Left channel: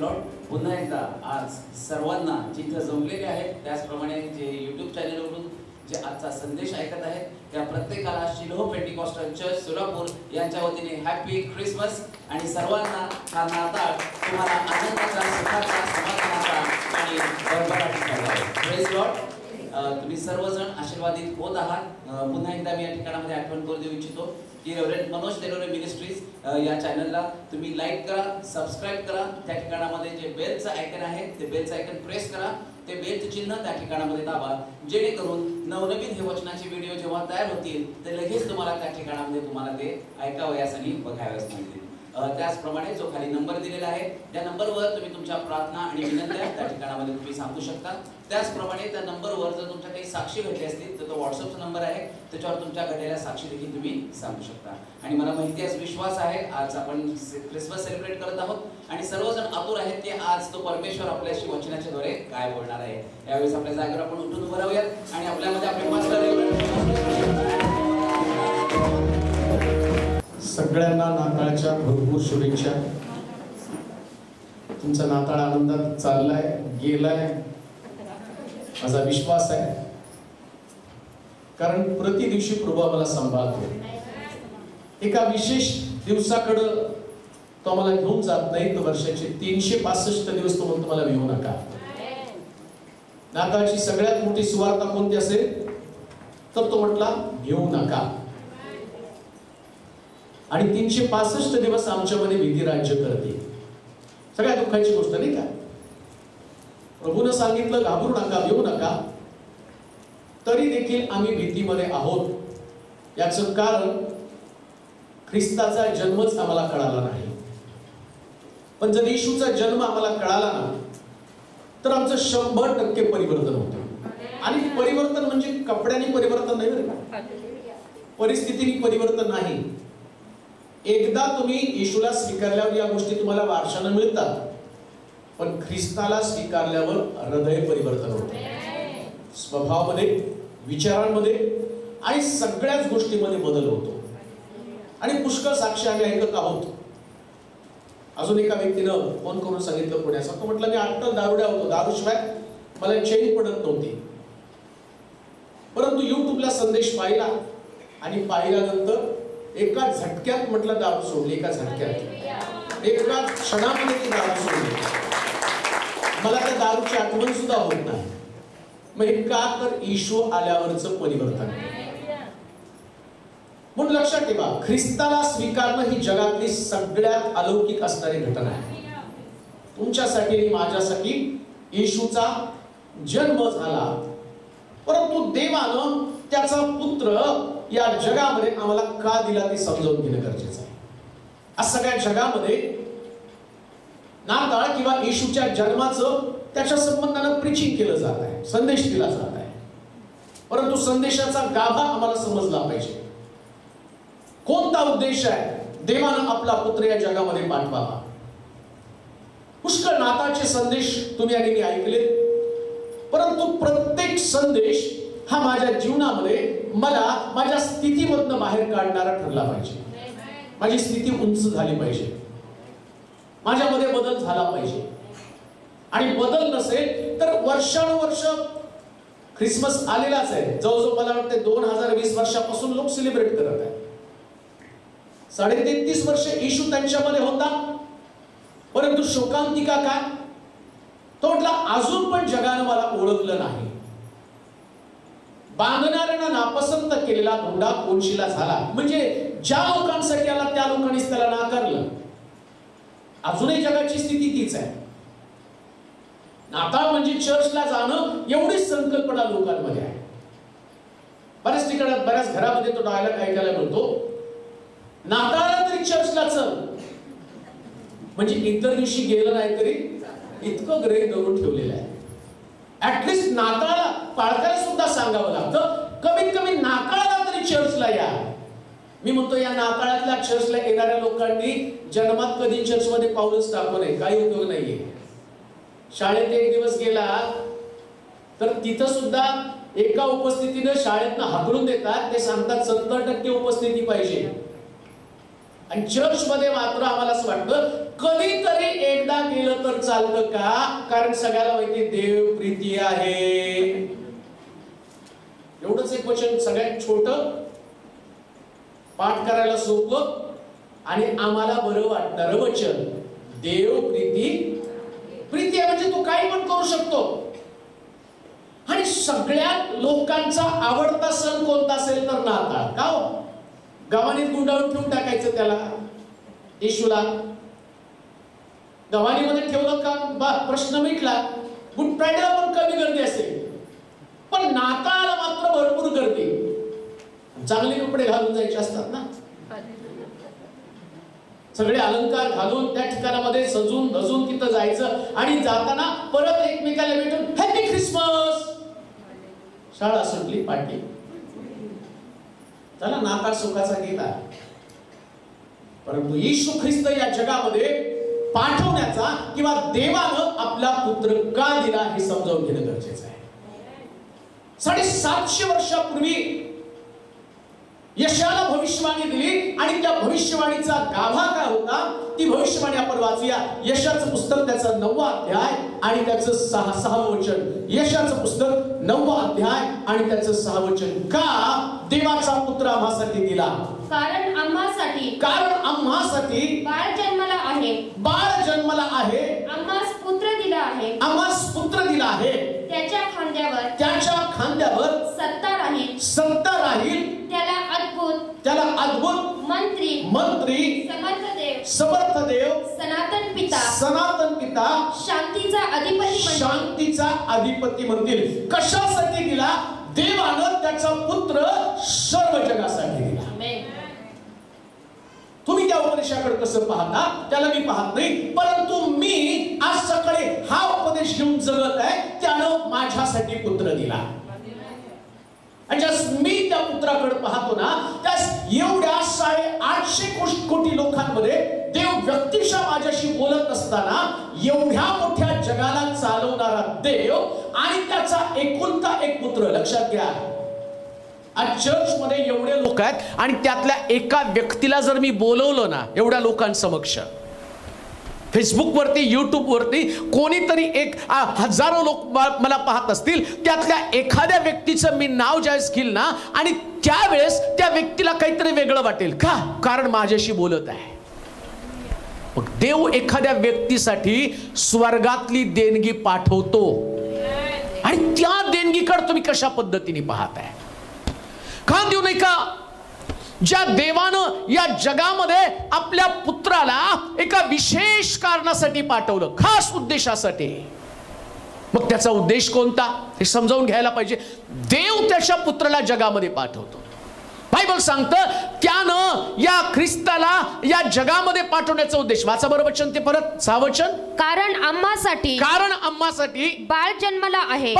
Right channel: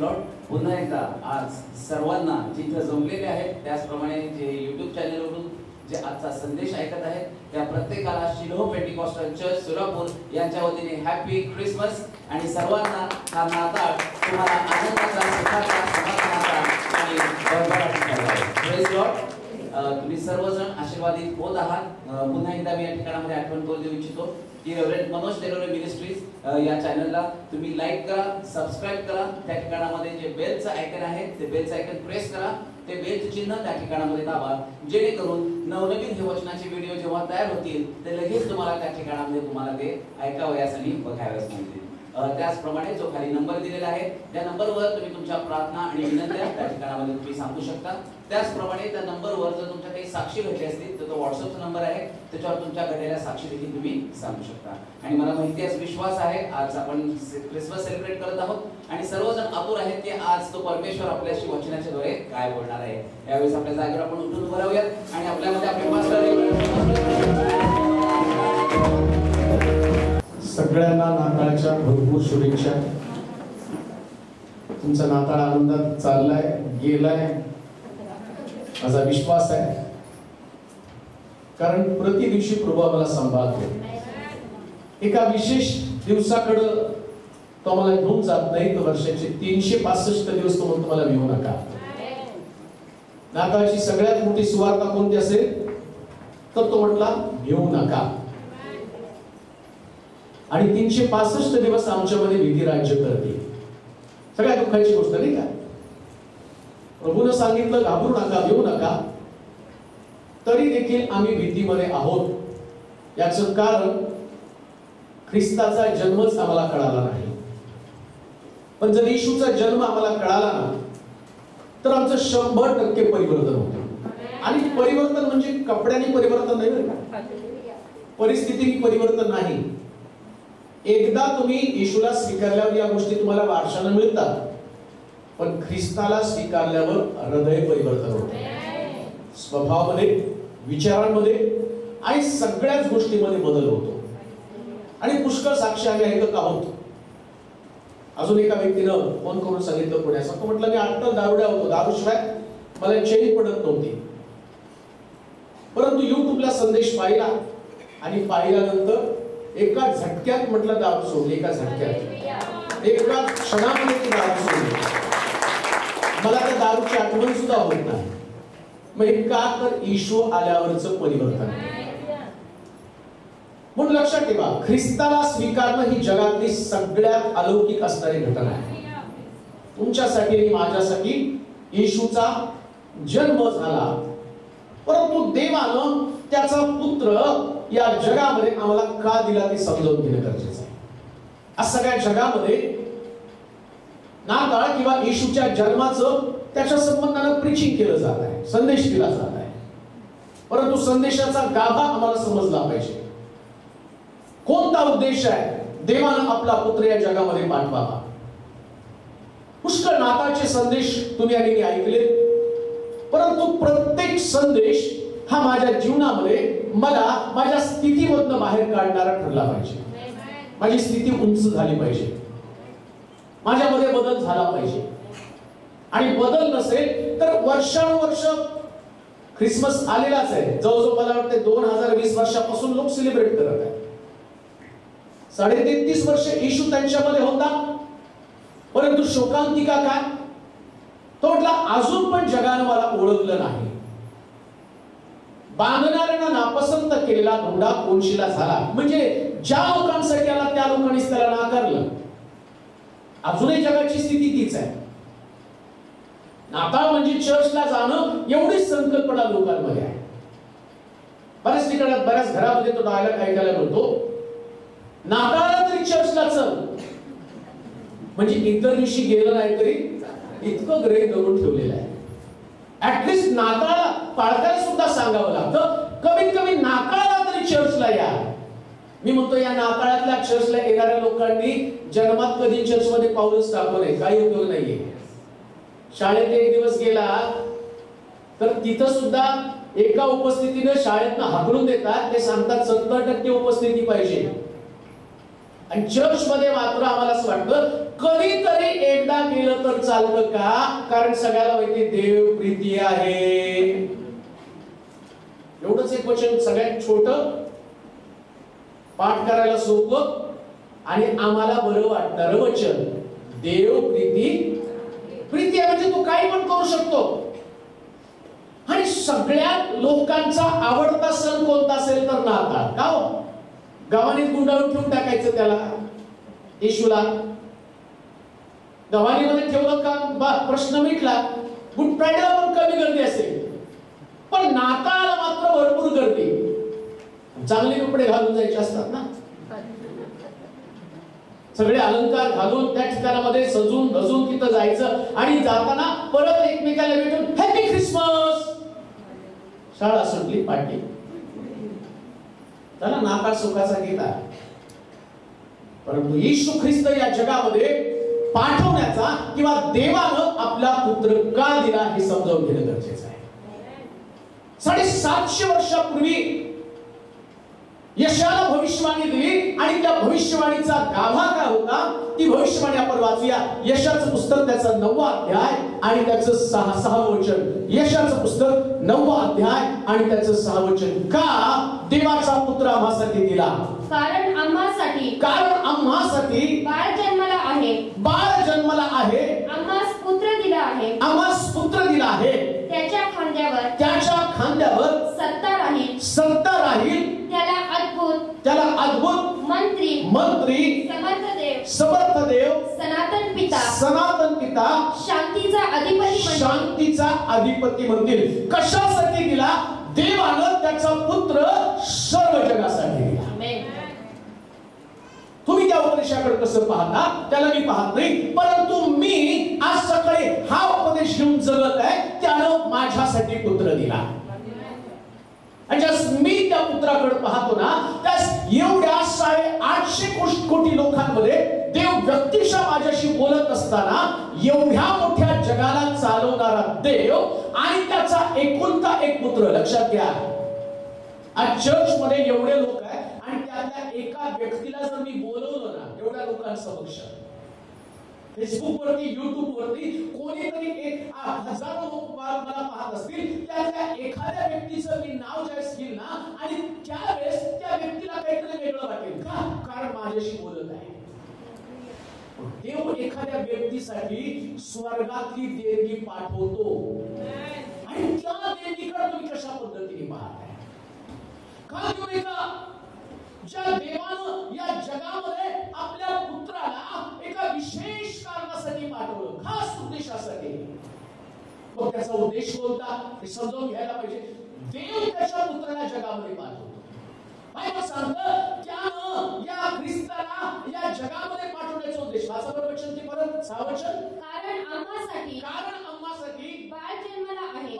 Lord. पुन्हा एकदा आज सर्वांना जिथे जमलेले आहेत त्याचप्रमाणे जे यूट्यूब चॅनलवरून जे आजचा संदेश ऐकत आहेत त्या प्रत्येकाला शिलोह पेंटिकॉस्टल चर्च सोलापूर यांच्या वतीने हॅपी ख्रिसमस आणि सर्वांना हा नाताळ तुम्हाला आनंदाचा, सुखाचा, समाधानाचा आणि भरभराटीचा जावो. Praise Lord. तुम्ही सर्वजण आशीर्वादित होत आहात. पुन्हा एकदा मी या ठिकाणामध्ये आठवण करून देऊ इच्छितो की रेव्हरंड मनोज तेलोरे मिनिस्ट्रीज या चॅनलला तुम्ही लाईक करा, सबस्क्राईब करा. त्या ठिकाणामध्ये जे बेलचं आयकन आहे ते बेलचं आयकन प्रेस करा. ते बेलचं चिन्ह त्या ठिकाणामध्ये दाबा, जेणेकरून नवनवीन हे वचनाचे व्हिडिओ जेव्हा तयार होतील ते लगेच तुम्हाला त्या ठिकाणामध्ये तुम्हाला ते ऐकावयास आणि बघावयास मिळतील. त्याचप्रमाणे जो खाली नंबर दिलेला आहे त्या नंबरवर तुम्ही तुमच्या प्रार्थना आणि विनंत्या त्या ठिकाणामध्ये तुम्ही सांगू शकता. त्याचप्रमाणे त्या नंबरवर जर तुमच्या काही साक्षी घडली असतील तर तो व्हॉट्सअपचा नंबर आहे, त्याच्यावर तुमच्या घडलेल्या साक्षी देखील तुम्ही सांगू शकता. आणि मला माहिती आहे, विश्वास आहे, आज आपण ख्रिसमस सेलिब्रेट करत आहोत आणि सर्वजण आतुर आहेत की आज तो परमेश्वर आपल्याशी वचनाच्या द्वारे काय बोलणार आहे. यावेळेस आपल्या जागेवर आपण उठून उभं राहूयात आणि आपल्यामध्ये आपले पास्टर सगळ्यांना नाताळच्या भरपूर शुभेच्छा. तुमचा नाताळ आनंदात चाललाय, गेलाय माझा विश्वास आहे, कारण प्रति दिवशी प्रभू आम्हाला सांभाळतो. एका विशेष दिवसाकडं तो आम्हाला घेऊन जात नाही, तर वर्षाचे 365 दिवस तो म्हणतो मला भिवू नका. नाताळची सगळ्यात मोठी सुवार्ता कोणती असेल तर तो म्हटला भिवू नका. आणि 365 दिवस आमच्यामध्ये विधी राज्य करते. सगळ्या दुःखाची गोष्ट नाही का. प्रभूनं सांगितलं घाबरू नका, भिवू नका, तरी देखील आम्ही भीतीमध्ये आहोत. याचं कारण ख्रिस्ताचा जन्मच आम्हाला कळाला नाही. पण जर येशूचा जन्म आम्हाला कळाला ना तर आमचं 100% परिवर्तन होतं. आणि परिवर्तन म्हणजे कपड्यांनी परिवर्तन नाही बरं का, परिस्थितीने परिवर्तन नाही. एकदा तुम्ही येशूला स्वीकारल्यावर या गोष्टी तुम्हाला वारशाने मिळतात, पण ख्रिस्ताला स्वीकारल्यावर हृदय परिवर्तन होते, स्वभावामध्ये, विचारांमध्ये आणि सगळ्याच गोष्टीमध्ये बदल होतो. आणि पुष्कळ साक्षी आम्ही ऐकत आहोत. अजून एका व्यक्तीनं फोन करून सांगितलं पुण्याचा, तो म्हटलं मी आत्ता दारुड्या होतो, दारूशिवाय मला चैन पडत नव्हती, परंतु युट्यूबला संदेश पाहिला आणि पाहिल्यानंतर एका झटक्यात म्हटलं दारू सोडली. एका झटक्यात, एका क्षणामध्ये ती दारू सोडली. मला त्या दारूची आठवण सुद्धा होत नाही. मग हे का, तर येशू आल्यावरचं परिवर्तन. म्हणून लक्षात ठेवा, ख्रिस्ताला स्वीकारणं ही जगातली सगळ्यात अलौकिक असणारी घटना आहे. तुमच्यासाठी आणि माझ्यासाठी येशूचा जन्म झाला, परंतु देवानं त्याचा पुत्र या जगामध्ये आम्हाला का दिला ते समजावून घेणं गरजेचं आहे. आज सगळ्या जगामध्ये नाताळ किंवा येशूच्या जन्माचं त्याच्या संबंधानं प्रीचिंग केलं जात आहे, संदेश दिला जात आहे. परंतु संदेशाचा गाभा आम्हाला समजला पाहिजे. कोणता उद्देश आहे? देवानं आपला पुत्र या जगामध्ये पाठवावा. पुष्कळ नाताळचे संदेश तुम्ही आणि मी ऐकले, परंतु प्रत्येक संदेश हा माझ्या जीवनामध्ये मला माझ्या स्थितीमधनं बाहेर काढणारा ठरला पाहिजे. माझी स्थिती उंच झाली पाहिजे, माझ्यामध्ये बदल झाला पाहिजे. आणि बदल नसेल तर वर्षानुवर्ष ख्रिसमस आलेलाच आहे. जवळजवळ मला वाटते 2020 वर्षापासून लोक सेलिब्रेट करत आहेत. 33.5 वर्ष येशू त्यांच्यामध्ये होता, परंतु शोकांतिका काय? तो म्हटला अजून पण जगानं मला ओळखलं नाही. बांधणाऱ्यांना नापसंत केलेला धोंडा कोणशीला झाला. म्हणजे ज्या लोकांसाठी आला त्या लोकांनीच त्याला नाकारलं. अजूनही जगाची स्थिती तीच आहे. नाताळ म्हणजे चर्चला जाणं एवढीच संकल्पना लोकांमध्ये आहे. बऱ्याच ठिकाणी बऱ्याच घरामध्ये तो डायलॉग ऐकायला मिळतो, नाताळला तरी चर्चला चल. म्हणजे इतर दिवशी गेलं नाही तरी इतकं ग्रहित धरून ठेवलेलं आहे. ऍटलिस्ट नाताळला पाळकाला सुद्धा सांगावं लागतं, कमीत कमी नाताळला तरी चर्चला या. मी म्हणतो या नाताळातल्या चर्चला येणाऱ्या लोकांनी जन्मात कधी चर्चमध्ये पाऊलच टाकू नये, काही उपयोग नाहीये. शाळेत एक दिवस गेला तर तिथं सुद्धा एका उपस्थितीने शाळेतनं हाकलून देतात. ते सांगतात 70% उपस्थिती पाहिजे. आणि चर्च मध्ये मात्र आम्हाला असं वाटतं कधीतरी एकदा केलं तर चालतं का? कारण सगळ्याला माहिती देव प्रीती आहे. एवढंच एक वचन सगळ्यात छोटं, पाठ करायला सोपं आणि आम्हाला बरं वाटणारं वचन. देव प्रीती प्रीती आहे म्हणजे तू काही पण करू शकतो. आणि सगळ्यात लोकांचा आवडता सण कोणता असेल तर नाताळ. का हो? गव्हाणीत गुंडाळून ठेवून टाकायचं त्याला, येशूला गव्हाणीमध्ये ठेवलं का प्रश्न मिटला. गुड फ्रायडेला पण कमी गर्दी असेल, पण नाताळाला मात्र भरपूर गर्दी. चांगले कपडे घालून जायचे असतात ना, सगळे अलंकार घालून त्या ठिकाणामध्ये सजून धजून तिथं जायचं आणि जाताना परत एकमेकाला भेटून हॅपी ख्रिसमस. शाळा सुटली, पाठी चला नाताळ सुखाचा गेला. परंतु येशू ख्रिस्त या जगामध्ये पाठवण्याचा किंवा देवानं आपला पुत्र का दिला हे समजावून घेणं गरजेचं आहे. 750 वर्षापूर्वी यशाला भविष्यवाणी दिली आणि त्या भविष्यवाणीचा गाभा काय होता ती भविष्यवाणी आपण वाचूया. यशाचं पुस्तक त्याचा 9वा अध्याय आणि त्याचं 6वं वचन. यशाचं पुस्तक 9वा अध्याय आणि त्याचं 6वं वचन. का देवाचा पुत्र आम्हासाठी दिला? कारण आम्हासाठी बाळ जन्मला आहे. आम्हास पुत्र दिला आहे. त्याच्या खांद्यावर सत्ता राहील. त्याला अद्भुत मंत्री समर्थ देव सनातन पिता शांतीचा अधिपती म्हणतील. कशासाठी दिला? देवानं त्याचा पुत्र सर्व जगासाठी दिला. तुम्ही त्या उपदेशाकडे कसं पाहता त्याला मी पाहत नाही, परंतु मी आज सकाळी हा उपदेश घेऊन जगत आहे. त्यानं माझ्यासाठी पुत्र दिला. आणि ज्यास मी त्या पुत्राकडे पाहतो ना, त्यास एवढ्या 850 कोटी लोकांमध्ये देव व्यक्तिशः माझ्याशी बोलत असताना एवढ्या मोठ्या जगाला चालवणारा देव आणि त्याचा एकुलता एक पुत्र. लक्षात घ्या, आज चर्च मध्ये एवढे लोक आहेत आणि त्यातल्या एका व्यक्तीला जर मी बोलवलं ना एवढ्या लोकांसमक्ष, फेसबुक वरती युट्यूब वरती कोणीतरी एक हजारो लोक मला पाहत असतील, त्यातल्या एखाद्या व्यक्तीचं मी नाव ज्यावेळेस घेईल ना आणि त्यावेळेस त्या व्यक्तीला काहीतरी वेगळं वाटेल. का? कारण माझ्याशी बोलत आहे. मग देव एखाद्या व्यक्तीसाठी स्वर्गातली देणगी पाठवतो आणि त्या देणगीकडे तुम्ही कशा पद्धतीने पाहताय? का देऊ नाही का? ज्या देवानं या जगामध्ये आपल्या पुत्राला एका विशेष कारणासाठी पाठवलं, खास उद्देशासाठी. मग त्याचा उद्देश कोणता हे समजावून घ्यायला पाहिजे. देव त्याच्या पुत्राला जगामध्ये पाठवतो. बायबल सांगतं त्यानं या ख्रिस्ताला या जगामध्ये पाठवण्याचा उद्देश. वाचा बरं वचन ते परत, 6 वचन. कारण आम्हासाठी बाळ जन्मला आहे.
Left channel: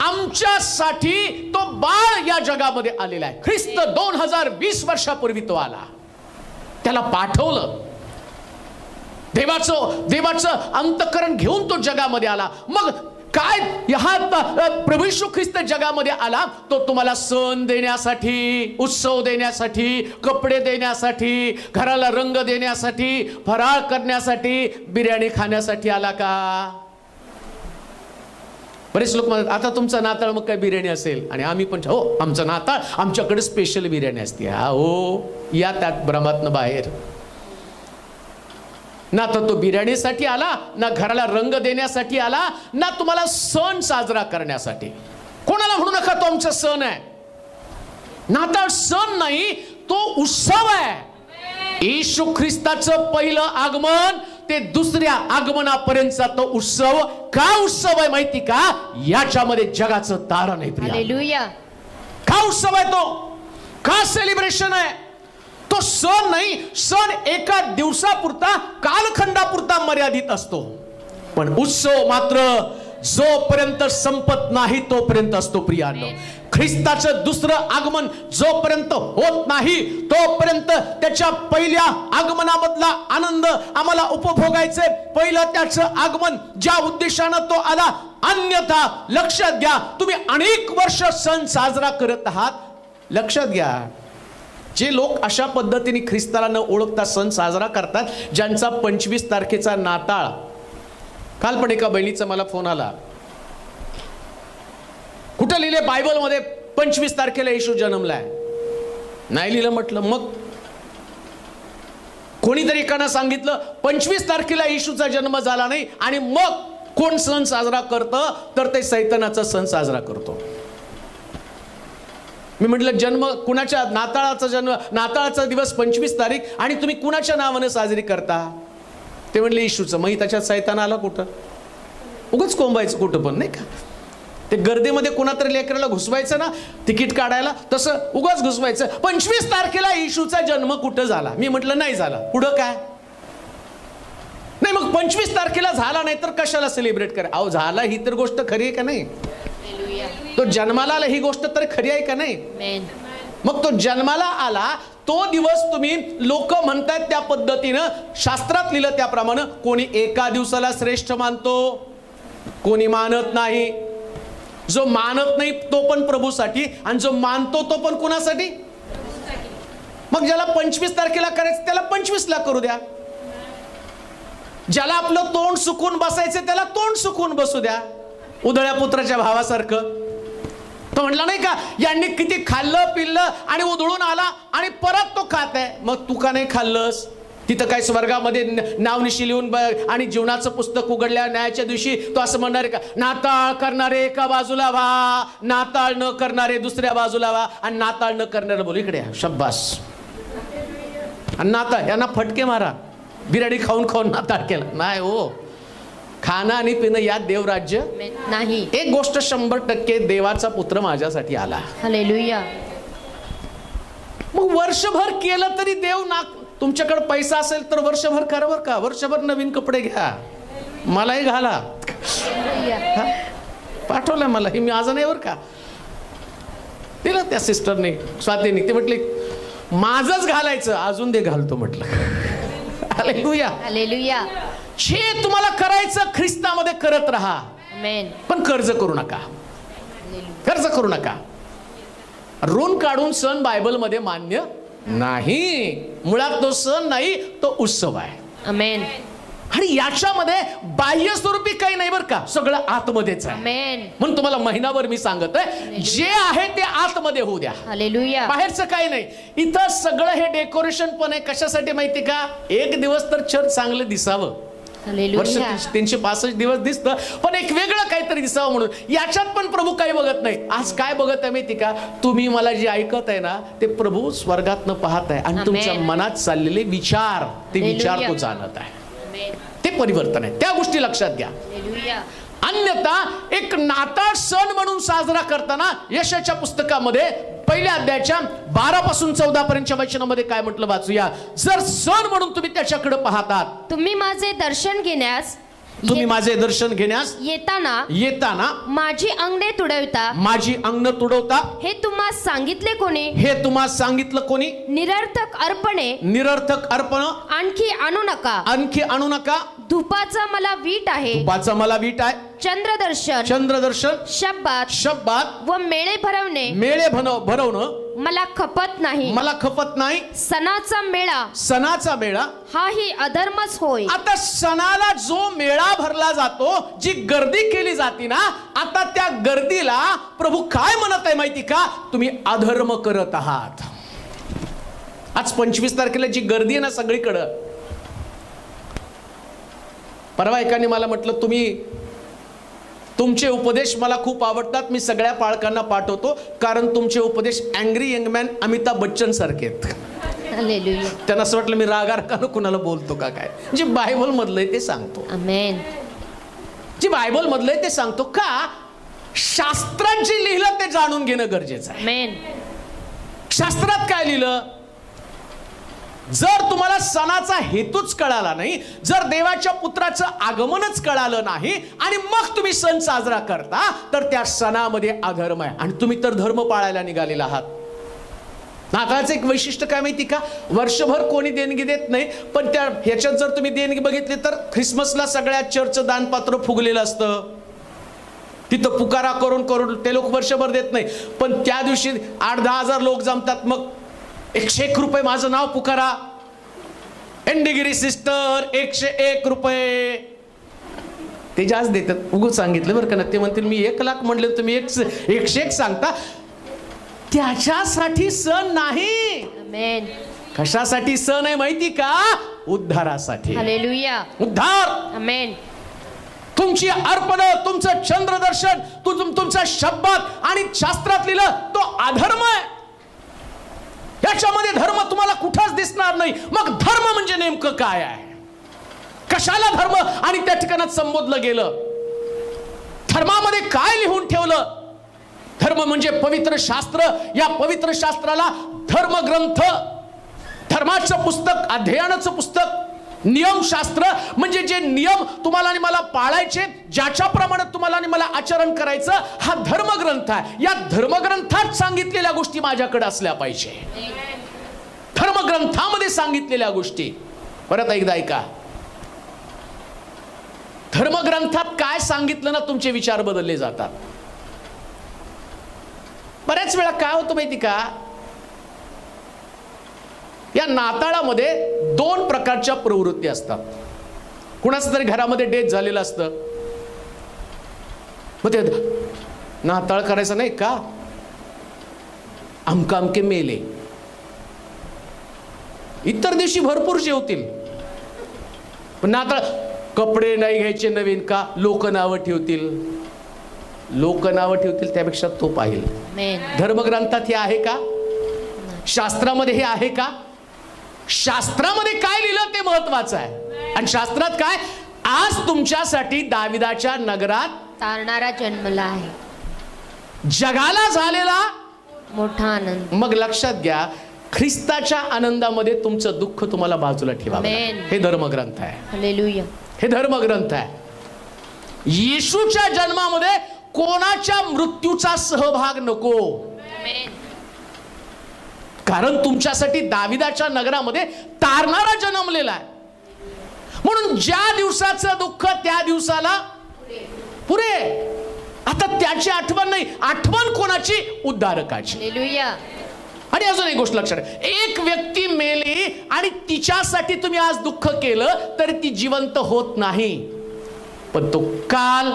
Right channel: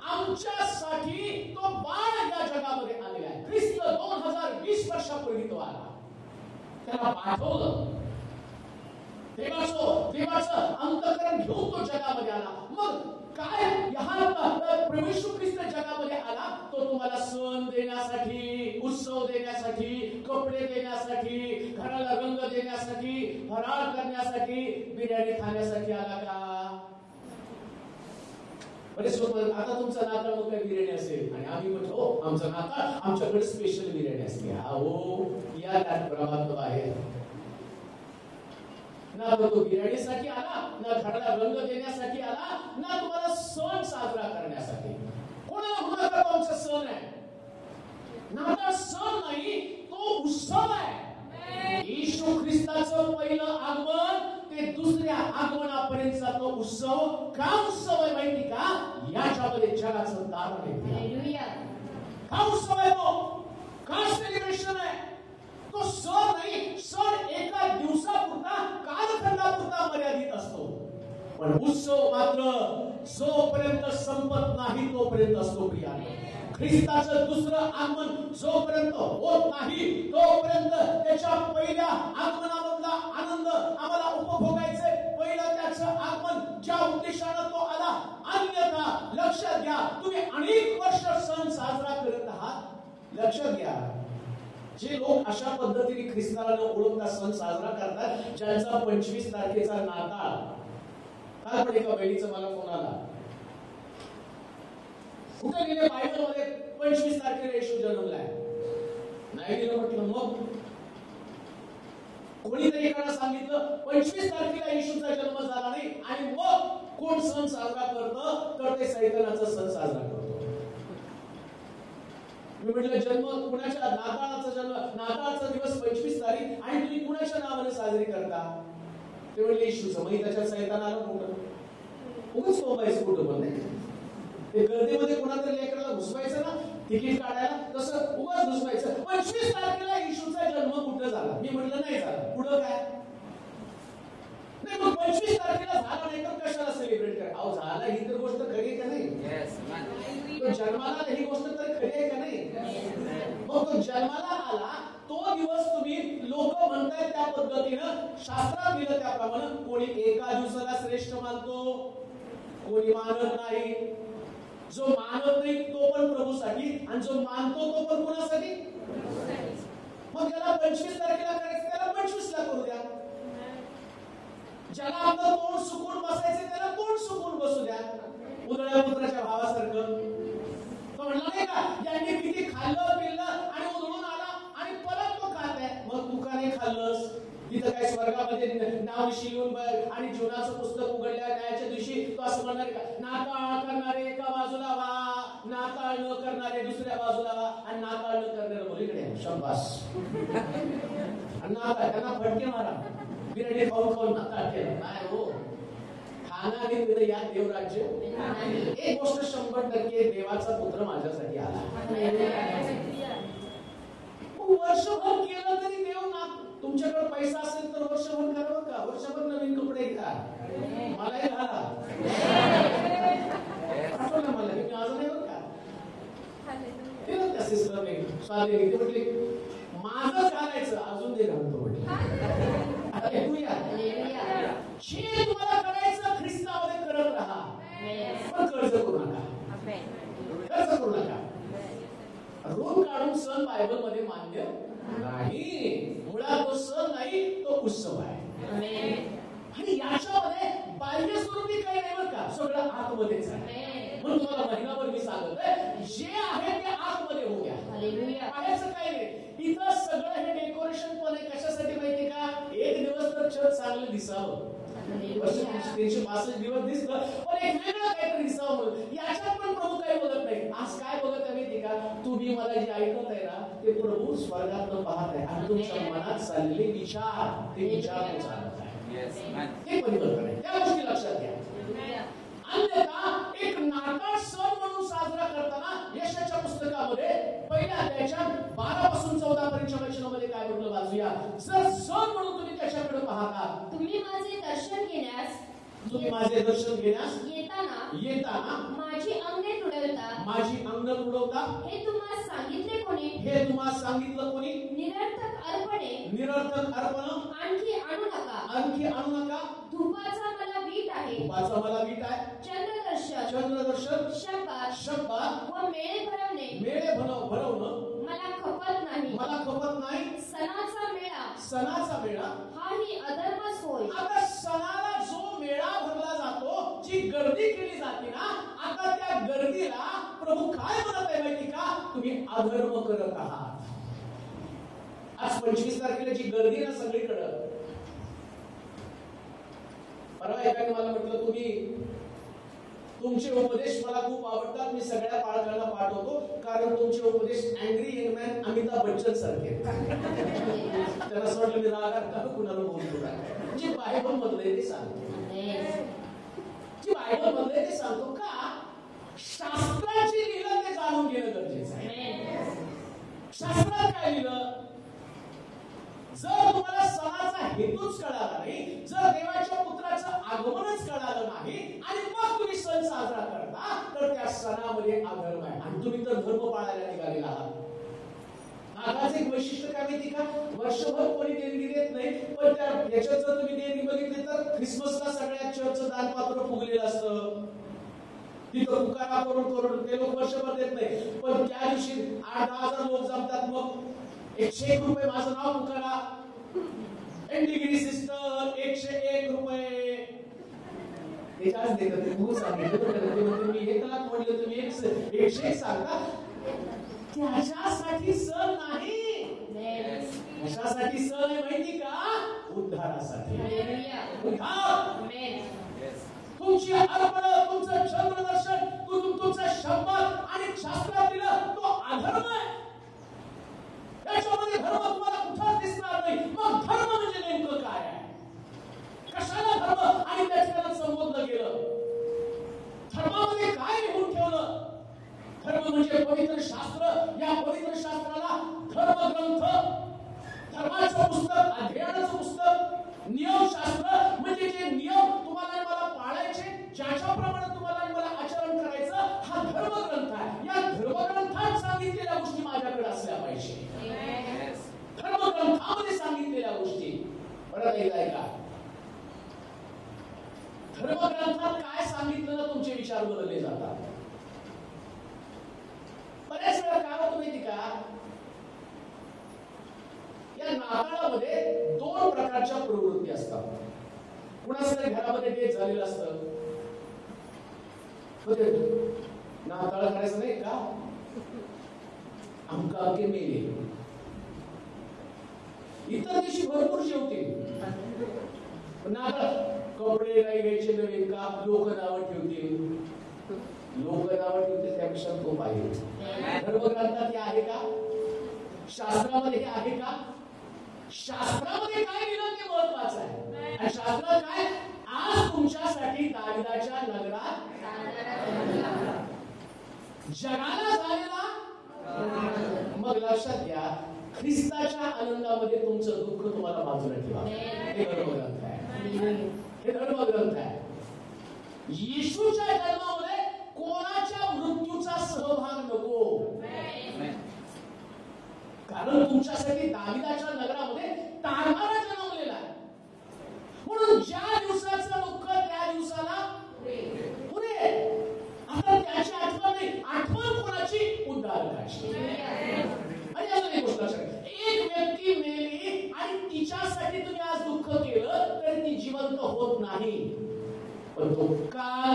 आमच्यासाठी तो बाळ या जगामध्ये आलेला आहे. ख्रिस्त 2020 वर्षापूर्वी तो आला. त्याला पाठवलं. देवाचं अंतःकरण घेऊन तो जगामध्ये आला. मग काय प्रभू येशू ख्रिस्त जगामध्ये आला तो तुम्हाला सण देण्यासाठी, उत्सव देण्यासाठी, कपडे देण्यासाठी, घराला रंग देण्यासाठी, फराळ करण्यासाठी, बिर्याणी खाण्यासाठी आला का? बरेच लोक म्हणतात आता तुमचं नाताळ मग काय बिर्याणी असेल. आणि आम्ही पण हो आमचं नाताळ आमच्याकडे स्पेशल बिर्याणी असते. हा हो, या त्यात भ्रमातनं बाहेर. ना तो बिर्याणीसाठी आला, ना घराला रंग देण्यासाठी आला, ना तुम्हाला सण साजरा करण्यासाठी. कोणाला म्हणू नका तो आमचा सण आहे. नाताळ सण नाही, तो उत्सव आहे. येशू ख्रिस्ताचं पहिलं आगमन ते दुसऱ्या आगमनापर्यंतचा तो उत्सव. का उत्सव आहे माहिती का? याच्यामध्ये जगाचं तारण आहे. हालेलुया. का उत्सव आहे तो? का सेलिब्रेशन आहे? तो सण नाही. सण एका दिवसापुरता, कालखंडापुरता मर्यादित असतो. पण उत्सव मात्र जोपर्यंत संपत नाही तोपर्यंत असतो. प्रियांनो, ख्रिस्ताचं दुसरं आगमन जोपर्यंत होत नाही तोपर्यंत त्याच्या पहिल्या आगमनामधला आनंद आम्हाला उपभोगायचे. पहिलं त्याचं आगमन ज्या उद्देशानं तो आला. अन्यथा लक्षात घ्या, तुम्ही अनेक वर्ष सण साजरा करत आहात. लक्षात घ्या, जे लोक अशा पद्धतीने ख्रिस्ताला न ओळखता सण साजरा करतात, ज्यांचा 25 तारखेचा नाताळ, काल पण एका बहिणीचा मला फोन आला, कुठं लिहिले बायबलमध्ये 25 तारखेला येशू जन्मलाय? नाही लिहिलं. म्हटलं मग कोणीतरी एकानं सांगितलं 25 तारखेला येशूचा जन्म झाला नाही आणि मग कोण सण साजरा करतं, तर ते सैतानाचा सण साजरा करतो. मी म्हटलं जन्म कुणाच्या, नाताळाचा दिवस 25 तारीख आणि तुम्ही कुणाच्या नावाने साजरी करता? ते म्हणले येशूचं. मग त्याच्यात सैतान आला कुठं? उगाच कोंबायचं कुठं पण, नाही का? ते गर्दीमध्ये कुणातरी लेकराला घुसवायचं ना तिकीट काढायला, तसं उगाच घुसवायचं. 25 तारखेला येशूचा जन्म कुठं झाला? मी म्हटलं नाही झाला. पुढं काय? नाही मग 25 तारखेला झाला नाही तर कशाला सेलिब्रेट करा? अहो झाला ही तर गोष्ट खरी आहे का नाही? तो जन्माला आला ही गोष्ट तर खरी आहे का नाही? मग तो जन्माला आला तो दिवस तुम्ही लोक म्हणतात त्या पद्धतीनं, शास्त्रात लिहिलं त्याप्रमाणे, कोणी एका दिवसाला श्रेष्ठ मानतो, कोणी मानत नाही. जो मानत नाही तो पण प्रभूसाठी आणि जो मानतो तो पण कुणासाठी? मग ज्याला 25 तारखेला करायचं त्याला 25 ला करू द्या. ज्याला आपलं तोंड सुकून बसायचं त्याला तोंड सुकून बसू द्या. उधळ्या पुत्राच्या भावासारखं. तो म्हणला नाही का, यांनी किती खाल्लं पिल्लं आणि उधळून आला आणि परत तो खात आहे. मग तू का नाही खाल्लंस? तिथं काय स्वर्गामध्ये नावनिशी लिहून आणि जीवनाचं पुस्तक उघडल्या न्यायाच्या दिवशी तो असं म्हणणार का, नाताळ करणारे एका बाजूला व्हा, नाताळ न करणारे दुसऱ्या बाजूला व्हा, आणि नाताळ न करणारे बोल इकडे शब्बास. आणि नाताळ यांना फटके मारा, बिर्याणी खाऊन खाऊन नाताळ केलं नाही हो. खाणं आणि पिणं यात देवराज्य नाही. एक गोष्ट 100% देवाचा पुत्र माझ्यासाठी आला. हालेलुया. मग वर्षभर केलं तरी देव ना, तुमच्याकडे पैसा असेल तर वर्षभर करा बरं का. वर्षभर नवीन कपडे घ्या, मलाही घाला. पाठवलं मला, हे मी आज नाही बरं का. दिलं त्या सिस्टरने, स्वातीने. ते म्हटले माझंच घालायचं, अजून दे घालतो म्हटलं. हालेलुया. हालेलुया. जे तुम्हाला करायचं ख्रिस्तामध्ये करत राहा, पण कर्ज करू नका. कर्ज करू नका. ऋण काढून सण बायबलमध्ये मान्य नाही. मुळात तो सण नाही, तो उत्सव आहे. आमेन. आणि याच्यामध्ये बाह्य स्वरूपी काही नाही बरं का, सगळं आतमध्येच आहे. म्हणून तुम्हाला महिनाभर मी सांगत आहे, जे आहे ते आतमध्ये होऊ द्या. हालेलुया. बाहेरचं काही नाही. इथं सगळं हे डेकोरेशन पण आहे. कशासाठी माहिती का? एक दिवस तर चर्च चांगलं दिसावं. वर्ष 365 दिवस दिसतं, पण एक वेगळं काहीतरी दिसावं म्हणून. याच्यात पण प्रभू काही बघत नाही. आज काय बघत आहे माहिती का? तुम्ही मला जे ऐकत आहे ना, ते प्रभू स्वर्गातनं पाहत आहे आणि तुमच्या मनात चाललेले विचार, ते विचार तो जाणत आहे. ते परिवर्तन आहे. त्या गोष्टी लक्षात घ्या. अन्यथा एक नाताळ सण म्हणून साजरा करताना यशाच्या पुस्तकामध्ये 1 अध्यायाच्या 12 पासून 14 पर्यंतच्या वचनामध्ये काय म्हटलं वाचूया. जर सण म्हणून तुम्ही त्याच्याकडे पाहतात, तुम्ही माझे दर्शन घेण्यास येताना माझी अंगणे तुडवता, हे तुम्हा सांगितले कोणी? निरर्थक अर्पण आणखी आणू नका. धूपाचा मला वीट आहे. चंद्रदर्शन शब्बात व मेळे भरवणं मला खपत नाही. सणाचा मेळा हा ही अधर्मच होय. आता सणाला जो मेळा भरला जातो, जी गर्दी केली जाते ना, आता त्या गर्दीला प्रभू काय म्हणत आहे माहिती का? तुम्ही अधर्म करत आहात. आज 25 तारखेला जी गर्दी आहे ना सगळीकडं. परवा एकाने मला म्हटलं, तुमचे उपदेश मला खूप आवडतात, मी सगळ्या पालकांना पाठवतो, कारण तुमचे उपदेश angry young man Amitabh Bachchan सारखे आहेत. त्यांना असं वाटलं मी रागारकानं कुणाला बोलतो का काय. जे बायबल मधलंय ते सांगतो. आमेन. जे बायबल मधलंय ते सांगतो. का? शास्त्रात जे लिहिलं ते जाणून घेणं गरजेचं आहे. आमेन. शास्त्रात काय लिहिलं? जर तुम्हाला सणाचा हेतूच कळाला नाही, जर देवाच्या पुत्राचं आगमनच कळालं नाही आणि मग तुम्ही सण साजरा करता, तर त्या सणामध्ये अधर्म आहे. आणि तुम्ही तर धर्म पाळायला निघालेला आहात. नाताळाचं एक वैशिष्ट्य काय माहिती का? वर्षभर कोणी देणगी देत नाही, पण त्या ह्याच्यात जर तुम्ही देणगी बघितली तर ख्रिसमसला सगळ्या चर्चचं दानपात्र फुगलेलं असतं. तिथं पुकारा करून ते लोक वर्षभर देत नाही, पण त्या दिवशी 8-10 हजार लोक जमतात. मग 101 रुपये माझं नाव पुकारा. एंडगिरी सिस्टर 101 रुपये ते जास्त देतात. उगाच सांगितलं बरं का ना. ते म्हणतील मी 1 लाख म्हणले तुम्ही 101 सांगता. त्याच्यासाठी सण नाही. आमेन. कशासाठी सण आहे माहिती का? उद्धारासाठी. हालेलुया. उद्धार. आमेन. तुमची अर्पण, तुमचं चंद्रदर्शन, तुमचा शब्दात आणि शास्त्रात लिहिलं तो अधर्म आहे. याच्यामध्ये धर्म तुम्हाला कुठंच दिसणार नाही. मग धर्म म्हणजे नेमकं काय आहे? कशाला धर्म आणि त्या ठिकाणात संबोधलं गेलं? धर्मामध्ये काय लिहून ठेवलं? धर्म म्हणजे पवित्र शास्त्र. या पवित्र शास्त्राला धर्मग्रंथ, धर्माचं पुस्तक, अध्ययनाचं पुस्तक, नियमशास्त्र म्हणजे जे नियम तुम्हाला आणि मला पाळायचे, ज्याच्याप्रमाणे तुम्हाला आणि मला आचरण करायचं, हा धर्मग्रंथ आहे. या धर्मग्रंथात सांगितलेल्या गोष्टी माझ्याकडे असल्या पाहिजे. धर्मग्रंथामध्ये सांगितलेल्या गोष्टी. परत एकदा ऐका. धर्मग्रंथात काय सांगितलं ना, तुमचे विचार बदलले जातात. बऱ्याच वेळा काय होतं माहिती का? या नाताळामध्ये 2 प्रकारच्या प्रवृत्ती असतात. कुणाचं तरी घरामध्ये डेथ झालेलं असतं, मग ते नाताळ करायचं नाही का? अमके मेले. इतर दिवशी भरपूर जेवतील, पण नाताळ कपडे नाही घ्यायचे नवीन का? लोक नावं ठेवतील. लोक नावं ठेवतील त्यापेक्षा तो पाहिजे. धर्मग्रंथात हे आहे का? शास्त्रामध्ये हे आहे का? शास्त्रामध्ये काय लिहिलं ते महत्वाचं आहे. आणि शास्त्रात काय? आज तुमच्यासाठी दाविदाच्या नगरात तारणारा जन्मला आहे, जगाला झालेला मोठा आनंद. मग लक्षात घ्या, ख्रिस्ताच्या आनंदामध्ये तुमचं दुःख तुम्हाला बाजूला ठेवा. हे धर्मग्रंथ आहे. हालेलुया. हे धर्मग्रंथ आहे. येशूच्या जन्मामध्ये कोणाच्या मृत्यूचा सहभाग नको. कारण तुमच्यासाठी दाविदाच्या नगरामध्ये तारणारा जन्मलेला आहे. म्हणून ज्या दिवसाचं दुःख त्या दिवसाला पुरे. आता त्याची आठवण नाही, आठवण कोणाची? उद्धारकाची. हालेलुया. आणि अजून एक गोष्ट लक्षात ठेवा. एक व्यक्ती मेली आणि तिच्यासाठी तुम्ही आज दुःख केलं तरी ती जिवंत होत नाही, पण तो काल,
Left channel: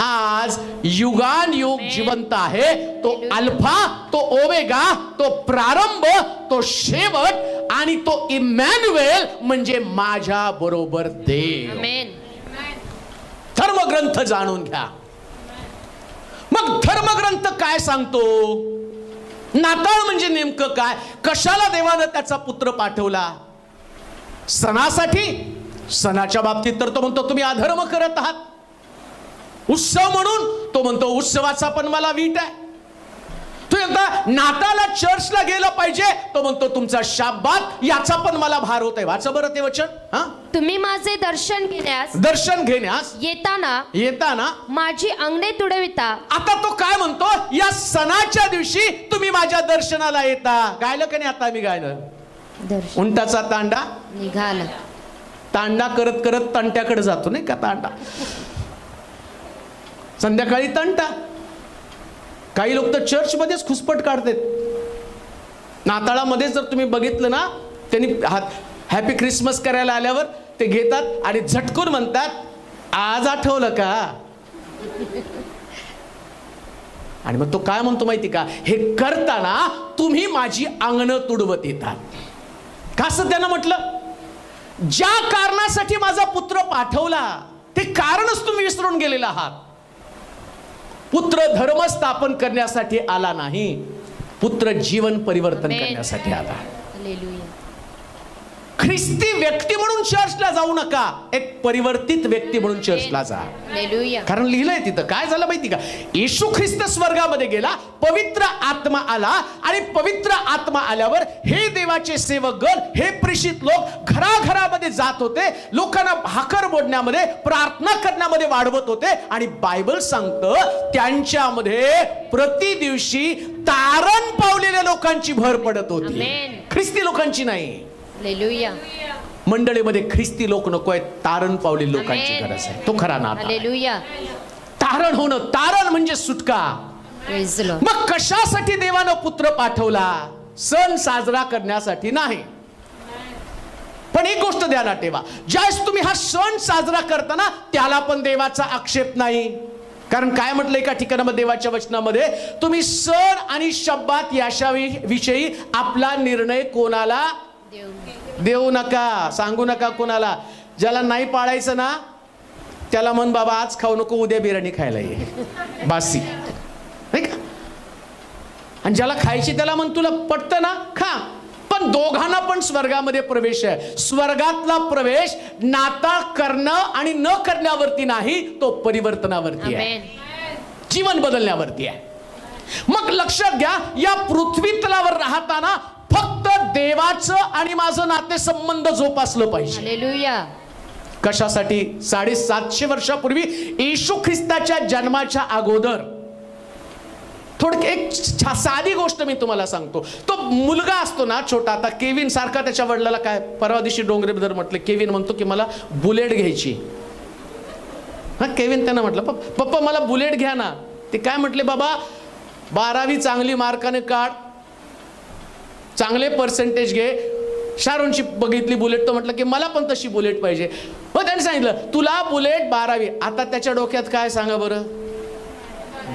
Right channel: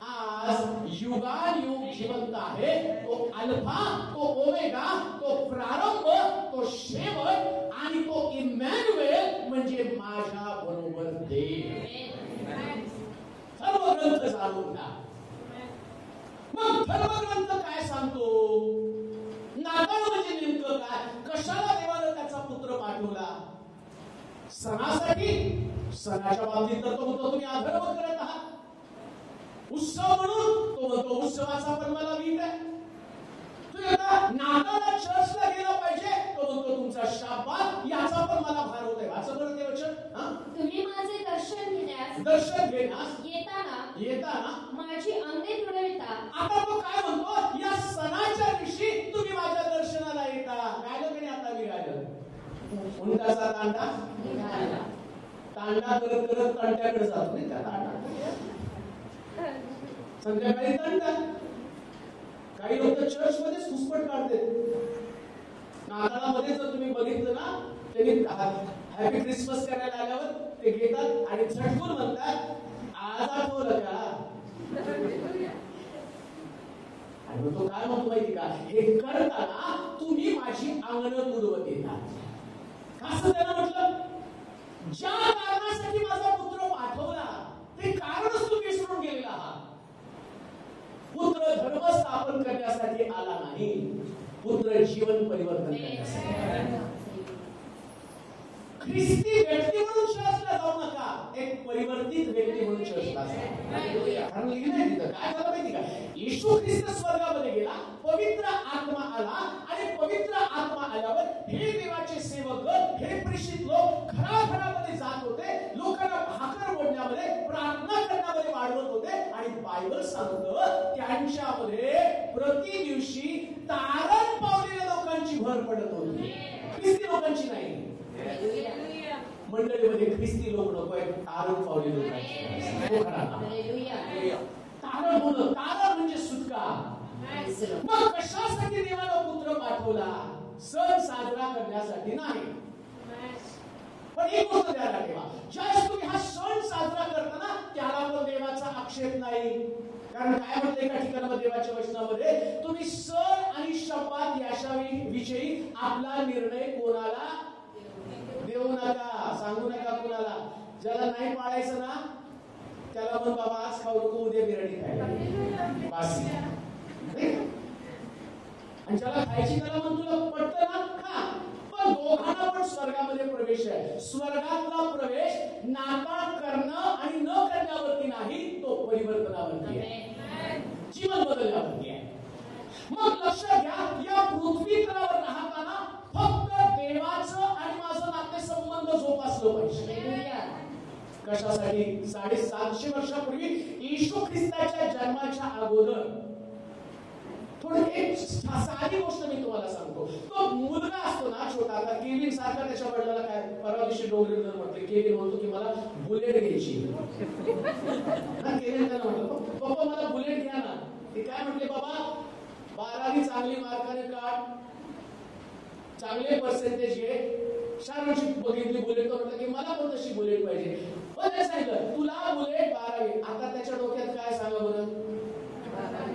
आज, युगानुयुग जिवंत आहे. तो अल्फा, तो ओमेगा, तो प्रारंभ, तो शेवट आणि तो इमॅन्युएल म्हणजे माझ्या बरोबर देव. धर्मग्रंथ जाणून घ्या. मग धर्मग्रंथ काय सांगतो? नाताळ म्हणजे नेमकं काय? कशाला देवानं त्याचा पुत्र पाठवला? सणासाठी. सणाच्या बाबतीत तर तो म्हणतो तुम्ही अधर्म करत आहात. उत्सव म्हणून तो म्हणतो उत्सवाचा पण मला वीट आहे. तू एकदा नाताला चर्चला गेलं पाहिजे, तो म्हणतो तुमचा शाब्बात याचा पण मला भार होत आहे. वाचा बरं ते वचन. तुम्ही माझे दर्शन घेण्यास येताना माझी अंगणे तुडविता. आता तो काय म्हणतो? या सणाच्या दिवशी तुम्ही माझ्या दर्शनाला येता. गायलं का नाही? आता मी गायलं. उंटाचा तांडा निघाला. तांडा करत करत तंट्याकडे जातो नाही का? तांडा संध्याकाळी तंटा. काही लोक तर चर्च मध्येच खुसपट काढतात. नाताळामध्ये जर तुम्ही बघितलं ना, त्यांनी हॅपी ख्रिसमस करायला आल्यावर ते घेतात आणि झटकून म्हणतात आज आठवलं का? आणि मग तो काय म्हणतो माहिती का? हे करताना तुम्ही माझी अंगणं तुडवत येतात. का असं त्यानं म्हटलं? ज्या कारणासाठी माझा पुत्र पाठवला ते कारणच तुम्ही विसरून गेलेला आहात. पुत्र धर्म स्थापन करण्यासाठी आला नाही, पुत्र जीवन परिवर्तन करण्यासाठी आला. ख्रिस्ती व्यक्ती म्हणून चर्चला जाऊ नका, एक परिवर्तित व्यक्ती म्हणून चर्चला जा. कारण लिहिलंय तिथं. काय झालं माहिती का? येशू ख्रिस्त स्वर्गामध्ये गेला, पवित्र आत्मा आला आणि पवित्र आत्मा आल्यावर हे देवाचे सेवकगण, हे प्रेषित लोक घराघरामध्ये जात होते, लोकांना भाकर मोडण्यामध्ये, प्रार्थना करण्यामध्ये वाढवत होते. आणि बायबल सांगतं त्यांच्यामध्ये प्रति दिवशी तारण पावलेल्या लोकांची भर पडत होती, ख्रिस्ती लोकांची नाही. मंडळीमध्ये ख्रिस्ती लोक नको आहेत, तारण पावलेल्या लोकांची गरज आहे. तो खरा नाता. तारण होणं, तारण म्हणजे सुटका. मग कशासाठी देवानं पुत्र पाठवला? सण साजरा करण्यासाठी नाही. पण एक गोष्ट ध्यानात ठेवा, ज्यावेळेस तुम्ही हा सण साजरा करताना त्याला पण देवाचा आक्षेप नाही. कारण काय म्हटलंय एका ठिकाणामध्ये देवाच्या वचनामध्ये, तुम्ही सण आणि शब्बात याविषयी आपला निर्णय कोणाला देऊ नका, सांगू नका कोणाला. ज्याला नाही पाळायचं ना त्याला म्हण बाबा आज खाऊ नको, उद्या बिर्याणी खायला ये, बासी, नाही का. आणि ज्याला खायची त्याला म्हण तुला पटतं ना खा. पण दोघांना पण स्वर्गामध्ये प्रवेश आहे. स्वर्गातला प्रवेश नाताळ करणं आणि न करण्यावरती नाही, तो परिवर्तनावरती आहे, जीवन बदलण्यावरती आहे. मग लक्षात घ्या, या पृथ्वी तलावर राहताना फक्त देवाचं आणि माझं नातेसंबंध जोपासलं पाहिजे. हालेलुया. कशासाठी? 750 वर्षापूर्वी येशू ख्रिस्ताच्या जन्माच्या अगोदर थोडं एक साधी गोष्ट मी तुम्हाला सांगतो. तो मुलगा असतो ना छोटा, आता केविन सारखा त्याच्या वडिलाला काय परवा दिवशी डोंगरेबद्दल म्हटलं, केविन म्हणतो की मला बुलेट घ्यायची. हा केविन त्यांना म्हटलं पप्पा मला बुलेट घ्या ना. ते काय म्हटले, बाबा 12वी चांगली मार्काने काढ, चांगले पर्सेंटेज घे. शारोनची बघितली बुलेट, तर म्हटलं की मला पण तशी बुलेट पाहिजे. मग त्यांनी सांगितलं तुला बुलेट 12वी. आता त्याच्या डोक्यात काय सांगा बरं,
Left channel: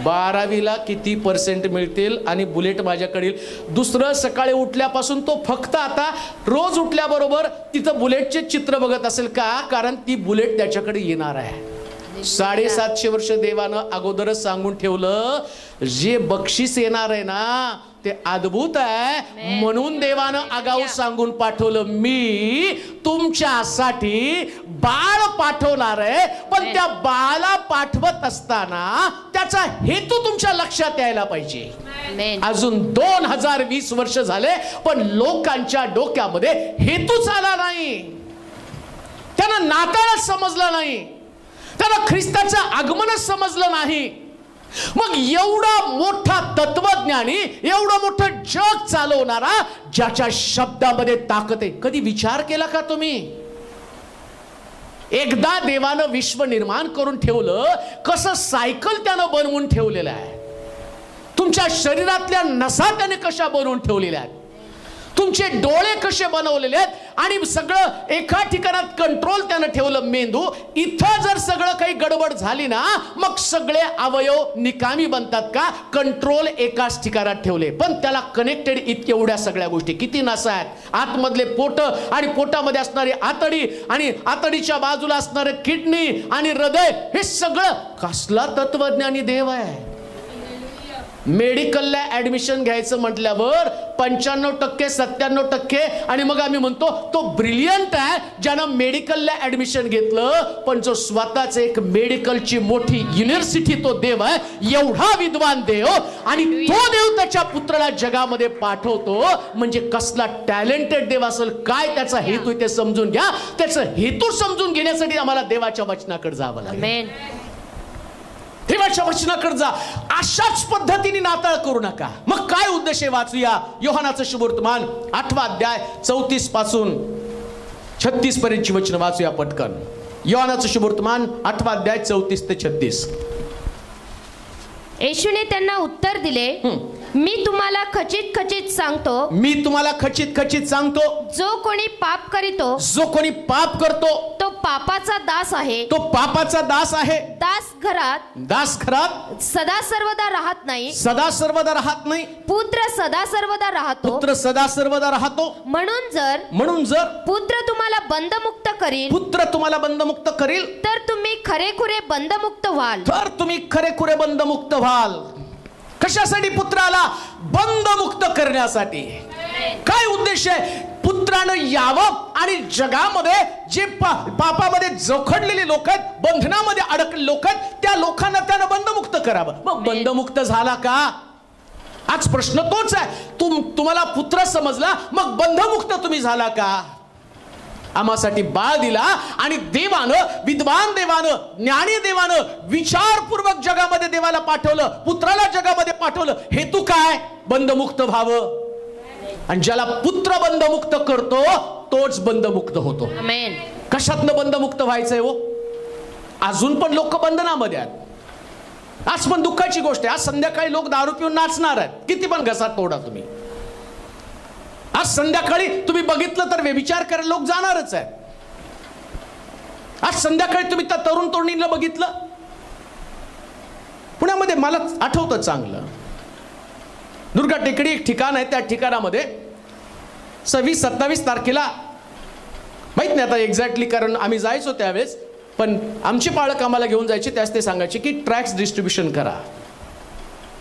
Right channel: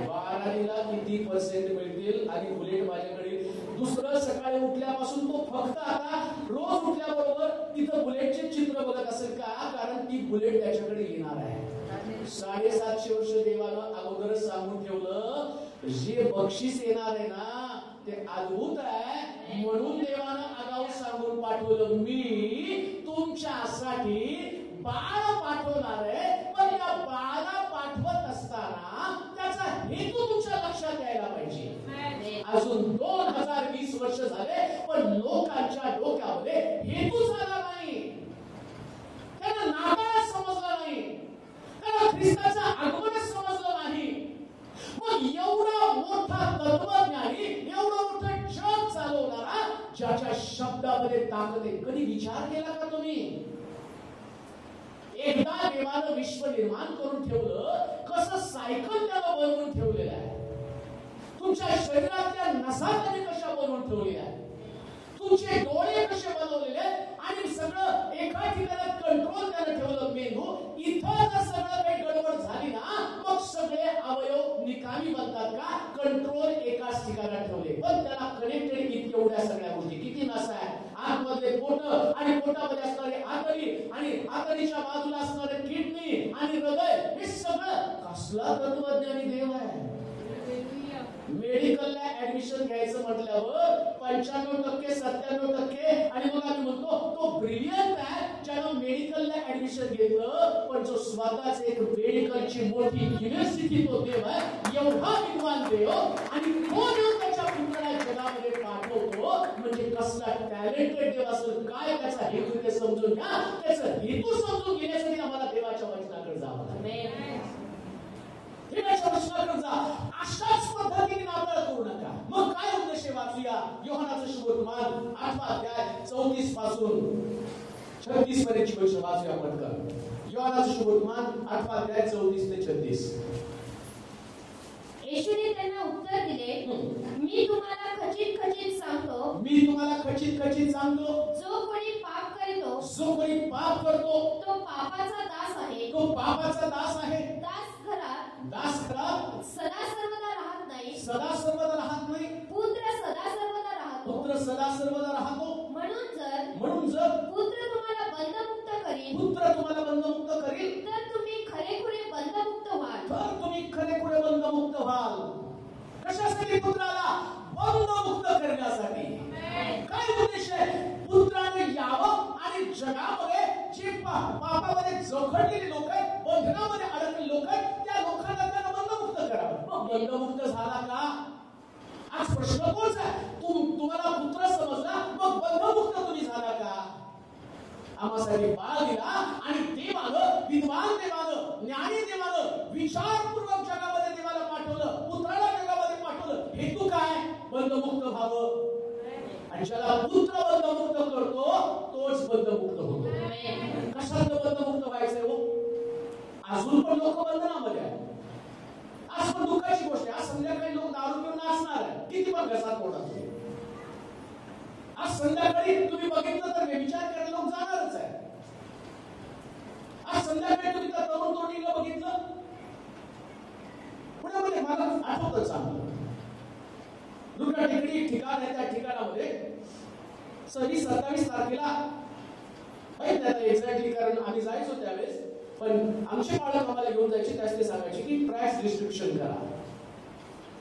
12वीला किती पर्सेंट मिळतील आणि बुलेट माझ्याकडे. दुसरं सकाळी उठल्यापासून तो फक्त आता रोज उठल्याबरोबर तिथं बुलेटचे चित्र बघत असेल का, कारण ती बुलेट त्याच्याकडे येणार आहे. 750 वर्ष देवानं अगोदरच सांगून ठेवलं, जे बक्षीस येणार आहे ना ते अद्भुत आहे. म्हणून देवानं आगाऊ सांगून पाठवलं, मी तुमच्यासाठी बाळ पाठवणार आहे. पण त्या बाळाला पाठवत असताना त्याचा हेतू तुमच्या लक्षात यायला पाहिजे. अजून 2020 वर्ष झाले पण लोकांच्या डोक्यामध्ये हेतूच आला नाही. त्यांना नाताळच समजलं नाही, त्यांना ख्रिस्ताचं आगमनच समजलं नाही. मग एवढा मोठा तत्वज्ञानी, एवढं मोठं जग चालवणारा, ज्याच्या शब्दामध्ये ताकद आहे, कधी विचार केला का तुम्ही? एकदा देवानं विश्व निर्माण करून ठेवलं, कसं सायकल त्यानं बनवून ठेवलेलं आहे. तुमच्या शरीरातल्या नसा त्याने कशा बनवून ठेवलेल्या आहेत, तुमचे डोळे कसे बनवलेले आहेत, आणि सगळं एका ठिकाणात कंट्रोल त्यानं ठेवलं. मेंदू इथं जर सगळं काही गडबड झाली ना, मग सगळे अवयव निकामी बनतात का? कंट्रोल एकाच ठिकाणात ठेवले. पण त्याला कनेक्टेड इतके एवढ्या सगळ्या गोष्टी, किती नसा आहेत, आतमधले पोट आणि पोटामध्ये असणारी आतडी आणि आतडीच्या बाजूला असणारे किडनी आणि हृदय, हे सगळं कसला तत्वज्ञानी देव आहे. मेडिकलला ऍडमिशन घ्यायचं म्हटल्यावर 95%, 97%, आणि मग आम्ही म्हणतो तो ब्रिलियंट आहे ज्यानं मेडिकलला ऍडमिशन घेतलं. पण जो स्वतःच एक मेडिकलची मोठी युनिव्हर्सिटी तो देव आहे, एवढा विद्वान देव, आणि तो देव त्याच्या पुत्राला जगामध्ये पाठवतो, म्हणजे कसला टॅलेंटेड देव असेल. काय त्याचा हेतू ते समजून घ्या. त्याचा हेतू समजून घेण्यासाठी आम्हाला देवाच्या वचनाकडे जावं लागेल. देवाच्या वचनाकडे जा. अशाच पद्धतीने नाताळ करू नका. मग काय उद्देश आहे? वाचूया योहानाचं शुभवर्तमान 8वा अध्याय 34 पासून 36 पर्यंतची वचन वाचूया पटकन. योहानाचं शुभवर्तमान 8वा अध्याय 34 ते 36. येशूने त्यांना उत्तर दिले, मी तुम्हाला खचित खचित सांगतो, मी तुम्हाला खचित खचित सांगतो, जो कोणी पाप करीतो, जो कोणी पाप करतो, तो पापाचा दास आहे. तो पापाचा दास आहे. दास घरात सदा सर्वदा राहत नाही, सदा सर्वदा राहत नाही. पुत्र सदा सर्वदा राहतो, पुत्र सदा सर्वदा राहतो. म्हणून जर पुत्र तुम्हाला बंधमुक्त करील, पुत्र तुम्हाला बंधमुक्त करील, तर तुम्ही खरेखुरे बंधमुक्त व्हाल. तर तुम्ही खरेखुरे बंधमुक्त व्हाल. कशासाठी? पुत्राला बंधमुक्त करण्यासाठी. काय उद्देश आहे? पुत्रानं यावं आणि जगामध्ये जे पापामध्ये जोखडलेले लोक आहेत, बंधनामध्ये अडकलेले लोक आहेत, त्या लोकांना त्यानं बंधमुक्त करावं. मग बंधमुक्त झाला का? आज प्रश्न तोच आहे. तुम्हाला पुत्र समजला, मग बंधमुक्त तुम्ही झाला का? आम्हासाठी बाळ दिला, आणि देवानं, विद्वान देवानं, ज्ञानी देवानं विचारपूर्वक जगामध्ये देवाला पाठवलं, पुत्राला जगामध्ये पाठवलं. हेतू काय? बंधमुक्त व्हावं. आणि ज्याला पुत्र बंधमुक्त करतो तोच बंधमुक्त होतो. आमेन. कशातनं बंधमुक्त व्हायचंय हो? अजून पण लोक बंधनामध्ये आहेत. आज पण दुःखाची गोष्ट आहे, आज संध्याकाळी लोक दारू पिऊन नाचणार आहेत. किती पण घसात तोडा तुम्ही, आज संध्याकाळी तुम्ही बघितलं तर व्यभिचार करायला लोक जाणारच आहे. आज संध्याकाळी तुम्ही त्या तरुण तरुणींना बघितलं पुण्यामध्ये, मला आठवतं चांगलं, दुर्गा टेकडी एक ठिकाण आहे, त्या ठिकाणामध्ये 26-27 तारखेला, माहित नाही आता एक्झॅक्टली कारण आम्ही जायचो त्यावेळेस, पण आमचे पालक आम्हाला घेऊन जायचे, त्यास ते सांगायचे की ट्रॅक्स डिस्ट्रीब्युशन करा.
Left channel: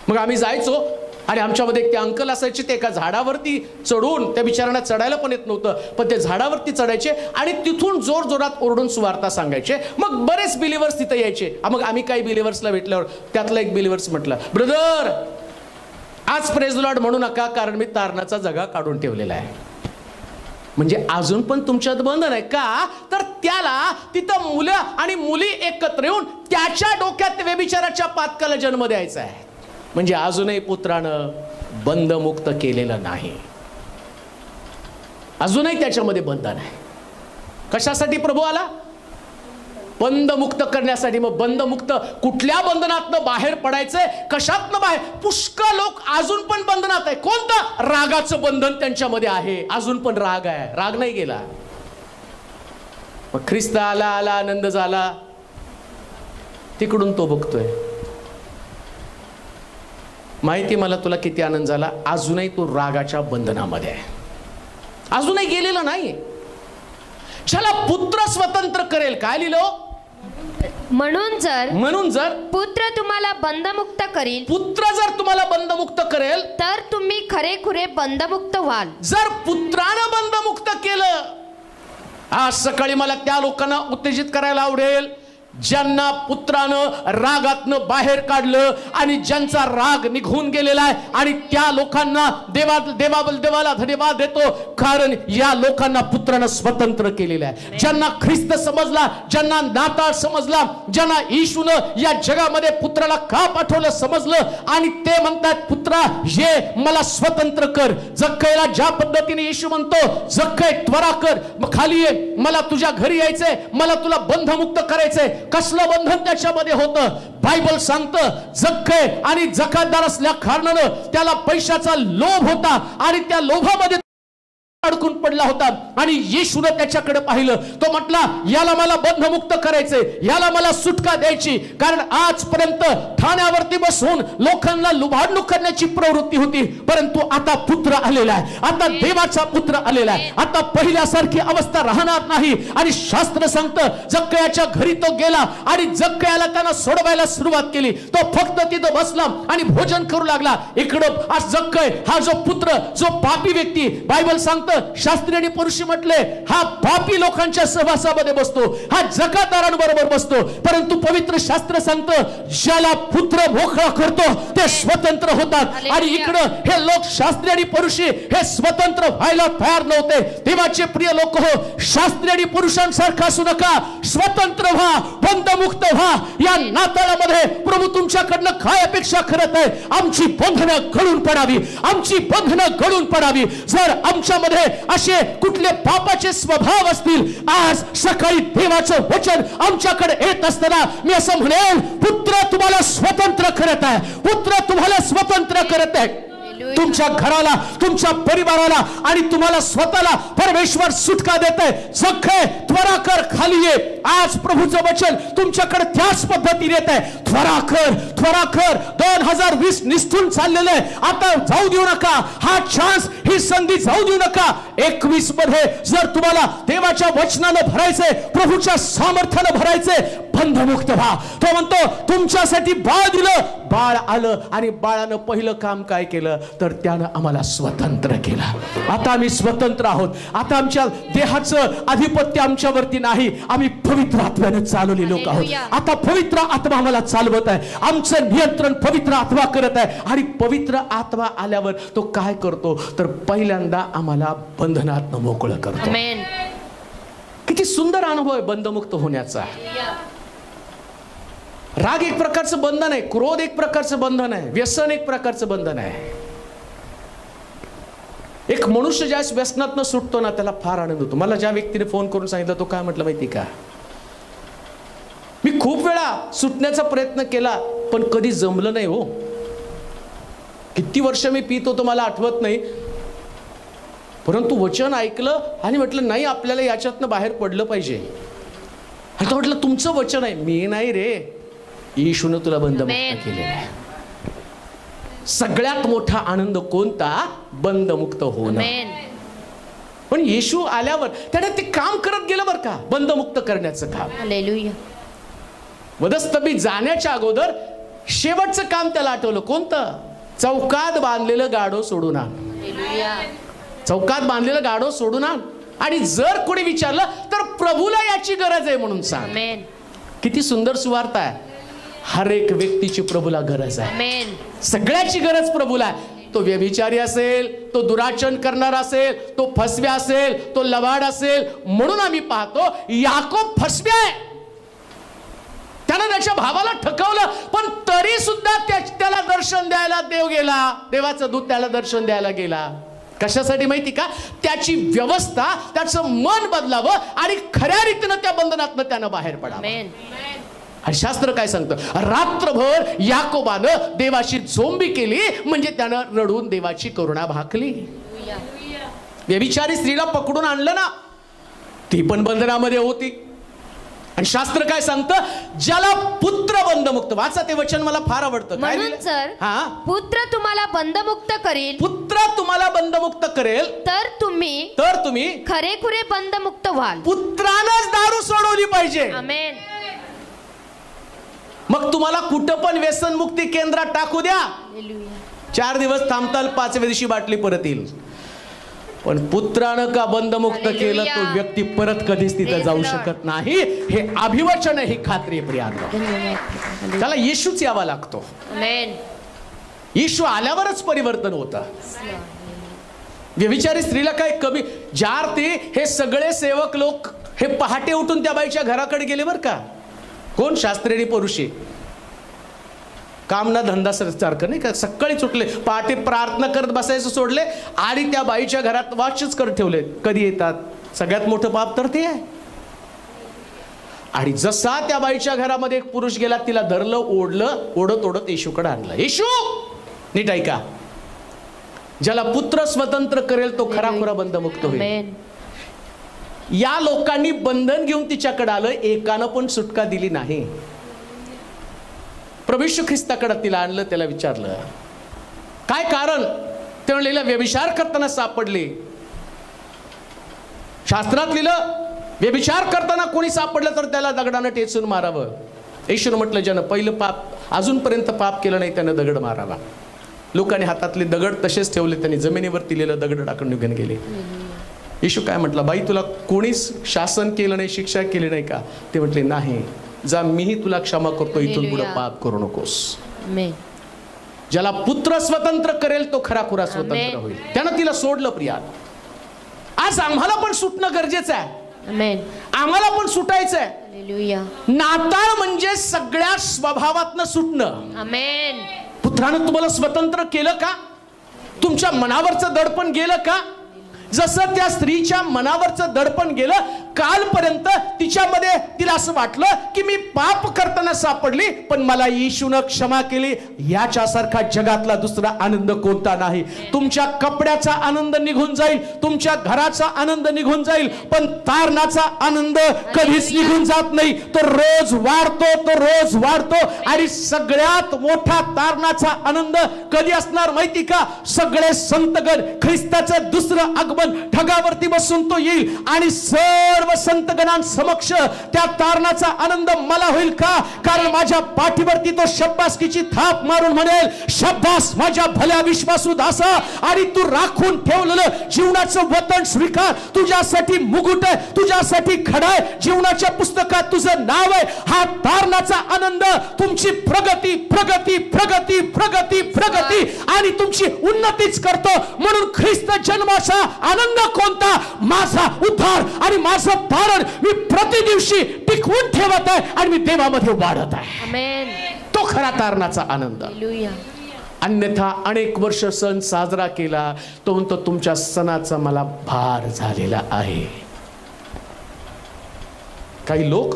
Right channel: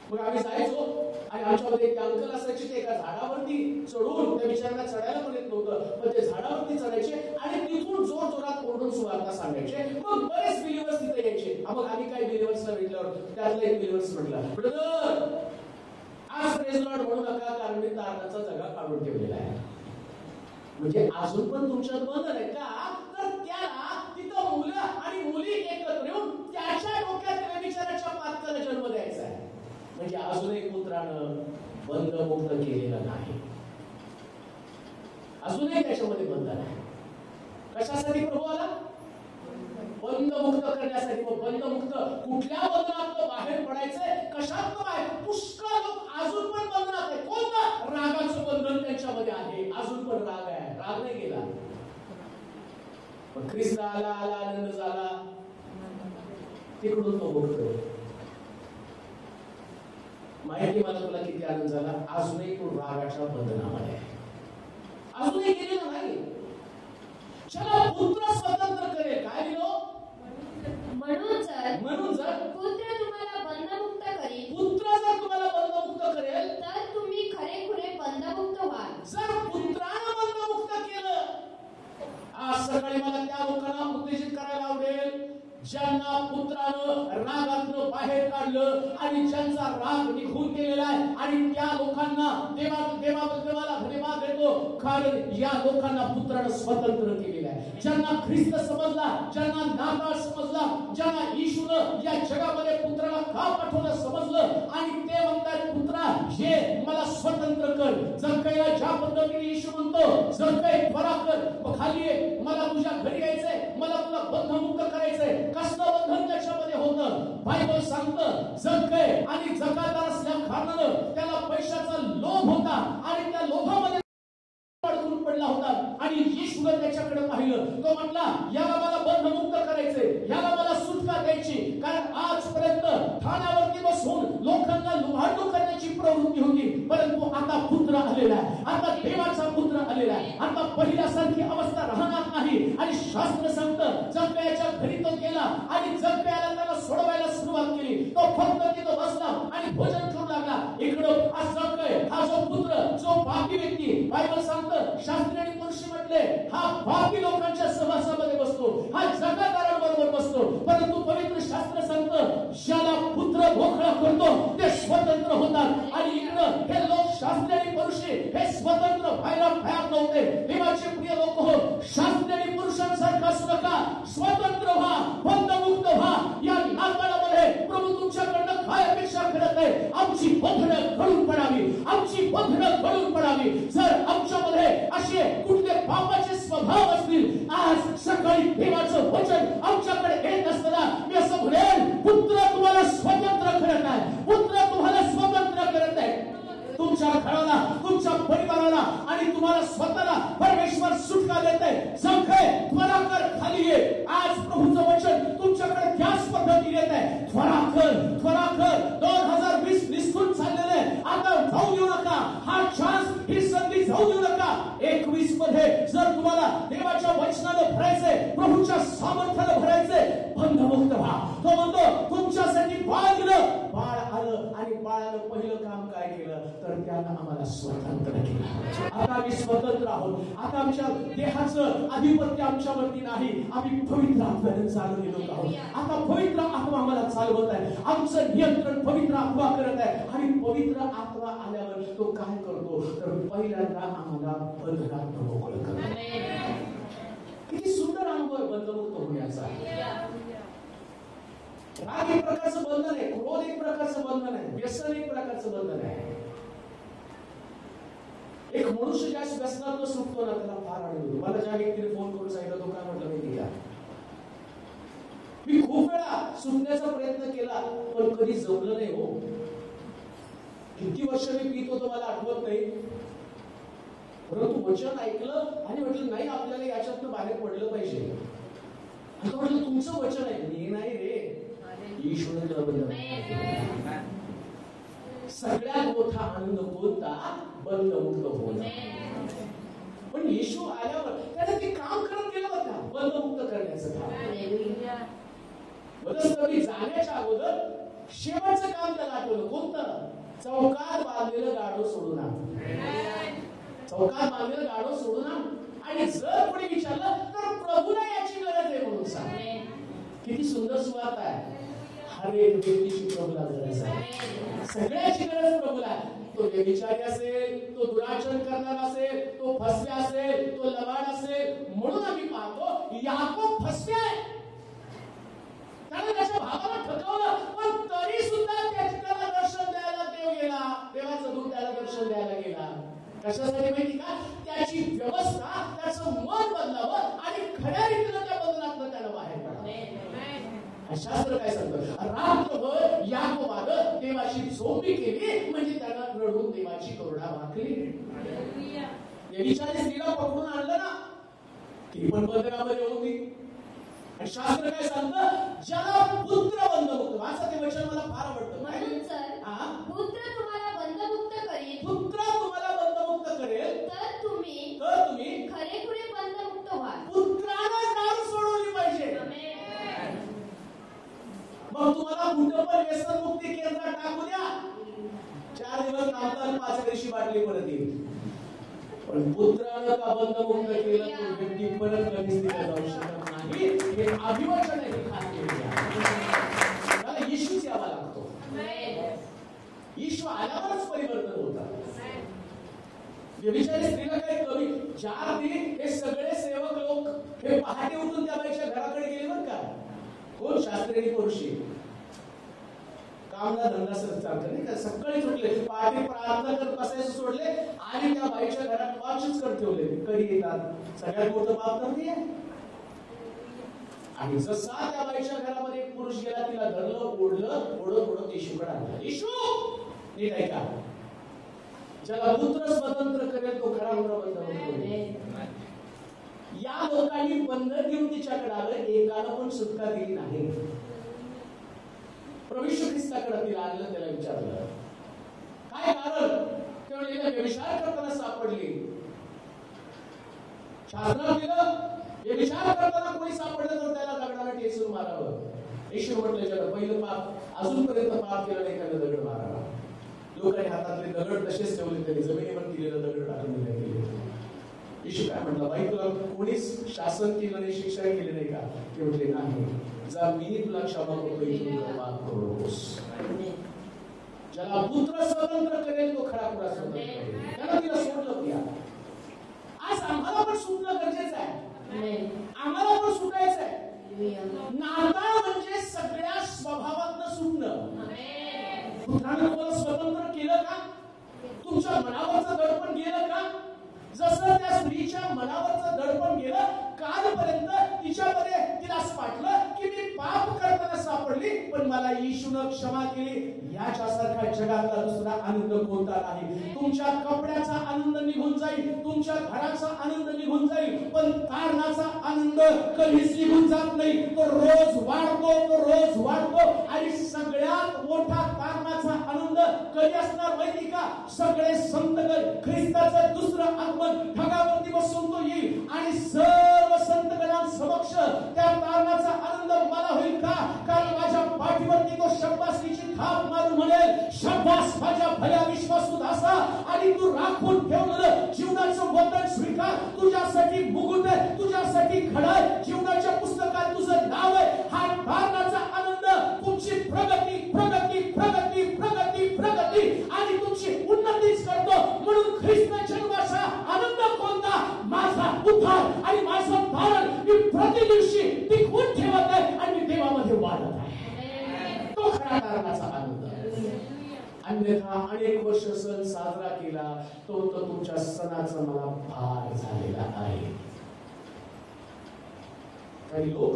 मग आम्ही जायचो आणि आमच्यामध्ये एक ते अंकल असायचे, ते एका झाडावरती चढून, त्या बिचारांना चढायला पण येत नव्हतं, पण ते झाडावरती चढायचे आणि तिथून जोर जोरात ओरडून सुवार्ता सांगायचे. मग बरेच बिलिव्हर्स तिथे यायचे. मग आम्ही काही बिलिव्हर्सला भेटल्यावर त्यातला एक बिलिव्हर्स म्हटलं, ब्रदर आज प्रेज लॉर्ड म्हणू नका, कारण मी तारणाचा जगा काढून ठेवलेला आहे. म्हणजे अजून पण तुमच्यात बंधन आहे का? तर त्याला तिथं मुलं आणि मुली एकत्र येऊन त्याच्या डोक्यात व्यभिचाराच्या पातकाला जन्म द्यायचा आहे. म्हणजे अजूनही पुत्रानं बंधमुक्त केलेलं नाही, अजूनही त्याच्यामध्ये बंधन आहे. कशासाठी प्रभू आला? बंधमुक्त करण्यासाठी. मग बंधमुक्त कुठल्या बंधनातनं बाहेर पडायचंय? कशातनं बाहेर? पुष्कळ लोक अजून पण बंधनात आहे. कोणतं? रागाचं बंधन त्यांच्यामध्ये आहे, अजून पण राग आहे, राग नाही गेला. मग ख्रिस्त आला, आला आनंद झाला, तिकडून तो बघतोय, माहिती मला तुला किती आनंद झाला, अजूनही तो रागाच्या बंधनामध्ये आहे, अजूनही गेलेला नाही. ज्याला पुत्र स्वतंत्र करेल, काय लिहिलं? म्हणून जर पुत्र तुम्हाला बंधमुक्त करील, पुत्र जर तुम्हाला बंधमुक्त करेल, तर तुम्ही खरेखुरे बंधमुक्त व्हाल. जर पुत्रानं बंधमुक्त केलं, आज सकाळी मला त्या लोकांना उत्तेजित करायला आवडेल ज्यांना पुत्रानं रागातनं बाहेर काढलं आणि ज्यांचा राग निघून गेलेला आहे, आणि त्या लोकांना देवाला धन्यवाद देतो, कारण या लोकांना पुत्रानं स्वतंत्र केलेलं आहे. ज्यांना ख्रिस्त समजला, ज्यांना नाताळ समजला, ज्यांना येशूनं या जगामध्ये पुत्राला का पाठवलं समजलं, आणि ते म्हणतात पुत्रा ये मला स्वतंत्र कर. जक्कईला ज्या पद्धतीने येशू म्हणतो, जक्कई त्वरा कर, खाली ये, मला तुझ्या घरी यायचंय, मला तुला बंधमुक्त करायचंय. कसलं बंधन त्याच्यामध्ये होतं? बायबल सांगतं, जक्कई आणि जकातदार असल्या कारणानं त्याला पैशाचा लोभ होता आणि त्या लोभामध्ये अडकून पडला होता, आणि येशूने त्याच्याकडे पाहिलं. तो म्हटला, याला मला बंधमुक्त करायचंय, याला मला सुटका द्यायची, कारण आजपर्यंत ठाण्यावरती बसून लोकांना लुबाडणूक करण्याची प्रवृत्ती होती, परंतु आता पुत्र आलेला आहे, आता देवाचा पुत्र आलेला आहे, आता पहिल्यासारखी अवस्था राहणार नाही. आणि शास्त्र सांगतं, जक्कयाच्या घरी तो गेला आणि जक्कयाला त्यानं सोडवायला सुरुवात केली. तो फक्त तिथं बसला आणि भोजन करू लागला. इकडं आज जक्कई हा जो पुत्र, जो पापी व्यक्ती, बायबल सांगतं, शास्त्री आणि पुरुषी म्हटले, हा पापी लोकांच्या सहवासामध्ये बसतो, हा जकातदारांबरोबर बसतो, परंतु पवित्र शास्त्र सांगतं, ज्याला पुत्र मोकळा करतो ते स्वतंत्र होतात. आणि इकडं हे लोक शास्त्री आणि पुरुषी हे स्वतंत्र व्हायला तयार नव्हते. देवाचे प्रिय लोक हो, शास्त्री आणि पुरुषांसारखा असू नका, स्वतंत्र व्हा, बंधमुक्त व्हा. या नाताळामध्ये प्रभू तुमच्याकडनं काय अपेक्षा करत आहे? आमची बंधनं गळून पडावी, आमची बंधनं गळून पडावी. जर आमच्यामध्ये असे कुठले पापाचे स्वभाव असतील, आज सकाळी देवाचं वचन आमच्याकडे येत असताना मी असं म्हणेन, पुत्र तुम्हाला स्वतंत्र करत आहे, पुत्र तुम्हाला स्वतंत्र करत आहे. तुमच्या घराला, तुमच्या परिवाराला आणि तुम्हाला स्वतःला परमेश्वर सुटका देत आहे. जक्कई त्वरा कर, खाली ये. आज प्रभूचं वचन तुमच्याकडे त्याच पद्धतीने येत आहे. त्वरा कर, त्वरा कर. 2020 निष्ठून चाललेलं आहे, आता जाऊ देऊ नका. हा चान्स, ही संधी जाऊ देऊ नका. 21 मध्ये जर तुम्हाला देवाच्या वचनानं भरायचंय, प्रभूच्या सामर्थ्यानं भरायचंय, बंधमुक्त व्हा. तो म्हणतो, तुमच्यासाठी बाळ दिलं, बाळ आलं, आणि बाळानं पहिलं काम काय केलं तर त्यानं आम्हाला स्वतंत्र केलं. आता आम्ही स्वतंत्र आहोत. आता आमच्या देहाचं आधिपत्य आमच्यावरती नाही, आम्ही पवित्र आत्म्याने चालवले लोक आहोत. आता पवित्र आत्मा आम्हाला चालवत आहे, आमचं नियंत्रण पवित्र आत्मा करत आहे. आणि पवित्र आत्मा आल्यावर तो काय करतो तर पहिल्यांदा आम्हाला बंधनातनं मोकळं करतो. किती सुंदर अनुभव आहे बंधमुक्त होण्याचा. राग एक प्रकारचं बंधन आहे, क्रोध एक प्रकारचं बंधन आहे, व्यसन एक प्रकारचं बंधन आहे. एक मनुष्य ज्या व्यसनातनं सुटतो ना, त्याला फार आनंद होतो. मला ज्या व्यक्तीने फोन करून सांगितलं, तो काय म्हटलं माहिती का, मी खूप वेळा सुटण्याचा प्रयत्न केला पण कधी जमलं नाही हो. किती वर्ष मी पित होतो मला आठवत नाही, परंतु वचन ऐकलं आणि म्हटलं नाही, आपल्याला याच्यातनं बाहेर पडलं पाहिजे. आणि तो म्हटलं तुमचं वचन आहे. मी नाही रे, येशूनं तुला बंधमुक्त केलेलं आहे. सगळ्यात मोठा आनंद कोणता? बंधमुक्त होणं. पण येशू आल्यावर त्याने ते काम करत गेलं बरं का, बंधमुक्त करण्याचं काम. हालेलुया. वधस्तंभी जाण्याच्या अगोदर शेवटचं काम त्याला आठवलं. कोणतं? चौकात बांधलेलं गाढव सोडून आण. चौकात बांधलेलं गाढव सोडून आण. आणि जर कोणी विचारलं तर प्रभूला याची गरज आहे म्हणून सांग. किती सुंदर सुवार्ता आहे. हर एक व्यक्तीची प्रभूला गरज आहे. सगळ्याची गरज प्रभूला आहे. तो व्यभिचारी असेल, तो दुराचरण करणारा असेल, तो फसव्या असेल, तो लवाड असेल. म्हणून आम्ही पाहतो याकोब फसव्या आहे. त्यानं त्याच्या भावाला ठकवलं, पण तरी सुद्धा त्याला दर्शन द्यायला देव गेला. देवाचा दूत त्याला दर्शन द्यायला गेला. कशासाठी माहिती का? त्याची व्यवस्था, त्याचं मन बदलावं आणि खऱ्या रीतीनं त्या बंधनातनं त्यानं बाहेर पडावं. आणि शास्त्र काय सांगतं? रात्रभर याकोबानं देवाशी झोंबी केली, म्हणजे त्यानं रडून देवाची करुणा भाकली. व्यभिचारी स्त्रीला पकडून आणलं ना, ती पण बंधनामध्ये होती. आणि शास्त्र काय सांगतं? ज्याला पुत्र बंधमुक्त, वाचा ते वचन, मला फार आवडतं. म्हणून जर पुत्र तुम्हाला बंधमुक्त करेल, पुत्र तुम्हाला बंधमुक्त करेल, तर तुम्ही खरेखुरे बंधमुक्त व्हाल. पुत्रानंच दारू सोडवली पाहिजे. आमेन. मग तुम्हाला कुठं पण व्यसनमुक्ती केंद्रात टाकू द्या, 4 दिवस थांबताल, 5व्या दिवशी बाटली परत येईल. पण पुत्रानं का बंधमुक्त केलं, तो व्यक्ती परत कधीच तिथं जाऊ शकत नाही. हे अभिवचन आहे, ही खात्री आहे प्रियांनो. त्याला येशूच यावा लागतो. येशू आल्यावरच परिवर्तन होतं. व्यभिचारी स्त्रीला काय कमी? जार ते हे सगळे सेवक लोक हे पहाटे उठून त्या बाईच्या घराकडे गेले बरं का. कोण? शास्त्री पुरुषी. काम ना धंदा सारखं नाही का. सकाळी सुटले, पहाटे प्रार्थना करत बसायचं सोडले आणि त्या बाईच्या घरात वाचच करत ठेवले. कधी येतात? सगळ्यात मोठं पाप तर ते आहे. आणि जसा त्या बाईच्या घरामध्ये एक पुरुष गेला, तिला धरलं, ओढलं, ओढत येशूकडे आणलं. येशू, नीट ऐका, ज्याला पुत्र स्वतंत्र करेल तो खराखुरा बंधमुक्त होईल. या लोकांनी बंधन घेऊन तिच्याकडे आलं, एकानं पण सुटका दिली नाही. प्रभू येशू ख्रिस्ताकडे तिला आणलं, त्याला विचारलं काय कारण? ते म्हणलेलं व्यभिचार करताना सापडले. शास्त्रात लिहिलं व्यभिचार करताना कोणी सापडलं तर त्याला दगडानं टेचून मारावं. येशूनं म्हटलं ज्यानं पहिलं पाप अजूनपर्यंत पाप केलं नाही त्यानं दगड मारावा. लोकांनी हातातले दगड तसेच ठेवले, त्यांनी जमिनीवर दिलेलं दगड टाकून निघून गेले. येशू काय म्हटलं? बाई, तुला कोणीच शासन केलं नाही, शिक्षा केली नाही का? ते म्हटले नाही. जा, मीही तुला क्षमा करतो, इथून पुढे पाप करू नकोस. ज्याला पुत्र स्वतंत्र करेल तो खराखुरा स्वतंत्र होईल. त्यानं तिला सोडलं. प्रिया, आज आम्हाला पण सुटणं गरजेचं आहे. आम्हाला पण सुटायचं आहे. नाताळ म्हणजे सगळ्या स्वभावातनं सुटणं. पुत्रानं तुम्हाला स्वतंत्र केलं का? तुमच्या मनावरचं दडपण गेलं का? जसं त्या स्त्रीच्या मनावरचं दडपण गेलं, कालपर्यंत तिच्यामध्ये तिला असं वाटलं की मी पाप करताना सापडली, पण मला येशूनं क्षमा केली. याच्यासारखा जगातला दुसरा आनंद कोणता नाही. तुमच्या कपड्याचा आनंद निघून जाईल, तुमच्या घराचा आनंद निघून जाईल, पण तारणाचा आनंद कधीच निघून जात नाही. तो रोज वाढतो, तो रोज वाढतो. आणि सगळ्यात मोठा तारणाचा आनंद कधी असणार माहिती का? सगळे संतगण, ख्रिस्ताचं दुसरं आगमन, ढगावरती बसून तो येईल आणि सर्व संतगणांसमक्ष त्या तारणाचा आनंद मला होईल का? कारण माझ्या पाठीवरती तो शब्बासकीची थाप मारून म्हणेल, शब्बास माझ्या भल्या विश्वासू दासा, आणि तू राखून ठेवलेलं जीवनाचं वतन स्वीकार. तुझ्यासाठी मुकुट आहे, तुझ्यासाठी खडा आहे, जीवनाच्या पुस्तकात तुझं नाव आहे. हा तारणाचा आनंद तुमची प्रगती प्रगती प्रगती प्रगती प्रगती आणि तुमची उन्नतीच करतो. म्हणून ख्रिस्त जन्माचा आनंद कोणता? माझा उद्धार आणि माझं तारण मी प्रतिदिवशी टिकवून ठेवत आहे आणि मी देवामध्ये वाढत आहे. तो खरा तारणाचा आनंद. अन्यथा अनेक वर्ष सण साजरा केला, तो म्हणतो तुमच्या सणाचा मला भार झालेला आहे. काही लोक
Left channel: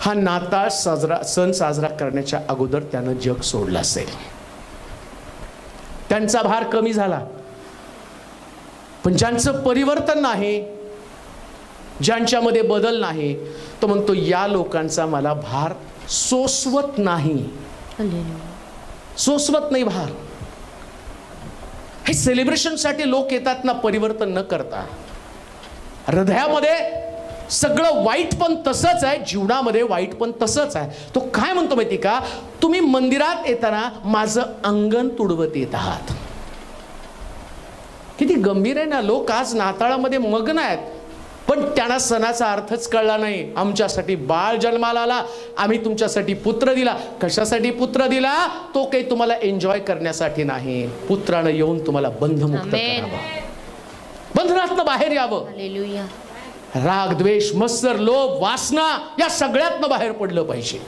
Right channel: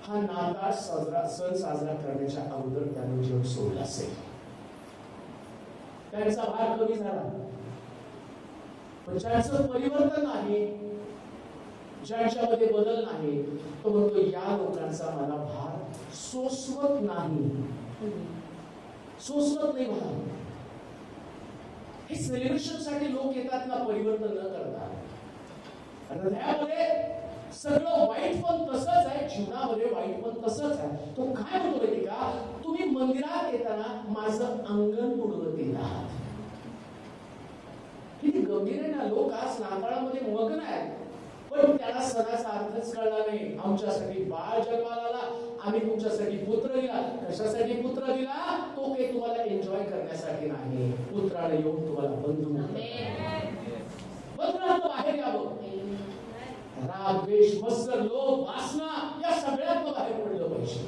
हा नाताळ सण साजरा करण्याच्या अगोदर त्यानं जग सोडलं असेल, त्यांचा भार कमी झाला. पण ज्यांचं परिवर्तन नाही, ज्यांच्यामध्ये बदल नाही, तो म्हणतो या लोकांचा मला भार सोसवत नाही, सोसवत नाही भार. हे सेलिब्रेशनसाठी लोक येतात ना, परिवर्तन न करता. हृदयामध्ये सगळं वाईट पण तसंच आहे, जीवनामध्ये वाईट पण तसंच आहे. तो काय म्हणतो माहिती का, तुम्ही मंदिरात येताना माझं अंगण तुडवत येत आहात. किती गंभीर आहे ना. लोक आज नाताळामध्ये मग्न आहेत, पण त्यांना सणाचा अर्थच कळला नाही. आमच्यासाठी बाळ जन्माला आला, आम्ही तुमच्यासाठी पुत्र दिला. कशासाठी पुत्र दिला? तो काही तुम्हाला एन्जॉय करण्यासाठी नाही. पुत्रानं येऊन तुम्हाला बंधमुक्त करावं, बंधनातनं बाहेर यावं. हालेलुया. राग, द्वेष, मत्सर, लोभ, वासना या सगळ्यातनं बाहेर पडलं पाहिजे.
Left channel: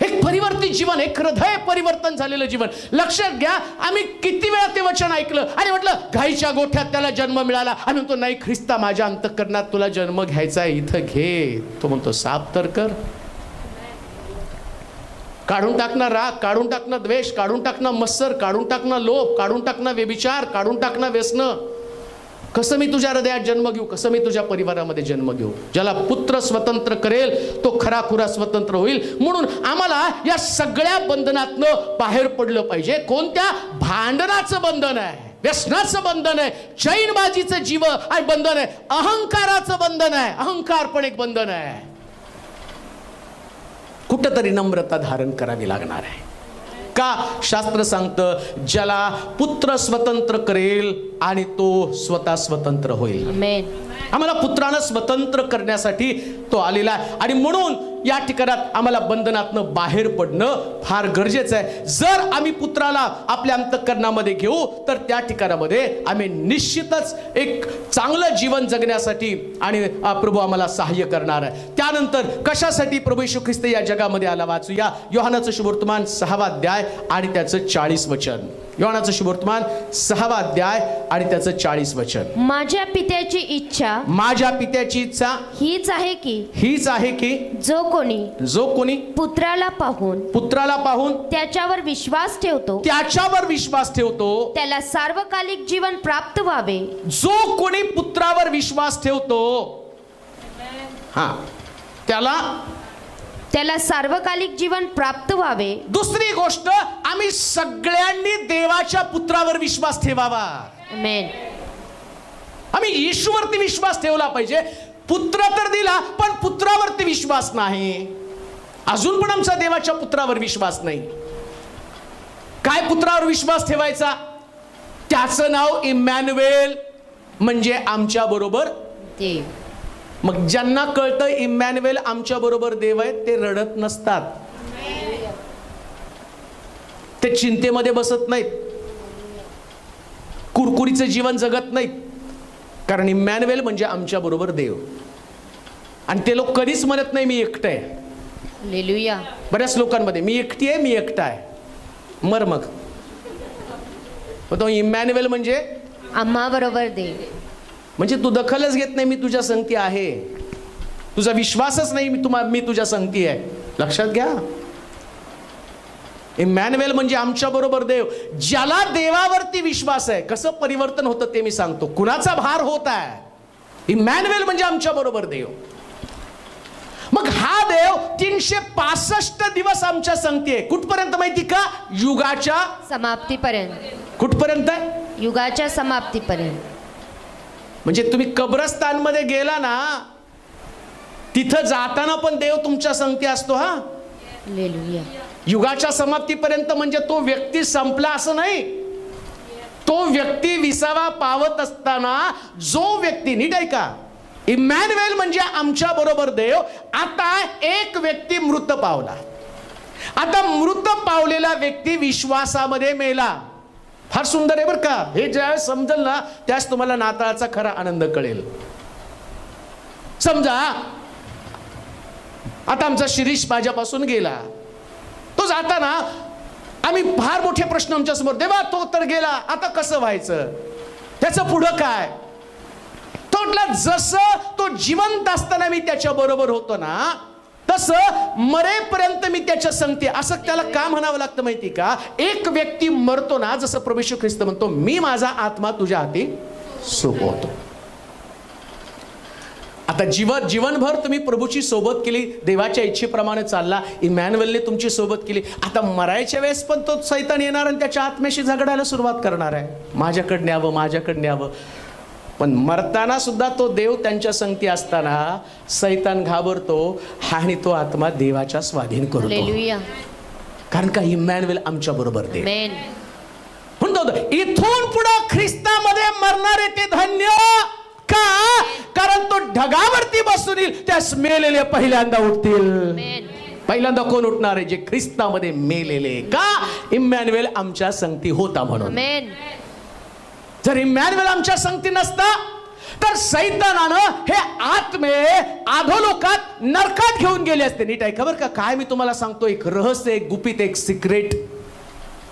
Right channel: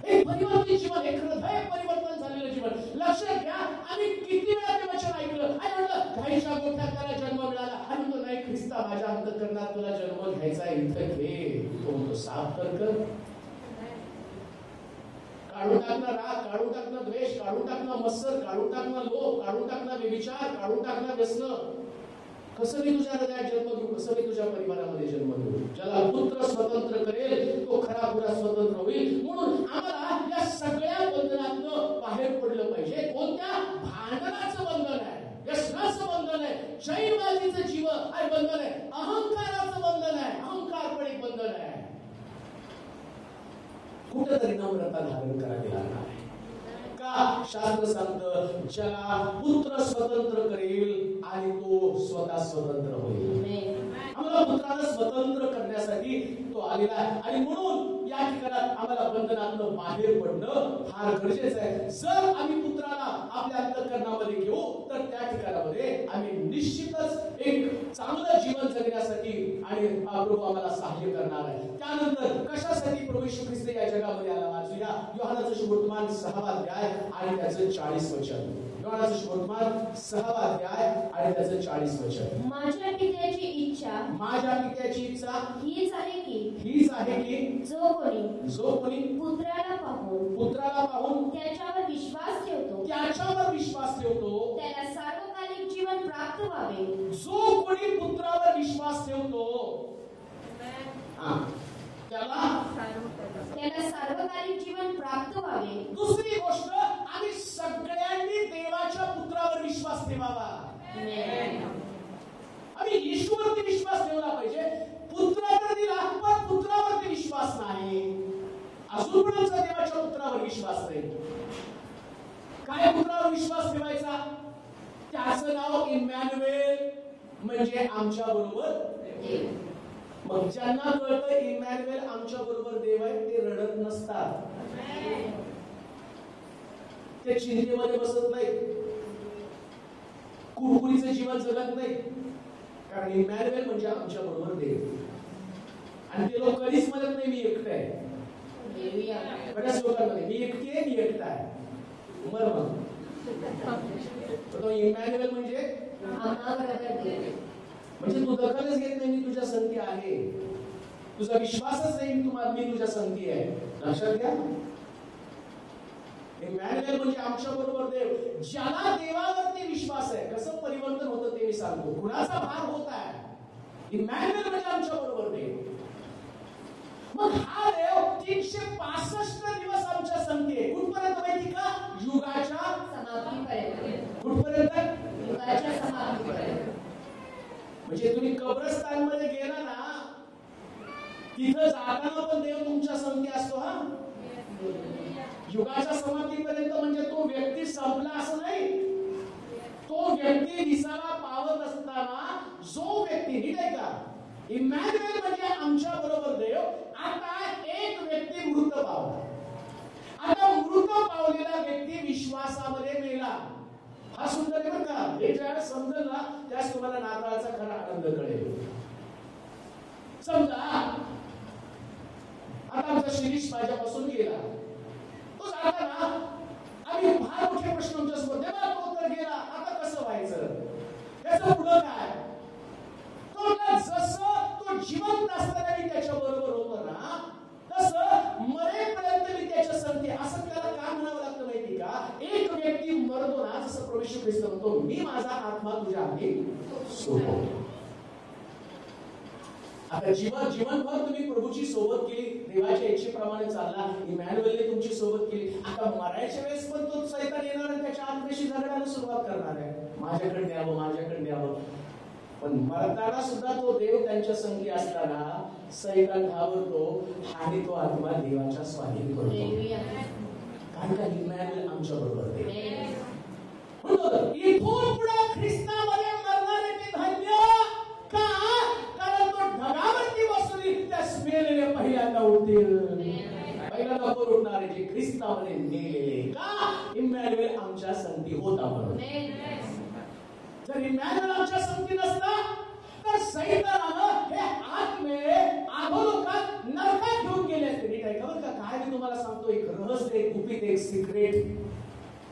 एक परिवर्तित जीवन, एक हृदय परिवर्तन झालेलं जीवन. लक्षात घ्या, आम्ही किती वेळा ते वचन ऐकलं आणि म्हटलं गाईच्या गोठ्यात त्याला जन्म मिळाला, आणि म्हणतो नाही ख्रिस्ता माझ्या अंतःकरणात तुला जन्म घ्यायचा आहे, इथं घे. तो म्हणतो साफ तर कर. काढून टाकणं राग, काढून टाकणं द्वेष, काढून टाकणं मत्सर, काढून टाकणं लोभ, काढून टाकणं व्यभिचार, काढून टाकणं व्यसन. कसं मी तुझ्या हृदयात जन्म घेऊ, कसं मी तुझ्या परिवारामध्ये जन्म घेऊ? ज्याला पुत्र स्वतंत्र करेल तो खराखुरा स्वतंत्र होईल. म्हणून आम्हाला या सगळ्या बंधनातनं बाहेर पडलं पाहिजे. कोणत्या? भांडणाचं बंधन आहे, व्यसनाचं बंधन आहे, चैनबाजीचं जीव आहे बंधन आहे, अहंकाराचं बंधन आहे, अहंकार पण एक बंधन आहे. कुठंतरी नम्रता धारण करावी लागणार आहे. का? शास्त्र सांगतं ज्याला पुत्र स्वतंत्र करेल आणि तो स्वतः स्वतंत्र होईल. आमेन. आम्हाला पुत्रानं स्वतंत्र करण्यासाठी तो आलेला आहे, आणि म्हणून या ठिकाणात आम्हाला बंधनातनं बाहेर पडणं फार गरजेचं आहे. जर आम्ही पुत्राला आपल्या अंतःकरणामध्ये घेऊ तर त्या ठिकाणामध्ये आम्ही निश्चितच एक चांगलं जीवन जगण्यासाठी आणि प्रभू आम्हाला सहाय्य करणार आहे. त्यानंतर कशासाठी प्रभू येशू ख्रिस्त या जगामध्ये आला? वाचूया योहानाचं शुभवर्तमान 6वा अध्याय आणि त्याचं 40 वचन. योहानाचं शुभवर्तमान 6वा अध्याय आणि त्याचं 40 वचन. माझ्या पित्याची इच्छा, माझ्या पित्याची इच्छा हीच आहे की जो कोणी पुत्राला पाहून त्याच्यावर विश्वास ठेवतो त्याला सार्वकालिक जीवन प्राप्त व्हावे. जो कोणी पुत्रावर विश्वास ठेवतो त्याला सार्वकालिक जीवन प्राप्त व्हावे. दुसरी गोष्ट, आम्ही सगळ्यांनी देवाच्या पुत्रावर विश्वास ठेवावा. आमेन. आम्ही येशूवरती विश्वास ठेवला पाहिजे. पुत्र तर दिला, पण पुत्रावरती विश्वास नाही. अजून पण आमचा देवाच्या पुत्रावर विश्वास नाही. काय पुत्रावर विश्वास ठेवायचा? त्याचं नाव इमॅन्युएल, म्हणजे आमच्या बरोबर देव. मग ज्यांना कळतं इमॅन्युएल आमच्या बरोबर देव आहे, ते रडत नसतात, ते चिंतेमध्ये बसत नाहीत, कुरकुरीचं जीवन जगत नाहीत. कारण इमॅन्युएल म्हणजे आमच्या बरोबर देव. आणि ते लोक कधीच म्हणत नाही मी एकटं आहे. हालेलुया. बऱ्याच लोकांमध्ये मी एकटी आहे, मी एकटा आहे. मग तो इमॅन्युएल म्हणजे आम्हा बरोबर देव. म्हणजे तू दखलच घेत नाही, मी तुझ्या संगती आहे. तुझा विश्वासच नाही मी तुझ्या संगती आहे. लक्षात घ्या, इमॅन्युएल म्हणजे आमच्या बरोबर देव. ज्याला देवावरती विश्वास आहे, कसं परिवर्तन होतं ते मी सांगतो. कुणाचा भार होत आहे? इमॅन्युएल म्हणजे आमच्या बरोबर देव. मग हा देव 365 दिवस आमच्या संगती आहे. कुठपर्यंत माहिती का? युगाच्या समाप्तीपर्यंत. कुठपर्यंत आहे? युगाच्या समाप्तीपर्यंत. म्हणजे तुम्ही कब्रस्तानमध्ये गेला ना, तिथं जाताना पण देव तुमच्या संगती असतो. हा, हालेलुया. युगाच्या समाप्तीपर्यंत म्हणजे तो व्यक्ती संपला असं नाही. तो व्यक्ती विसावा पावत असताना जो व्यक्ती, नीट ऐका, इमॅन्युएल म्हणजे आमच्या बरोबर देव. आता एक व्यक्ती मृत पावला. आता मृत पावलेला व्यक्ती विश्वासामध्ये मेला. फार सुंदर आहे बरं का. हे ज्यावेळेस समजेल ना, त्याच तुम्हाला नाताळाचा खरा आनंद कळेल. समजा आता आमचा शिरीष माझ्यापासून गेला. तो जाताना आम्ही फार मोठे प्रश्न आमच्या समोर, देवा तो तर गेला, आता कसं व्हायचं, त्याचं पुढं काय? तो म्हटला जसं तो जिवंत असताना मी त्याच्या बरोबर होतो ना, तसं मरेपर्यंत मी त्याच्या संगती. असं त्याला का म्हणावं लागतं माहिती का? एक व्यक्ती मरतो ना, जसं प्रभू येशू ख्रिस्त म्हणतो मी माझा आत्मा तुझ्या हाती सोपं होतं. आता जीवनभर तुम्ही प्रभूची सोबत केली, देवाच्या इच्छेप्रमाणे चालला, इमॅन्युएलने तुमची सोबत केली. आता मरायच्या वेळेस पण तो सैतान येणार आणि त्याच्या आत्म्याशी झगडायला सुरुवात करणार आहे, माझ्याकडे न्यावं माझ्याकडे न्यावं. पण मरताना सुद्धा तो देव त्यांच्या संगती असताना सैतान घाबरतो आणि तो आत्मा देवाच्या स्वाधीन करतो. कारण का इमॅन्युएल आमच्या बरोबर देव. म्हणतो इथून पुढे ख्रिस्तामध्ये मरणारे ते धन्य. का? कारण तो ढगावरती बसून येईल, त्यास मेलेले पहिल्यांदा उठतील. पहिल्यांदा कोण उठणार आहे? जे ख्रिस्तामध्ये मेलेले. का? इमॅन्युएल आमच्या संगती होता म्हणून. जर इमॅन्युएल आमच्या संगती नसता तर सैतानानं हे आत्मे अधोलोकात नरकात घेऊन गेले असते. नीट ऐका बरं का, काय मी तुम्हाला सांगतो, एक रहस्य, एक गुपित, एक सिक्रेट.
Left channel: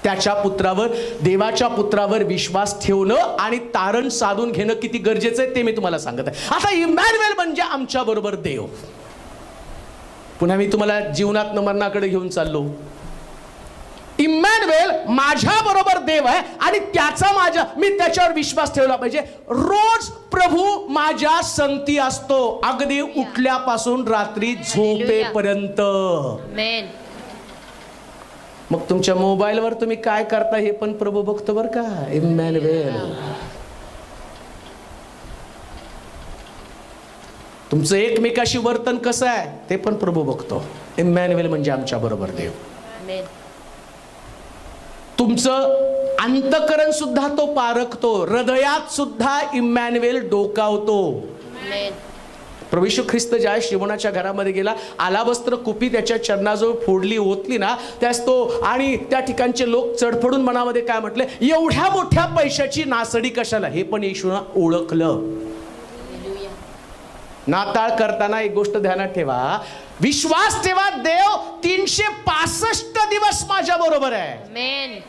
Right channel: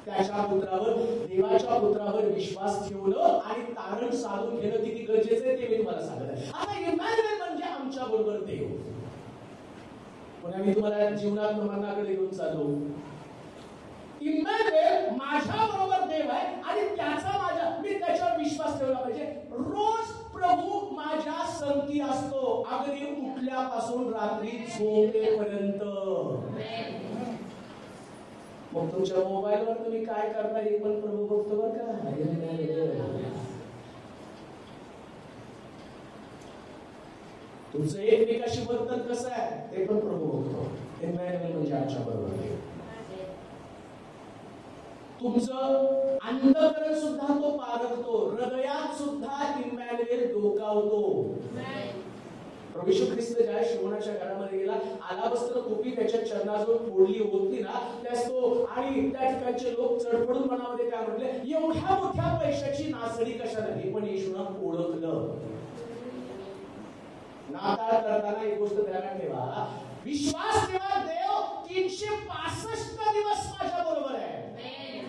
त्याच्या पुत्रावर, देवाच्या पुत्रावर विश्वास ठेवणं आणि तारण साधून घेणं किती गरजेचं आहे ते मी तुम्हाला सांगत आहे. आता इमॅन्युएल म्हणजे आमच्या बरोबर देव. पुन्हा मी तुम्हाला जीवनात मरणाकडे घेऊन चाललो. इमॅन्युएल माझ्या बरोबर देव आहे आणि त्याचा मी त्याच्यावर विश्वास ठेवला पाहिजे. रोज प्रभू माझ्या संगती असतो, अगदी उठल्यापासून रात्री झोपेपर्यंत. मग तुमच्या मोबाईलवर तुम्ही काय करता हे पण प्रभू बघतो बरं का. इमॅन्युएल. तुमचं एकमेकाशी वर्तन कसं आहे ते पण प्रभू बघतो. इमॅन्युएल म्हणजे आमच्या बरोबर देव. तुमचं अंतकरण सुद्धा तो पारखतो, हृदयात सुद्धा इमॅन्युएल डोकावतो. प्रभू येशू ख्रिस्त ज्या शिमोनाच्या घरामध्ये गेला, आलाबस्त्र कुपी त्याच्या चरणाजवळ फोडली, ओतली ना, त्यास तो आणि त्या ठिकाणचे लोक चढफडून मनामध्ये काय म्हटले, एवढ्या मोठ्या पैशाची नासडी कशाला? हे पण येशूनं ओळखलं. नाताळ करताना एक गोष्ट ध्यानात ठेवा, विश्वास ठेवा, देव 365 दिवस माझ्या बरोबर आहे.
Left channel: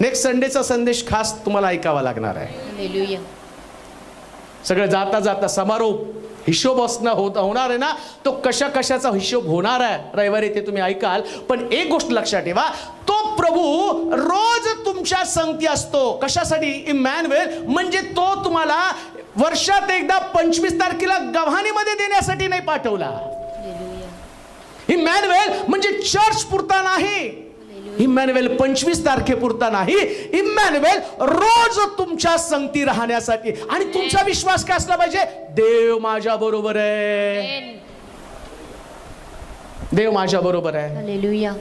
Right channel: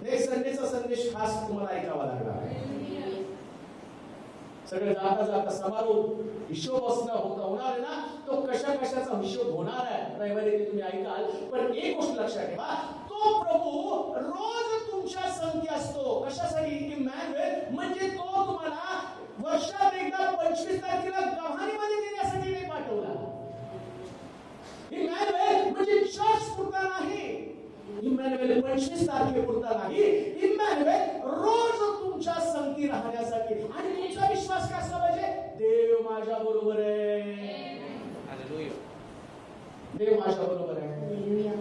नेक्स्ट संडेचा संदेश खास तुम्हाला ऐकावा लागणार आहे. सगळं जाता जाता समारोप हिशोब होणार आहे ना, तो कशा कशाचा हिशोब होणार आहे रविवारी ते तुम्ही ऐकाल. पण एक गोष्ट लक्षात ठेवा, तो प्रभू रोज तुमच्या संगती असतो. कशासाठी? इमॅन्युएल म्हणजे तो तुम्हाला वर्षात एकदा 25 तारखेला गव्हाणीमध्ये देण्यासाठी नाही पाठवला. इमॅन्युएल म्हणजे चर्च पुरता नाही, इमॅन्युएल 25 तारखेपुरता नाही, इमॅन्युएल रोज तुमच्या संगती राहण्यासाठी. आणि तुमचा विश्वास काय असला पाहिजे? देव माझ्या बरोबर आहे, देव माझ्या बरोबर आहे. हालेलुया.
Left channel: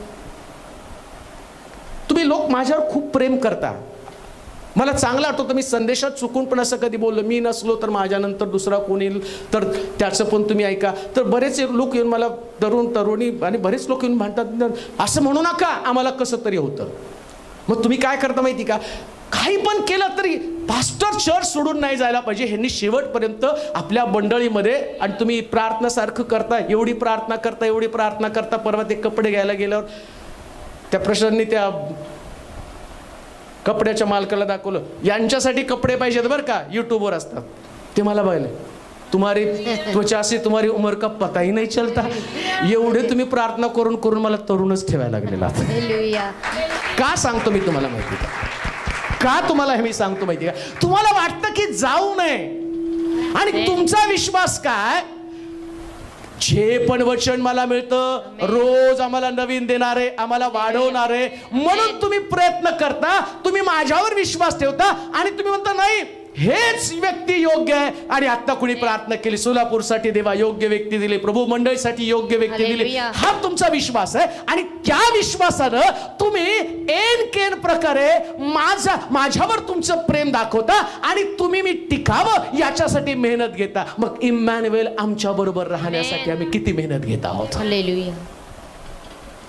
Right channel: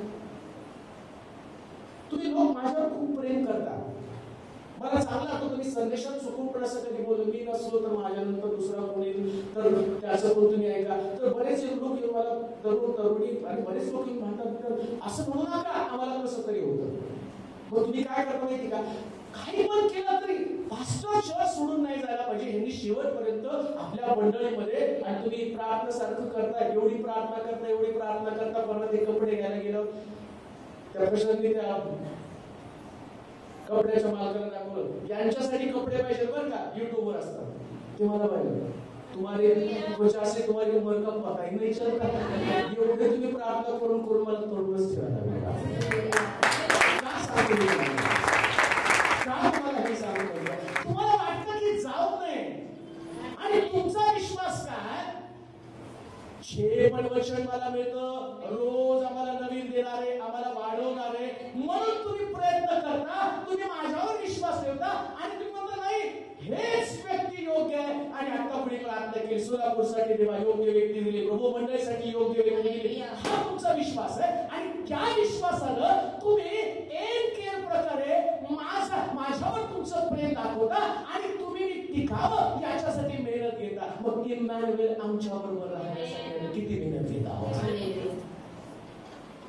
तुम्ही लोक माझ्यावर खूप प्रेम करता. मला चांगलं आठवतं, मी संदेशात चुकून पण असं कधी बोललो, मी नसलो तर माझ्यानंतर दुसरा कोण येईल तर त्याचं पण तुम्ही ऐका. तर बरेच लोक येऊन मला, तरुणी आणि बरेच लोक येऊन म्हणतात, असं म्हणू नका, आम्हाला कसं तरी होतं. मग तुम्ही काय करता माहिती का? काही पण केलं तरी पास्टर चर्च सोडून नाही जायला पाहिजे. ह्यांनी शेवटपर्यंत आपल्या मंडळीमध्ये, आणि तुम्ही प्रार्थनासारखं करता, एवढी प्रार्थना करता, एवढी प्रार्थना करता. परवा ते कपडे घ्यायला गेल्यावर त्या प्रश्नांनी त्या कपड्याच्या मालकाला दाखवलं, यांच्यासाठी कपडे पाहिजेत बरं का, युट्यूबवर असतात ते. मला बघले, तुम्हारी त्वचा से तुम्हारी उमर का पता ही नाही चलता. एवढे तुम्ही प्रार्थना करून करून मला तरुणच ठेवायला लागलेला. का सांगतो मी तुम्हाला माहिती? का तुम्हाला हे मी सांगतो माहिती का? तुम्हाला वाटतं की जाऊ नये, आणि तुमचा विश्वास काय? जे पण वचन मला मिळतं रोज आम्हाला नवीन देणारे, आम्हाला वाढवणारे, म्हणून तुम्ही प्रयत्न करता, तुम्ही माझ्यावर विश्वास ठेवता आणि तुम्ही म्हणता नाही हेच व्यक्ती योग्य आहे. आणि आता कुणी प्रार्थना केली, सोलापूरसाठी देवा योग्य व्यक्ती दिली, प्रभू मंडळीसाठी योग्य व्यक्ती दिली, हा तुमचा विश्वास आहे. आणि त्या विश्वासानं तुम्ही एन प्रकारे माझ्यावर तुमचं प्रेम दाखवता आणि तुम्ही मी टिकावं याच्यासाठी मेहनत घेता. मग इमॅन्युएल आमच्या बरोबर राहण्यासाठी आम्ही किती मेहनत घेत आहोत.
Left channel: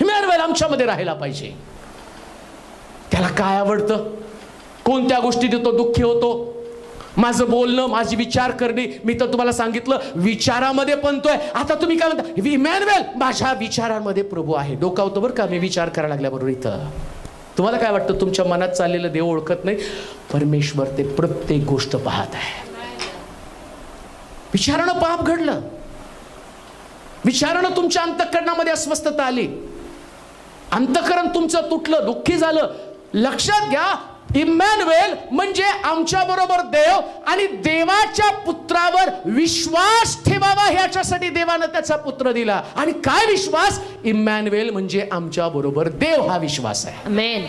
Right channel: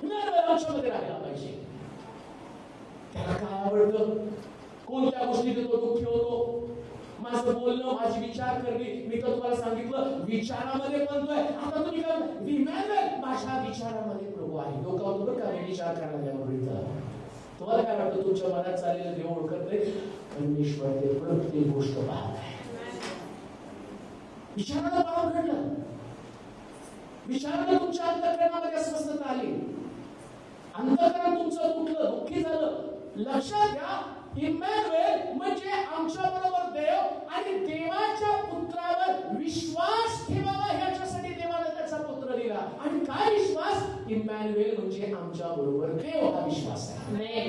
इमॅन्युएल आमच्यामध्ये राहायला पाहिजे. त्याला काय आवडतं, कोणत्या गोष्टी देतो, दुःखी होतो, माझं बोलणं, माझी विचार करणे. मी तर तुम्हाला सांगितलं विचारामध्ये बनतोय. आता तुम्ही काय म्हणता, इमॅन्युएल माझ्या विचारांमध्ये प्रभू आहे. डोकावतो बरं का मी विचार करायला लागल्याबरोबर. इथं तुम्हाला काय वाटतं, तुमच्या मनात चाललेलं देव ओळखत नाही? परमेश्वर ते प्रत्येक गोष्ट पाहत आहे. विचारानं पाप घडलं, विचारानं तुमच्या अंतःकरणामध्ये अस्वस्थता आली, अंतःकरण तुमचं तुटलं, दुःखी झालं. लक्षात घ्या, इम्मॅन्युएल म्हणजे आमच्या बरोबर देव, आणि देवाच्या पुत्रावर विश्वास ठेवावा ह्याच्यासाठी देवानं त्याचा पुत्र दिला. आणि काय विश्वास? इम्मॅन्युएल म्हणजे आमच्या बरोबर देव, हा विश्वास आहे. आमेन.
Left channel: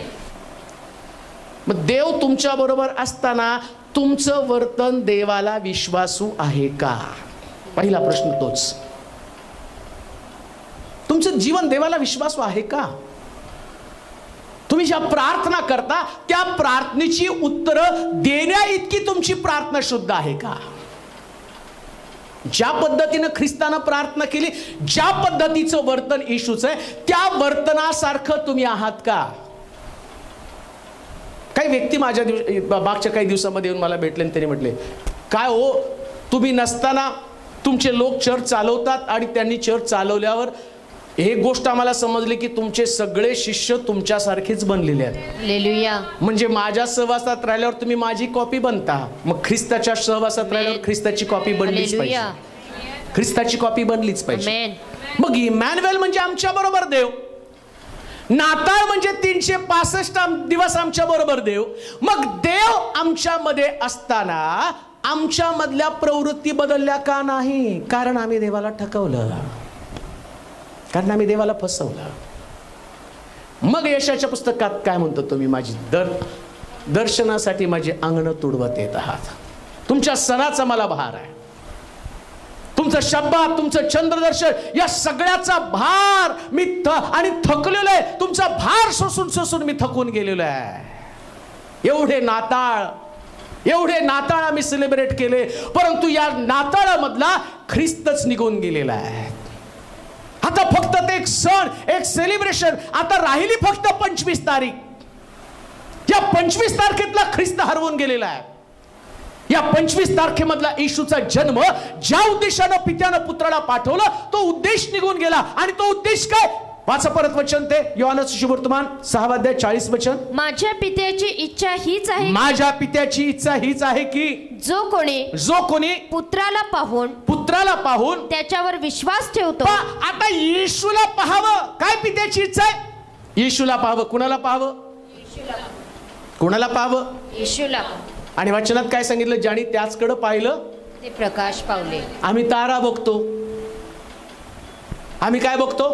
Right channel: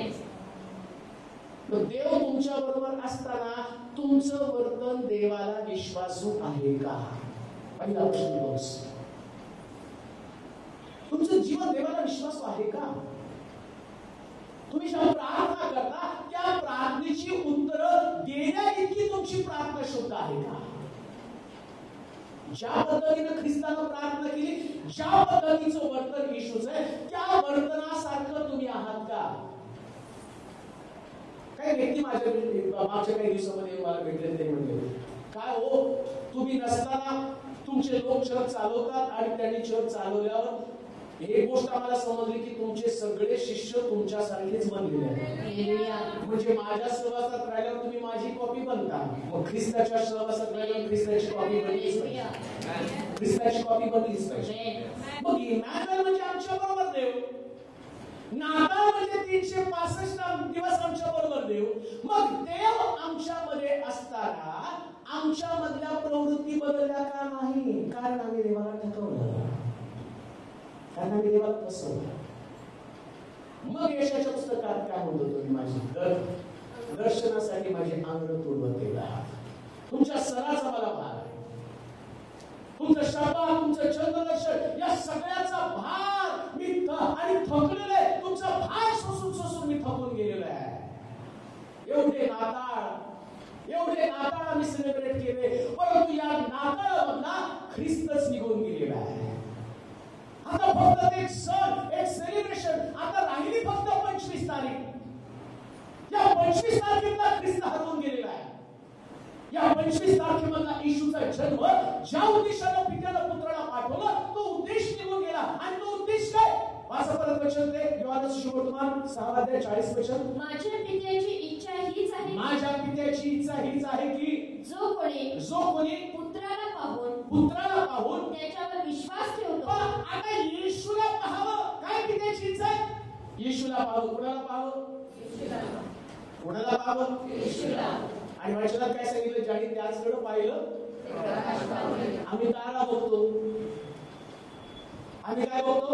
मग देव तुमच्या बरोबर असताना तुमचं वर्तन देवाला विश्वासू आहे का? पहिला प्रश्न तोच. तुमचं जीवन देवाला विश्वासू आहे का? तुम्ही ज्या प्रार्थना करता त्या प्रार्थनेची उत्तरं देण्या इतकी तुमची प्रार्थना शुद्ध आहे का? ज्या पद्धतीनं ख्रिस्तानं प्रार्थना केली, ज्या पद्धतीचं वर्तन येशूचं आहे, त्या वर्तनासारखं तुम्ही आहात का? काही व्यक्ती माझ्या मागच्या काही दिवसामध्ये येऊन मला भेटले आणि त्यांनी म्हटले, काय हो, तुम्ही नसताना तुमचे लोक चर्च चालवतात आणि त्यांनी चर्च चालवल्यावर एक गोष्ट आम्हाला समजली की तुमचे सगळे शिष्य तुमच्यासारखेच बनलेले आहेत. हालेलुया. म्हणजे माझ्या सहवासात राहिल्यावर तुम्ही माझी कॉपी बनता, मग ख्रिस्ताच्या सहवासात राहिल्यावर ख्रिस्ताची कॉपी बनलीच पाहिजे. ख्रिस्ताची कॉपी बनलीच पाहिजे. मग इमॅन्युएल म्हणजे आमच्या बरोबर देव, नाताळ म्हणजे 365 दिवस आमच्या बरोबर देव. मग देव आमच्या मध्ये असताना आमच्या मधल्या प्रवृत्ती बदलल्या का नाही? कारण आम्ही देवाला ठकवलं, कारण आम्ही देवाला फसवलं. मग यशाच्या पुस्तकात काय म्हणतो तुम्ही? माझी दर्शनासाठी माझी अंगण तुडवत येत आहात. तुमच्या सणाचा मला भार आहे, तुमचं शब्बात, तुमचं चंद्रदर्शन, या सगळ्याचा भार मी आणि थकलेलो आहे. तुमचा भार सोसून सोसून मी थकून गेलेलो आहे. एवढे नाताळ आम्ही सेलिब्रेट केले, परंतु या नाताळामधला ख्रिस्तच निघून गेलेला आहे. आता फक्त ते एक सण, एक सेलिब्रेशन, आता राहिली फक्त 25 तारीख. या 25 तारखेतला ख्रिस्त हरवून गेलेला आहे. या 25 तारखेमधला येशूचा जन्म, ज्या उद्देशानं पित्यानं पुत्राला पाठवलं, तो उद्देश निघून गेला. आणि तो उद्देश काय? वाचा परत वचन, ते योहानचं सुवर्तमान 6 अध्याय 40 वचन. माझ्या पित्याची इच्छा हीच आहे, माझ्या पित्याची इच्छा हीच आहे की जो कोणी पुत्राला पाहून त्याच्यावर विश्वास ठेवतो. आता येशूला पाहावं. काय पित्याची इच्छा आहे? येशूला पाहावं. कुणाला पाहावं? कुणाला पाहावं? येशूला. आणि वचनात काय सांगितलं? ज्याने त्याचकडे पाहिलं ते प्रकाश पावले. आम्ही तारा बघतो. आम्ही काय बघतो?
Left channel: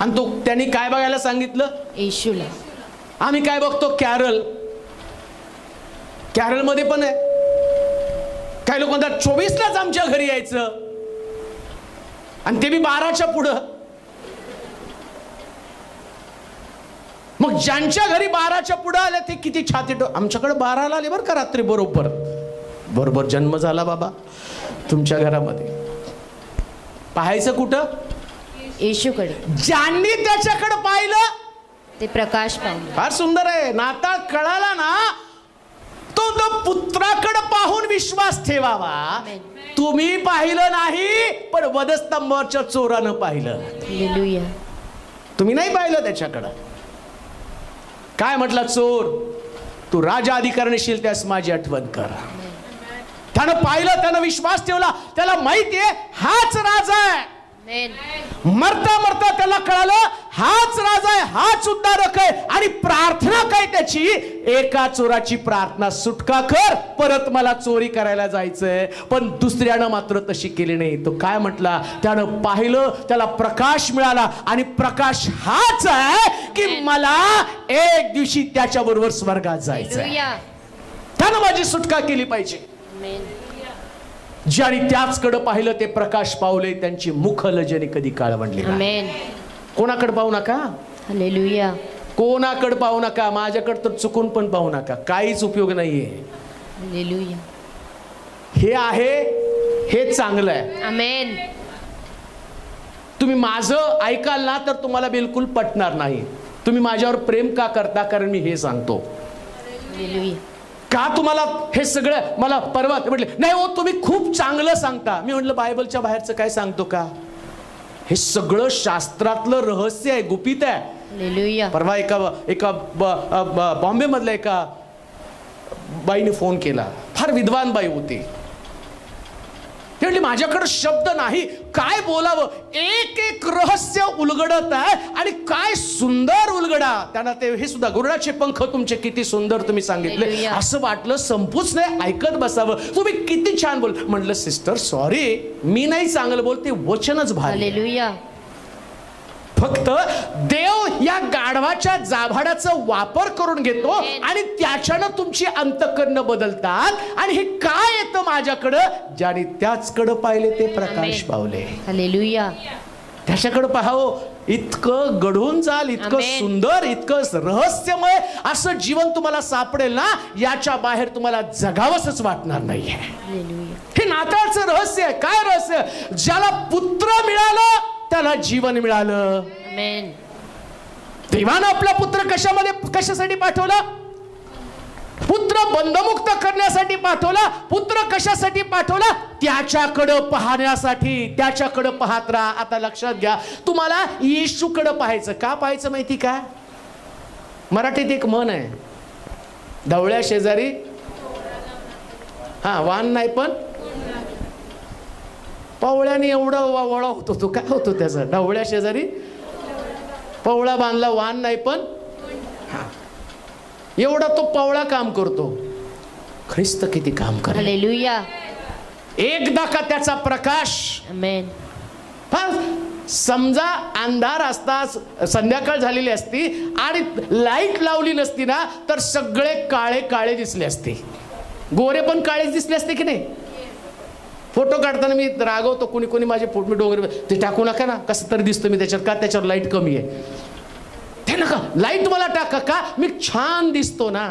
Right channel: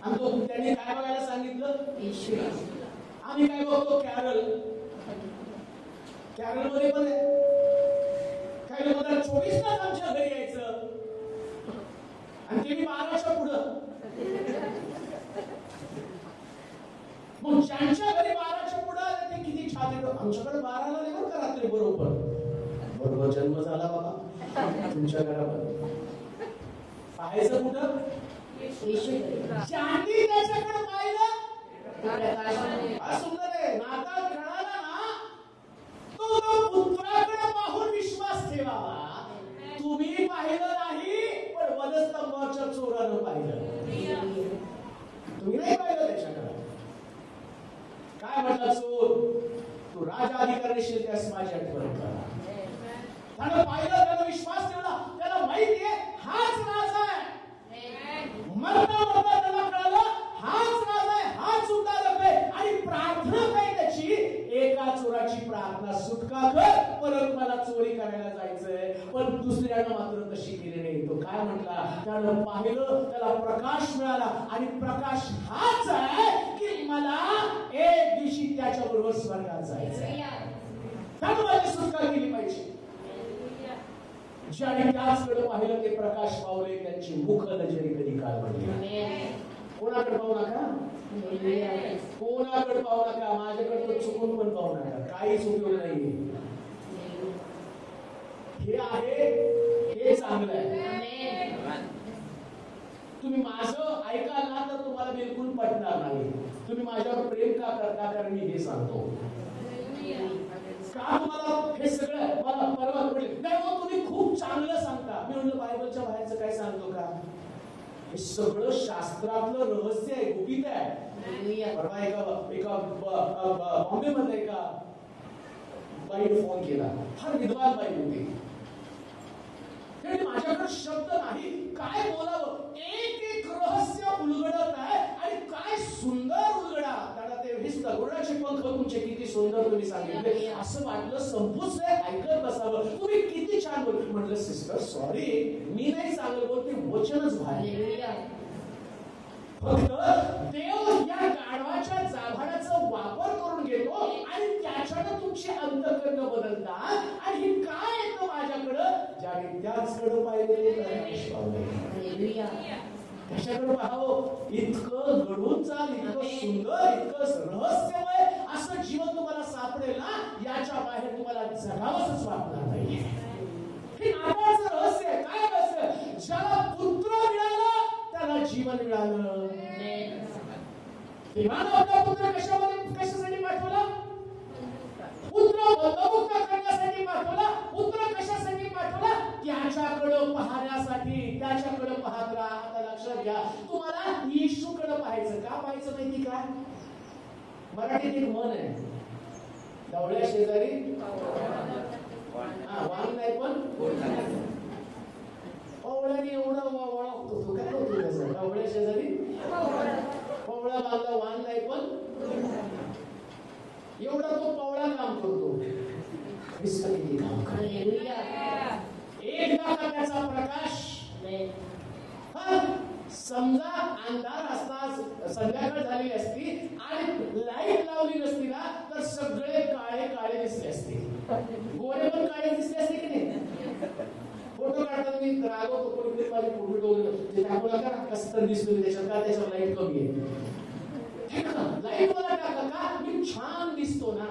आणि तो त्यांनी काय बघायला सांगितलं? येशूला. आम्ही काय बघतो? कॅरल. कॅरल मध्ये पण आहे. काही लोक म्हणतात 24लाच आमच्या घरी यायचं, आणि ते बी 12च्या पुढं. मग ज्यांच्या घरी 12च्या पुढं आले ते किती छाती आमच्याकडे 12ला आले बरं का रात्री, बरोबर जन्म झाला बाबा तुमच्या घरामध्ये. पाहायचं कुठं? येशूकडे. ज्यांनी त्याच्याकडे पाहिलं ते प्रकाश पावले. फार सुंदर आहे. नाताळ कळाला ना, तो पुत्राकडे पाहून विश्वास ठेवावा. तुम्ही पाहिलं नाही, पण वधस्तंभावरच्या चोरानं पाहिलं. हालेलुया. तुम्ही नाही पाहिलं त्याच्याकडं. काय म्हटलं? चोर, तू राजा अधिकारशील, त्यास माझी आठवण कर. त्यानं पाहिलं, त्यानं विश्वास ठेवला. त्याला माहितीये हाच राजा आहे. मरता मरता त्याला कळालं हाच राजा आहे, हाच उद्धारक आहे. आणि प्रार्थना काय त्याची? एका चोराची प्रार्थना, सुटका कर, परत मला चोरी करायला जायचंय. पण दुसऱ्यानं मात्र तशी केली नाही. तो काय म्हटला? त्यानं पाहिलं, त्याला प्रकाश मिळाला. आणि प्रकाश हाच आहे की मला एक दिवशी त्याच्या बरोबर स्वर्गात जायचंय. त्यानं माझी सुटका केली पाहिजे. ज्याने त्याचकडे पाहिलं ते प्रकाश पावले, त्यांची मुख लज्जेने कधी काळवंडली नाही. कोणाकडे पाहू नका. हालेलुया. कोणाकडे पाहू नका. माझ्याकडे तर चुकून पण पाहू नका. काहीच उपयोग नाहीये. हालेलुया. हे आहे, हे चांगलं आहे. आमेन. तुम्ही माझं ऐकाल ना तर तुम्हाला बिलकुल पटणार नाही. तुम्ही माझ्यावर प्रेम का करता? कारण मी हे सांगतो. हालेलुया. का तुम्हाला हे सगळं? मला परवा म्हटले, नाही हो तुम्ही खूप चांगलं सांगता. मी म्हटलं बायबलच्या बाहेरचं काय सांगतो का? हे सगळं शास्त्रातलं रहस्य आहे, गुपित आहे. हालेलुया. परवा एका बॉम्बे मधल्या एका बाईने फोन केला. फार विद्वान बाई होती. ती म्हटली माझ्याकडे शब्द नाही, काय बोलावं, एक एक रहस्य उलगडत आहे आणि काय सुंदर उलगडा. त्यांना ते हे सुद्धा गुरुडाचे पंख तुमचे किती सुंदर तुम्ही सांगितले, असं वाटलं संपूच नाही, ऐकत बसावं. तुम्ही किती छान बोल. म्हटलं सिस्टर सॉरी, मी नाही चांगलं बोलते, वचनच भारी. हालेलुया. फक्त देव या गाढवाच्या जाभाडाचा वापर करून घेतो आणि त्याच्यानं तुमची अंतःकरणं बदलतात. आणि हे काय येतं माझ्याकडं, ज्याने त्याचकडे पाहिले ते प्रकाश पावले. हालेलुया. त्याच्याकडे पाहावं, इतकं घडून जाल, इतकं सुंदर, इतकं रहस्यमय असं जीवन तुम्हाला सापडेल ना, याच्या बाहेर तुम्हाला जगावंच वाटणार नाहीये. हे नाताळचं रहस्य आहे. काय रहस्य? ज्याला पुत्र मिळालं त्याला जीवन मिळालं. देवानं आपला पुत्र कशासाठी पाठवला? पुत्र बंधमुक्त करण्यासाठी पाठवला. पुत्र कशासाठी पाठवला? त्याच्याकडं पाहण्यासाठी. त्याच्याकडं पाहत राहा. आता लक्षात घ्या, तुम्हाला येशूकडं पाहायचं. का पाहायचं माहिती का? मराठीत एक म्हण आहे, ढवळ्या शेजारी वान नाही पण पवळ्याने एवढं वळा होतो. तो काय होतो त्याचा? ढवळ्या शेजारी पवळा बांधला, वान नाही पण एवढा तो पवळा काम करतो. ख्रिस्त किती काम करतो. हालेलुया. एकदा का त्याचा प्रकाश. आमेन. समजा अंधार असता, संध्याकाळ झालेली असती आणि लाईट लावली नसती ना, तर सगळे काळे काळे दिसले असते. गोरे पण काळेच दिसले असते की नाही? फोटो काढताना मी रागवतो, कोणी कोणी माझे फोटो मी डोंगर ते टाकू नका ना, कसं तरी दिसतं मी त्याच्यात. का? त्याच्यावर लाईट कमी आहे. ते नका लाईट मला टाका. का? मी छान दिसतो ना.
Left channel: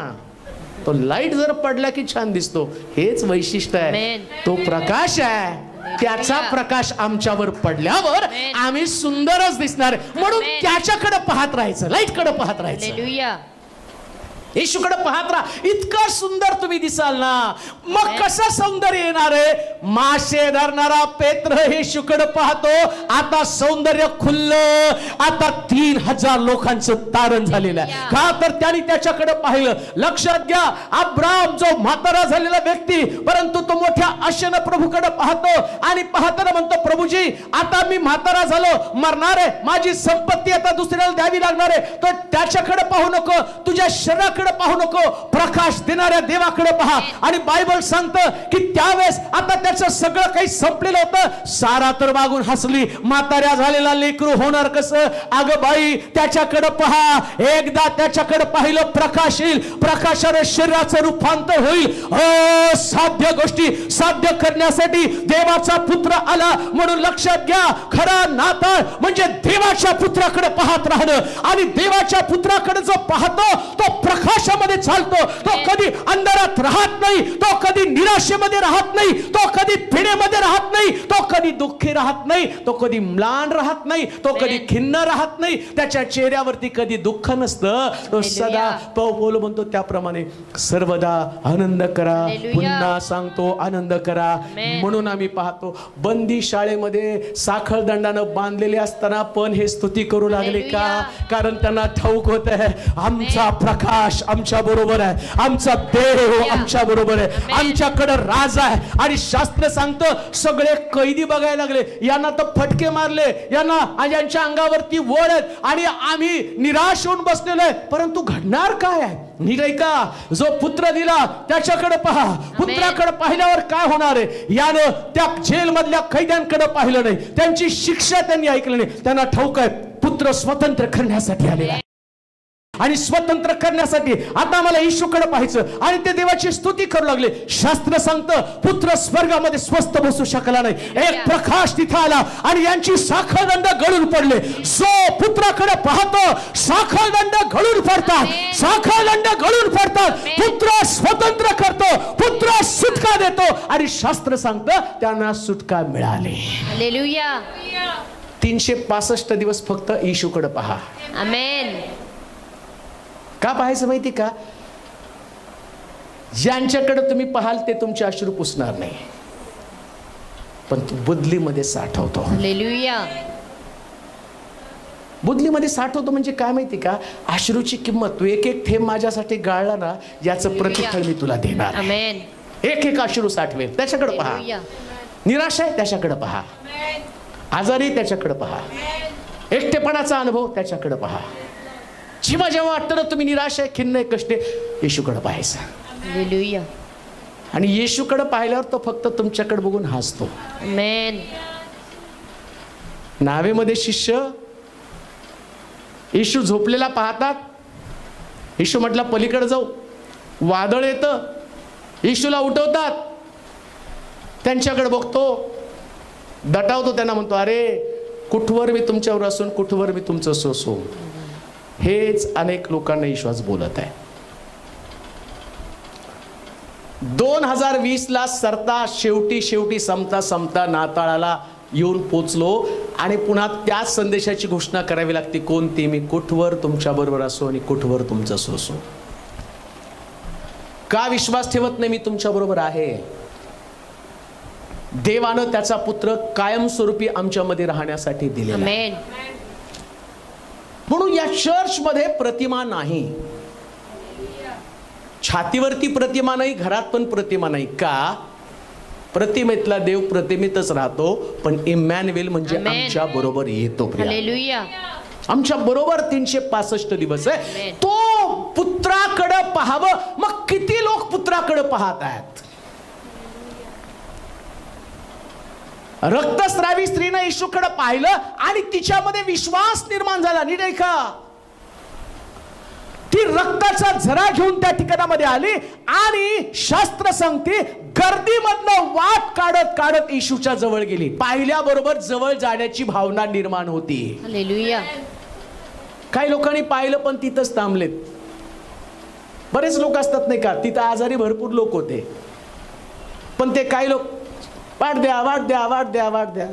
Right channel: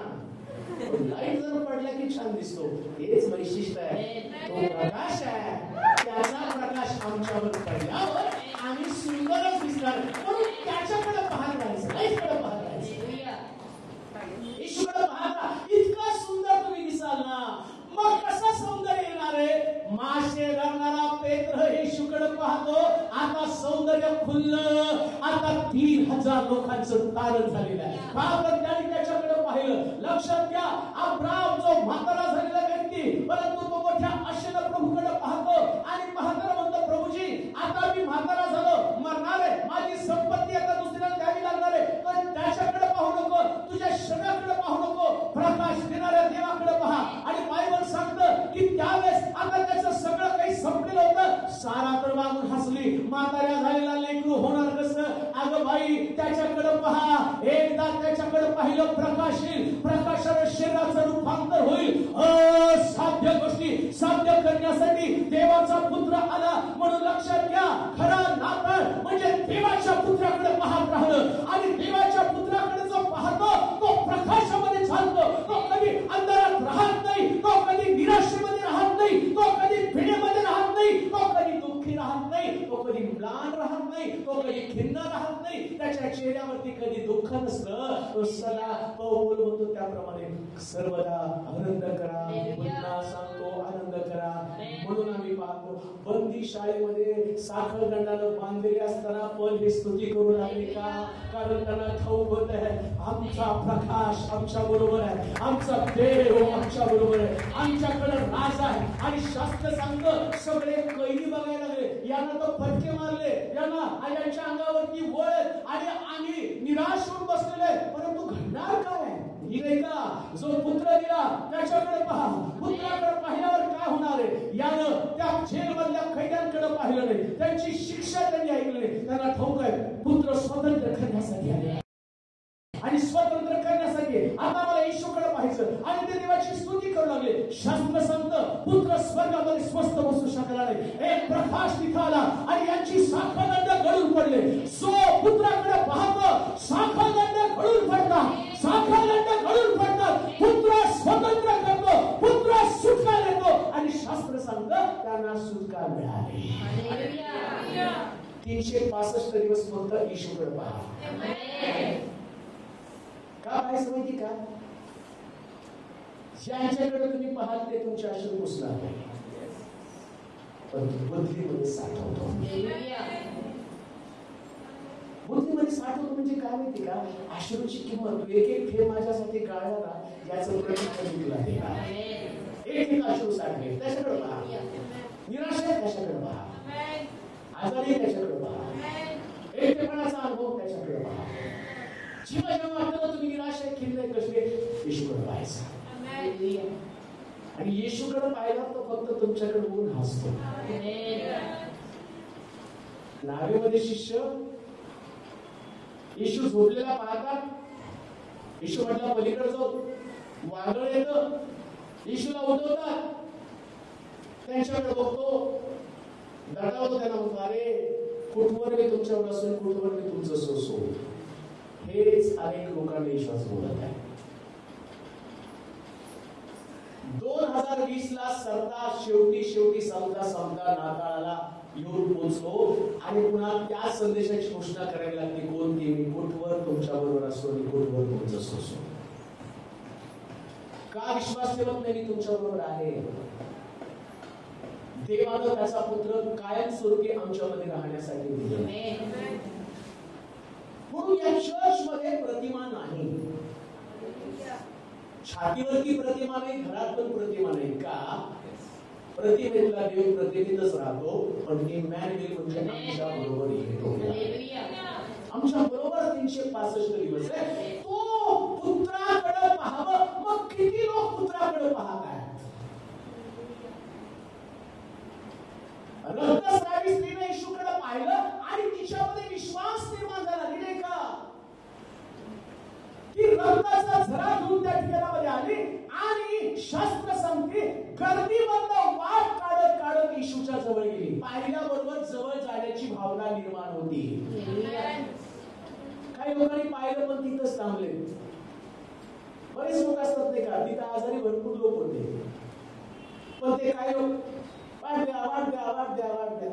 तो लाईट जर पडला की छान दिसतो. हेच वैशिष्ट्य आहे. तो प्रकाश आहे, त्याचा प्रकाश आमच्यावर पडल्यावर आम्ही सुंदरच दिसणार. म्हणून त्याच्याकडे पाहत राहायचं, लाईटकडे पाहत राहायचं, येशूकडे पाहत राहा. इतकं सुंदर तुम्ही दिसाल ना. मग कसं सौंदर्य येणार आहे? मासे धरणारा पेत्र येशूकडे पाहतो. आता सौंदर्य खुललं. आता 3000 लोकांचं तारण झालेलं आहे. का? तर त्यांनी त्याच्याकडे पाहिलं. लक्षात घ्या, अब्राम जो म्हातारा झालेला व्यक्ती, परंतु तो मोठ्या आशेनं प्रभूकडे पाहतो आणि पाहताना म्हणतो, प्रभूजी आता मी म्हातारा झालो, मरणार आहे, माझी संपत्ती आता दुसऱ्याला द्यावी लागणार आहे. तर त्याच्याकडे पाहू नको, तुझ्या शरीराकडे पाहू नको, प्रकाश देणाऱ्या देवाकडे पहा. आणि बायबल सांगतं की त्यावेळेस आता त्याचं सगळं काही संपलेलं होतं. सारा तर मागून हसली. म्हाताऱ्या झालेला लेकरू होणार कसं? अगं बाई, त्याच्याकडे पहा. एकदा त्याच्याकडे पाहिलं, प्रकाश येईल. प्रकाशाने शरीराचं रूपांतर होईल. असाध्य गोष्टी साध्य करण्यासाठी देवाचा पुत्र आला. म्हणून लक्षात घ्या, खरा नाताळ म्हणजे देवाच्या पुत्राकडे पाहत राहणं. आणि देवाच्या पुत्राकडे जो पाहतो तो प्रकाशामध्ये चालतो. तो कधी अंधारात राहत नाही, तो कधी निराशेमध्ये राहत नाही, तो कधी पिढेमध्ये राहत नाही, तो कधी दुःखी राहत नाही, तो कधी म्लान राहत नाही, तो कधी खिन्न राहत नाही. त्याच्या चेहऱ्यावरती कधी दुःख नसतं. तो सदा पौल म्हणतो त्याप्रमाणे सर्वदा आनंद करा. पुन्हा सांगतो आनंद करा. म्हणून आम्ही पाहतो बंदी शाळेमध्ये साखळदंडानं बांधलेले असताना पण हे स्तुती करू लागले. का? कारण त्यांना ठाऊक होत आहे आमचा प्रकाश आमच्या बरोबर आहे, आमचा देव आमच्या बरोबर आहे, आमच्याकडे राज आहे. आणि शास्त्र सांगतं सगळे कैदी बघायला लागले, यांना तर फटके मारले, यांच्या अंगावरती वळ आहेत आणि आम्ही निराश होऊन बसलेलो आहे. परंतु घडणार काय आहे? नीट ऐका, जो पुत्र दिला त्याच्याकडे पहा. पुत्राकडे पाहिल्यावर काय होणार आहे? यानं त्या जेल मधल्या कैद्यांकडे पाहिलं नाही, त्यांची शिक्षा त्यांनी ऐकली नाही. त्यांना ठाऊक आहे पुत्र स्वतंत्र करण्यासाठी आलेला आहे. आणि स्वतंत्र करण्यासाठी आता मला येशूकडे पाहायचं. आणि ते देवाची स्तुती करू लागले. शास्त्र सांगतं पुत्र स्वर्गामध्ये स्वस्थ बसू शकला नाही. एक प्रकाश तिथं आला आणि यांची साखळदंड गळून पडले. जो पुत्राकडे पाहतो साखळदंड गळून पडतात, साखळदंड गळून पडतात. पुत्र स्वतंत्र करतो, पुत्र सुटका देतो. आणि शास्त्र सांगतं त्यांना सुटका मिळाली. हालेलुया. 365 दिवस फक्त येशूकडे पहा. आमेन. का पाहायचं माहिती का? ज्यांच्याकडे तुम्ही पाहाल ते तुमचे अश्रू पुसणार नाही, पण बुदलीमध्ये साठवतो. हालेलुया. बुदलीमध्ये साठवतो म्हणजे काय माहिती का? अश्रूची किंमत. तू एक एक थेंब माझ्यासाठी गाळला ना, याचं प्रतिफळ मी तुला देणार. आमेन. एक एक अश्रू साठवेल. त्याच्याकडे पहा. निराश आहे त्याच्याकडे पहा, आजारी त्याच्याकडे पहा, एकटेपणाचा अनुभव त्याच्याकडे पहा. जेव्हा जेव्हा वाटतं ना तुम्ही निराश आहे, खिन्न आहे, कष्ट आहे, येशूकडे पाहायचं. हालेलुया. आणि येशूकडे पाहिल्यावर तो फक्त तुमच्याकडे बघून हसतो. आमेन. नावेमध्ये शिष्य येशू झोपलेला पाहतात. येशू म्हटला पलीकडे जाऊ. वादळ येतं, येशूला उठवतात. त्यांच्याकडे बघतो, दटावतो, त्यांना म्हणतो अरे कुठवर मी तुमच्यावर असून कुठवर मी तुमचं सोसू. हेच अनेक लोकांना विश्वास बोलत आहे. 2020 ला सरता शेवटी संपता नाताळाला येऊन पोचलो आणि पुन्हा त्याच संदेशाची घोषणा करावी लागते. कोणती? मी कुठवर तुमच्या बरोबर असो आणि कुठवर तुमचं सोसो. का विश्वास ठेवत नाही मी तुमच्या बरोबर आहे? देवानं त्याचा पुत्र कायमस्वरूपी आमच्यामध्ये राहण्यासाठी दिलेला. आमेन. म्हणून या चर्च मध्ये प्रतिमा नाही, छातीवरती प्रतिमा नाही, घरात पण प्रतिमा नाही. का? प्रतिमेतला देव प्रतिमेतच राहतो, पण इमॅन्युएल म्हणजे आमच्या बरोबर येतो. हालेलुया. आमच्या बरोबर 365 दिवस आहे. तो पुत्राकडे पाहावं. मग किती लोक पुत्राकडे पाहत आहेत? रक्तस्रावी स्त्रीने येशूकडे पाहिलं आणि तिच्यामध्ये विश्वास निर्माण झाला. नीट ऐका, ती रक्ताचा झरा घेऊन त्या ठिकाणामध्ये आली आणि शास्त्र सांगते गर्दीमधनं वाट काढत काढत येशूच्या जवळ गेली. पाहिल्याबरोबर जवळ जाण्याची भावना निर्माण होती. हालेलुया. काही लोकांनी पाहिलं पण तिथंच थांबलेत. बरेच लोक असतात नाही का, तिथं आजारी भरपूर लोक होते, पण ते काही लोक वाट द्या वाट द्या वाट द्या वाट द्या,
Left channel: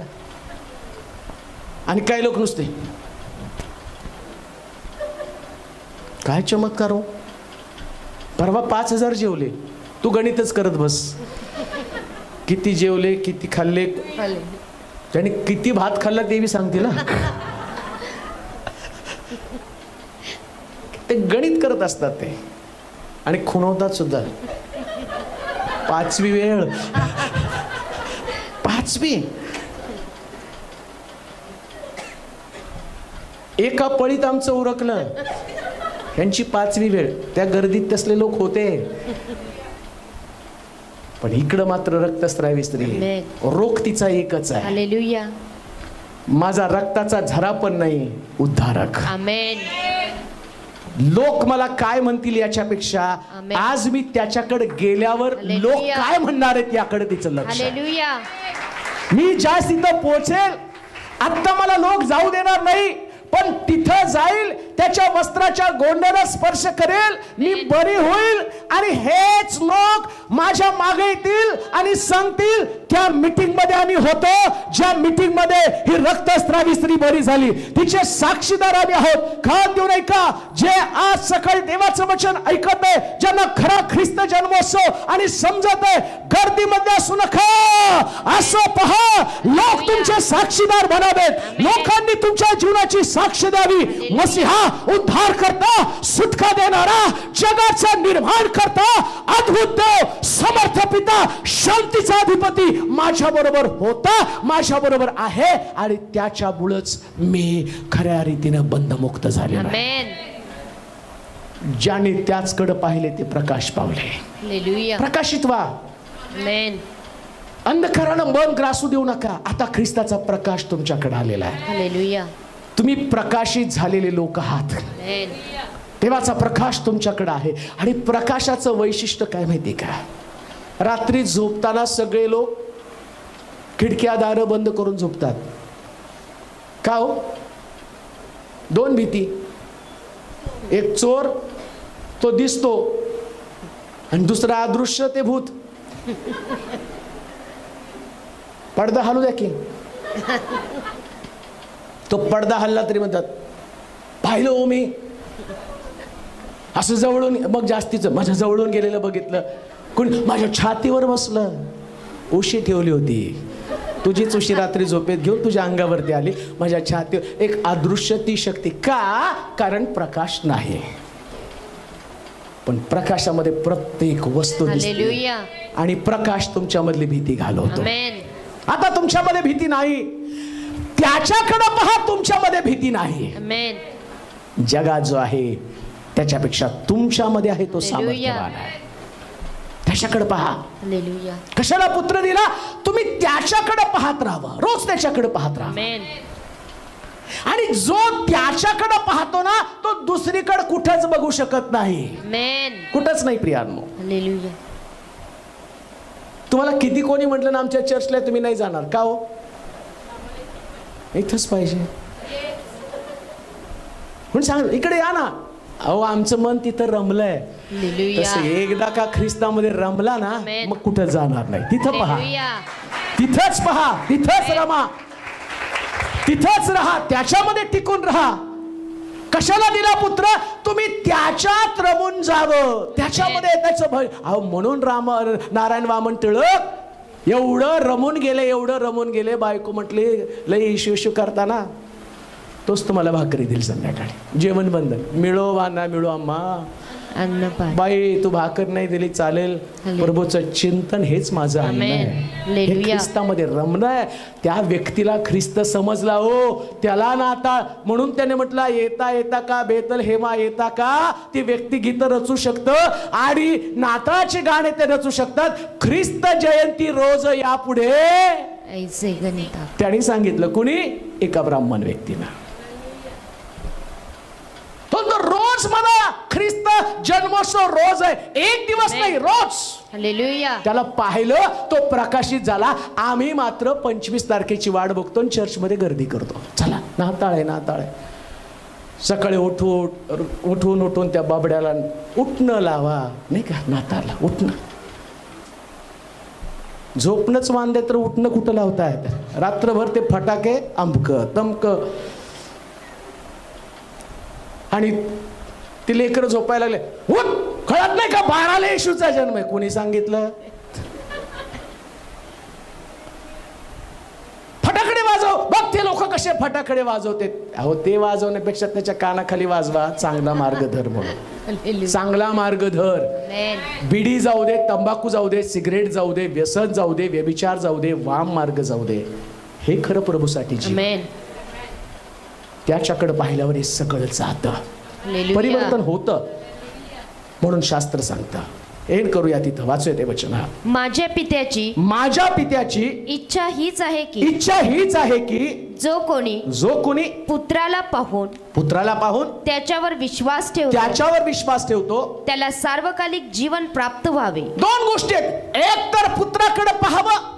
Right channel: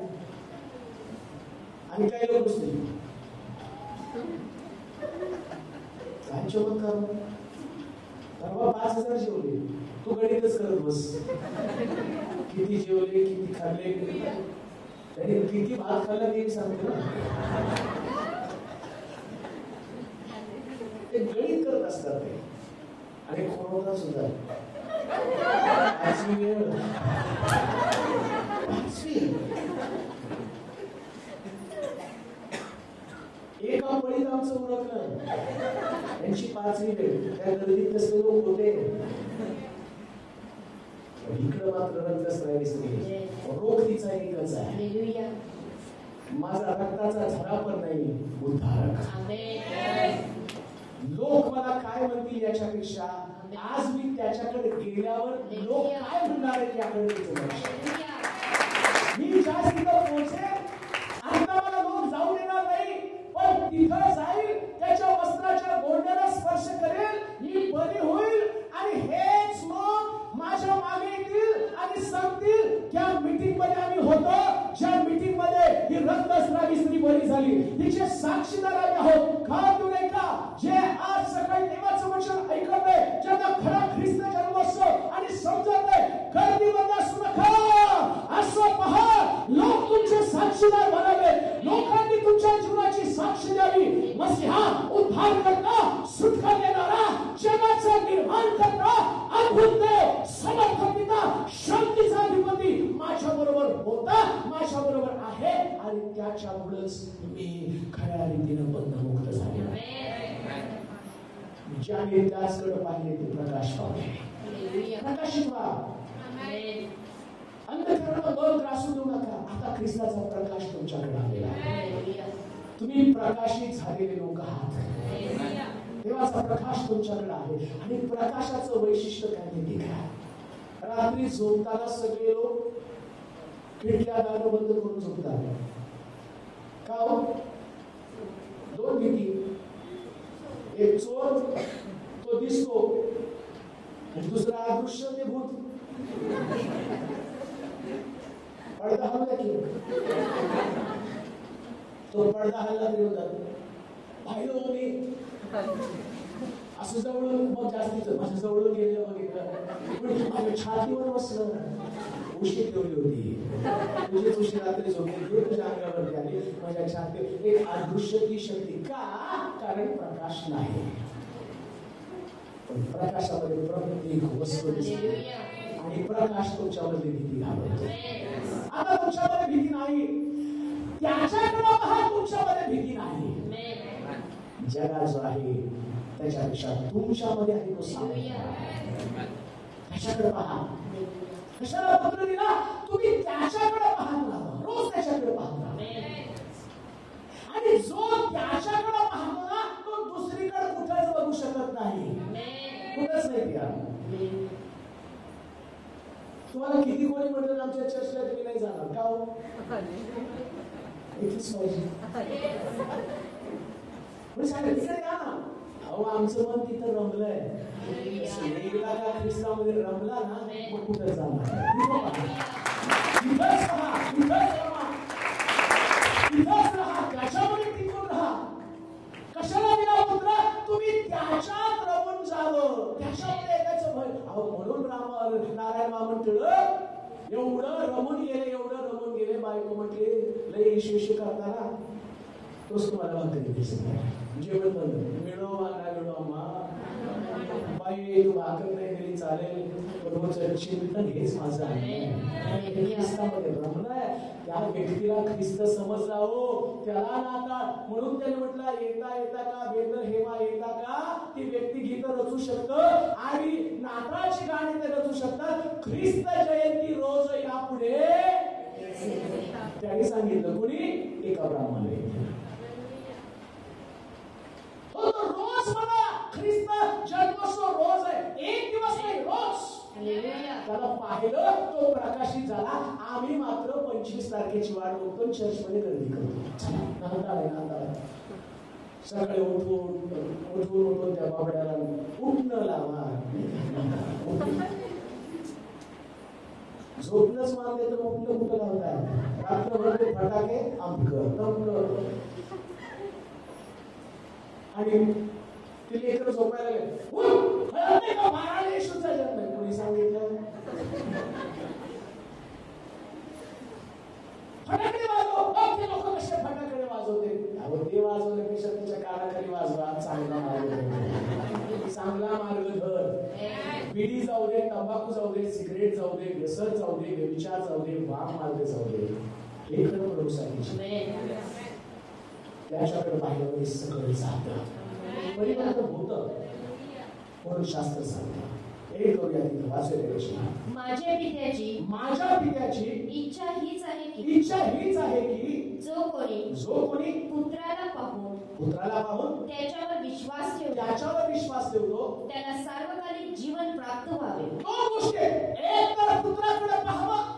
आणि काही लोक नुसते काय चमत्कार हो, परवा 5000 जेवले, तू गणितच करत बस. किती जेवले, किती खाल्ले, त्याने किती भात खाल्ला ते बी सांगते ना. ते गणित करत असतात ते आणि खुणवतात सुद्धा. 5वी वेळ, 5वी. एका पळीत आमचं उरकलं, यांची 5वी वेळ. त्या गर्दीत तसले लोक होते, पण इकडं मात्र रक्तस्रावी स्त्री. रोग तिचा एकच आहे. हालेलुया. माझा रक्ताचा झरा पण नाही, उद्धारक. आमेन. लोक मला काय म्हणतील याच्यापेक्षा आज मी त्याच्याकडे गेल्यावर लोक काय म्हणणार आहेत याकडे तिचं लक्ष. हालेलुया. मी ज्या तिथं पोहोचेल, आता मला लोक जाऊ देणार नाही, पण तिथं जाईल, त्याच्या वस्त्राच्या गोंड्याला स्पर्श करेल, मी बरी होईल आणि हेच लोक माझ्या मागे येतील आणि सांगतील त्या मीटिंग मध्ये आम्ही होतो, ज्या मीटिंग मध्ये ही रक्तस्रावी स्त्री बरी झाली. तिचे साक्षीदार आम्ही आहोत. खात देऊ नये का? जे आज सकाळी देवाचं वचन ऐकत आहे, ज्यांना खरा ख्रिस्त जन्मोत्सव आणि समजत आहे, गर्दीमध्ये असू नका. असं पहा, लोक तुमचे साक्षीदार बनावेत. लोकांनी तुमच्या जीवनाची साक्ष द्यावी. मसीहा उद्धार करता, सुटका देणारा, जगाचा निर्माण करता, अद्भुत देव, समर्थ पिता, शांतीचा अधिपती माझ्या बरोबर होता, माझ्या बरोबर आहे आणि त्याच्यामुळेच मी खऱ्या रीतीने बंधमुक्त झालेलो आहे. ज्याने त्याचकडे पाहिले ते प्रकाश पावले. हालेलुया. प्रकाशित व्हा. आमेन. अंधकारानं मन ग्रासू देऊ नका. आता ख्रिस्ताचा प्रकाश तुमच्याकडे आलेला आहे. हालेलुया. तुम्ही प्रकाशित झालेले लोक आहात. देवाचा प्रकाश तुमच्याकडे आहे. आणि प्रकाशाचं वैशिष्ट्य काय माहिती का? रात्री झोपताना सगळे लोक खिडक्या दारं बंद करून झोपतात. का हो? 2 भीती. एक चोर, तो दिसतो, आणि दुसरा अदृश्य, ते भूत. पडदा हलू द्या की. तो पडदा हल्ला तरी म्हणतात पाहिलं हो मी, असं जवळून, मग जास्तीचं माझ्या जवळून गेलेलं बघितलं, कोण माझ्या छातीवर बसलं. उशी ठेवली होती, तुझीच उशी रात्री झोपेत घेऊन तुझ्या अंगावरती आली, माझ्या छातीवर. एक अदृश्य ती शक्ती. का? कारण प्रकाश नाही, पण प्रकाशामध्ये प्रत्येक वस्तू दिसते आणि प्रकाश तुमच्यामधली भीती घालवतो. आता तुमच्यामध्ये भीती नाही, त्याच्याकडे पहा, तुमच्यामध्ये भीती नाही. आमेन. जगात जो आहे त्याच्यापेक्षा तुमच्यामध्ये आहे तो सामर्थ्यवान आहे. त्याच्याकडे पहा. हालेलुया. कशाला पुत्र दिला? तुम्ही त्याच्याकडे पाहत राहावं, रोज त्याच्याकडे पाहत राहा. आमेन. आणि जो त्याच्याकडे पाहतो ना तो दुसरीकडे कुठेच बघू शकत नाही. आमेन. कुठंच नाही प्रियांनो. हालेलुया. तुम्हाला किती कोणी म्हटलं ना आमच्या चर्चला तुम्ही नाही जाणार का हो? इथंच पाहिजे म्हणून सांग, इकडे या ना. अहो आमचं मन तिथं रमलंय. हालेलुया. तसं एकदा का ख्रिस्तामध्ये रमला ना आमेन. मग कुठं जाणार नाही. तिथं पहा, हालेलुया. तिथंच पहा, तिथंच रमा, तिथंच राहा, त्याच्यामध्ये टिकून राहा. कशाला दिला पुत्र? तुम्ही त्याच्यात रमून जावं, त्याच्यामध्ये त्याचं भय. अहो म्हणून नारायण वामन टिळक एवढं रमून गेले, एवढं रमून गेले. बायको म्हटली लय इशू इशू करताना, तोच तुम्हाला भाकरी दिली संध्याकाळी. जेवण बंधन मिळो वा ना मिळो अम्मा, अन्न पाणी. बाई तू भाकर नाही दिली चालेल, प्रभूचं चिंतन हेच माझं अन्न आहे. हे ख्रिस्तामध्ये रमणं आहे. त्या व्यक्तीला ख्रिस्त समजला हो, त्याला ना आता म्हणून त्याने म्हटलं येता येता का बेतल हेमा येता का. ती व्यक्ती गीत रचू शकतं आणि नाताळाचे गाणे ते रचू शकतात. ख्रिस्त जयंती रोज यापुढे ऐसे गणिता. त्यांनी सांगितलं कुणी? एका ब्राह्मण व्यक्तीला. तो रोज म्हणा ख्रिस्त जन्मोत्सव रोज आहे, एक दिवस नाही, रोज. हालेलुया. त्याला पाहिलं, तो प्रकाशित झाला. आम्ही मात्र 25 तारखेची वाट बघतो आणि चर्चमध्ये गर्दी करतो. चला नाताळ आहे, नाताळ आहे. सकाळी उठून त्या बाबड्याला उठणं लावा नाही का, नाताळला उठणं. झोपणंच मानले तर उठणं कुठं लावतायत? रात्रभर ते फटाके अमक तमक, आणि ती लेकरं झोपायला लागले. उठ, कळत नाही का 12ला येशूचा जन्म आहे? कोणी सांगितलं? फटाकडे वाजव. बघ ते लोक कसे फटाकडे वाजवते. अहो ते वाजवण्यापेक्षा त्याच्या कानाखाली वाजवा, चांगला मार्ग धर म्हणून. चांगला मार्ग धर. बिडी जाऊ दे, तंबाखू जाऊ दे, सिगरेट जाऊ दे, व्यसन जाऊ दे, व्यभिचार जाऊ दे, वाम मार्ग जाऊ दे. हे खरं प्रभूसाठी त्याच्याकडे पाहिल्यावर हे सगळं जातं, परिवर्तन होतं. म्हणून शास्त्र सांगतं. एन करूया तिथं, वाचूया ते वचन. माझ्या पित्याची इच्छा हीच आहे की जो कोणी पुत्राला पाहून त्याच्यावर विश्वास ठेवतो त्याला सार्वकालिक जीवन प्राप्त व्हावे. 2 गोष्टी आहेत. एक तर पुत्राकडे पाहावं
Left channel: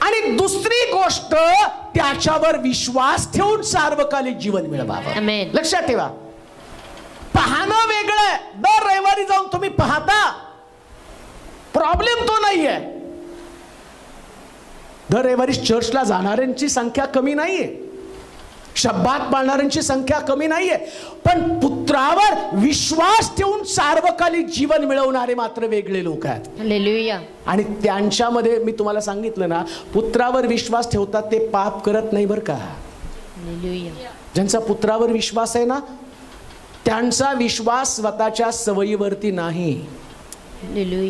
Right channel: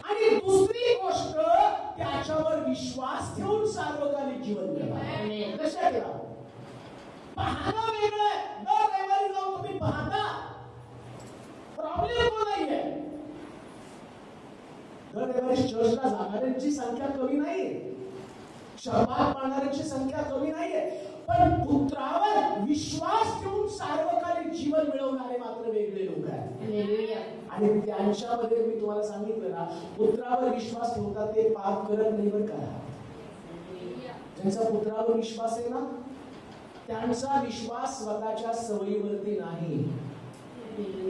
आणि दुसरी गोष्ट त्याच्यावर विश्वास ठेवून सार्वकालिक जीवन मिळवावं. लक्षात ठेवा, पाहणं वेगळं. दर रविवारी जाऊन तुम्ही पाहता, प्रॉब्लेम तो नाहीये. दर रविवारी चर्चला जाणाऱ्यांची संख्या कमी नाहीये, शब्दात पाळणाऱ्यांची संख्या कमी नाहीये, पण पुत्रावर विश्वास ठेवून सार्वकालिक जीवन मिळवणारे मात्र वेगळे लोक आहेत. हालेलुया. आणि त्यांच्यामध्ये मी तुम्हाला सांगितलं ना, पुत्रावर विश्वास ठेवतात ते पाप करत नाही बरं का. हालेलुया. ज्यांचा पुत्रावर विश्वास आहे ना, त्यांचा विश्वास स्वतःच्या सवयीवरती नाही,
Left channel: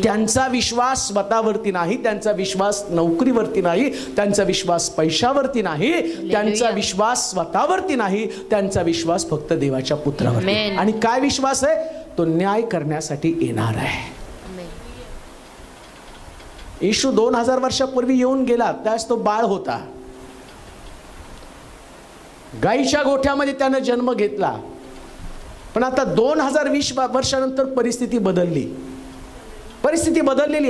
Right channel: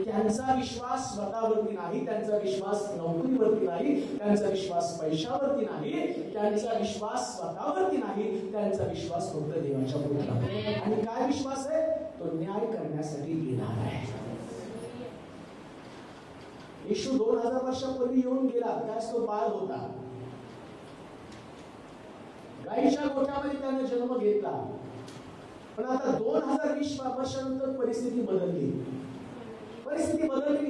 त्यांचा विश्वास स्वतःवरती नाही, त्यांचा विश्वास नोकरीवरती नाही, त्यांचा विश्वास पैशावरती नाही, त्यांचा विश्वास स्वतःवरती नाही, त्यांचा विश्वास फक्त देवाच्या पुत्रावरती. आणि काय विश्वास आहे? तो न्याय करण्यासाठी येणार आहे. येशू 2000 वर्षापूर्वी येऊन गेला, त्यास तो बाळ होता. गाईच्या गोठ्यामध्ये त्यानं जन्म घेतला. पण आता 2020 वर्षानंतर परिस्थिती बदललेली.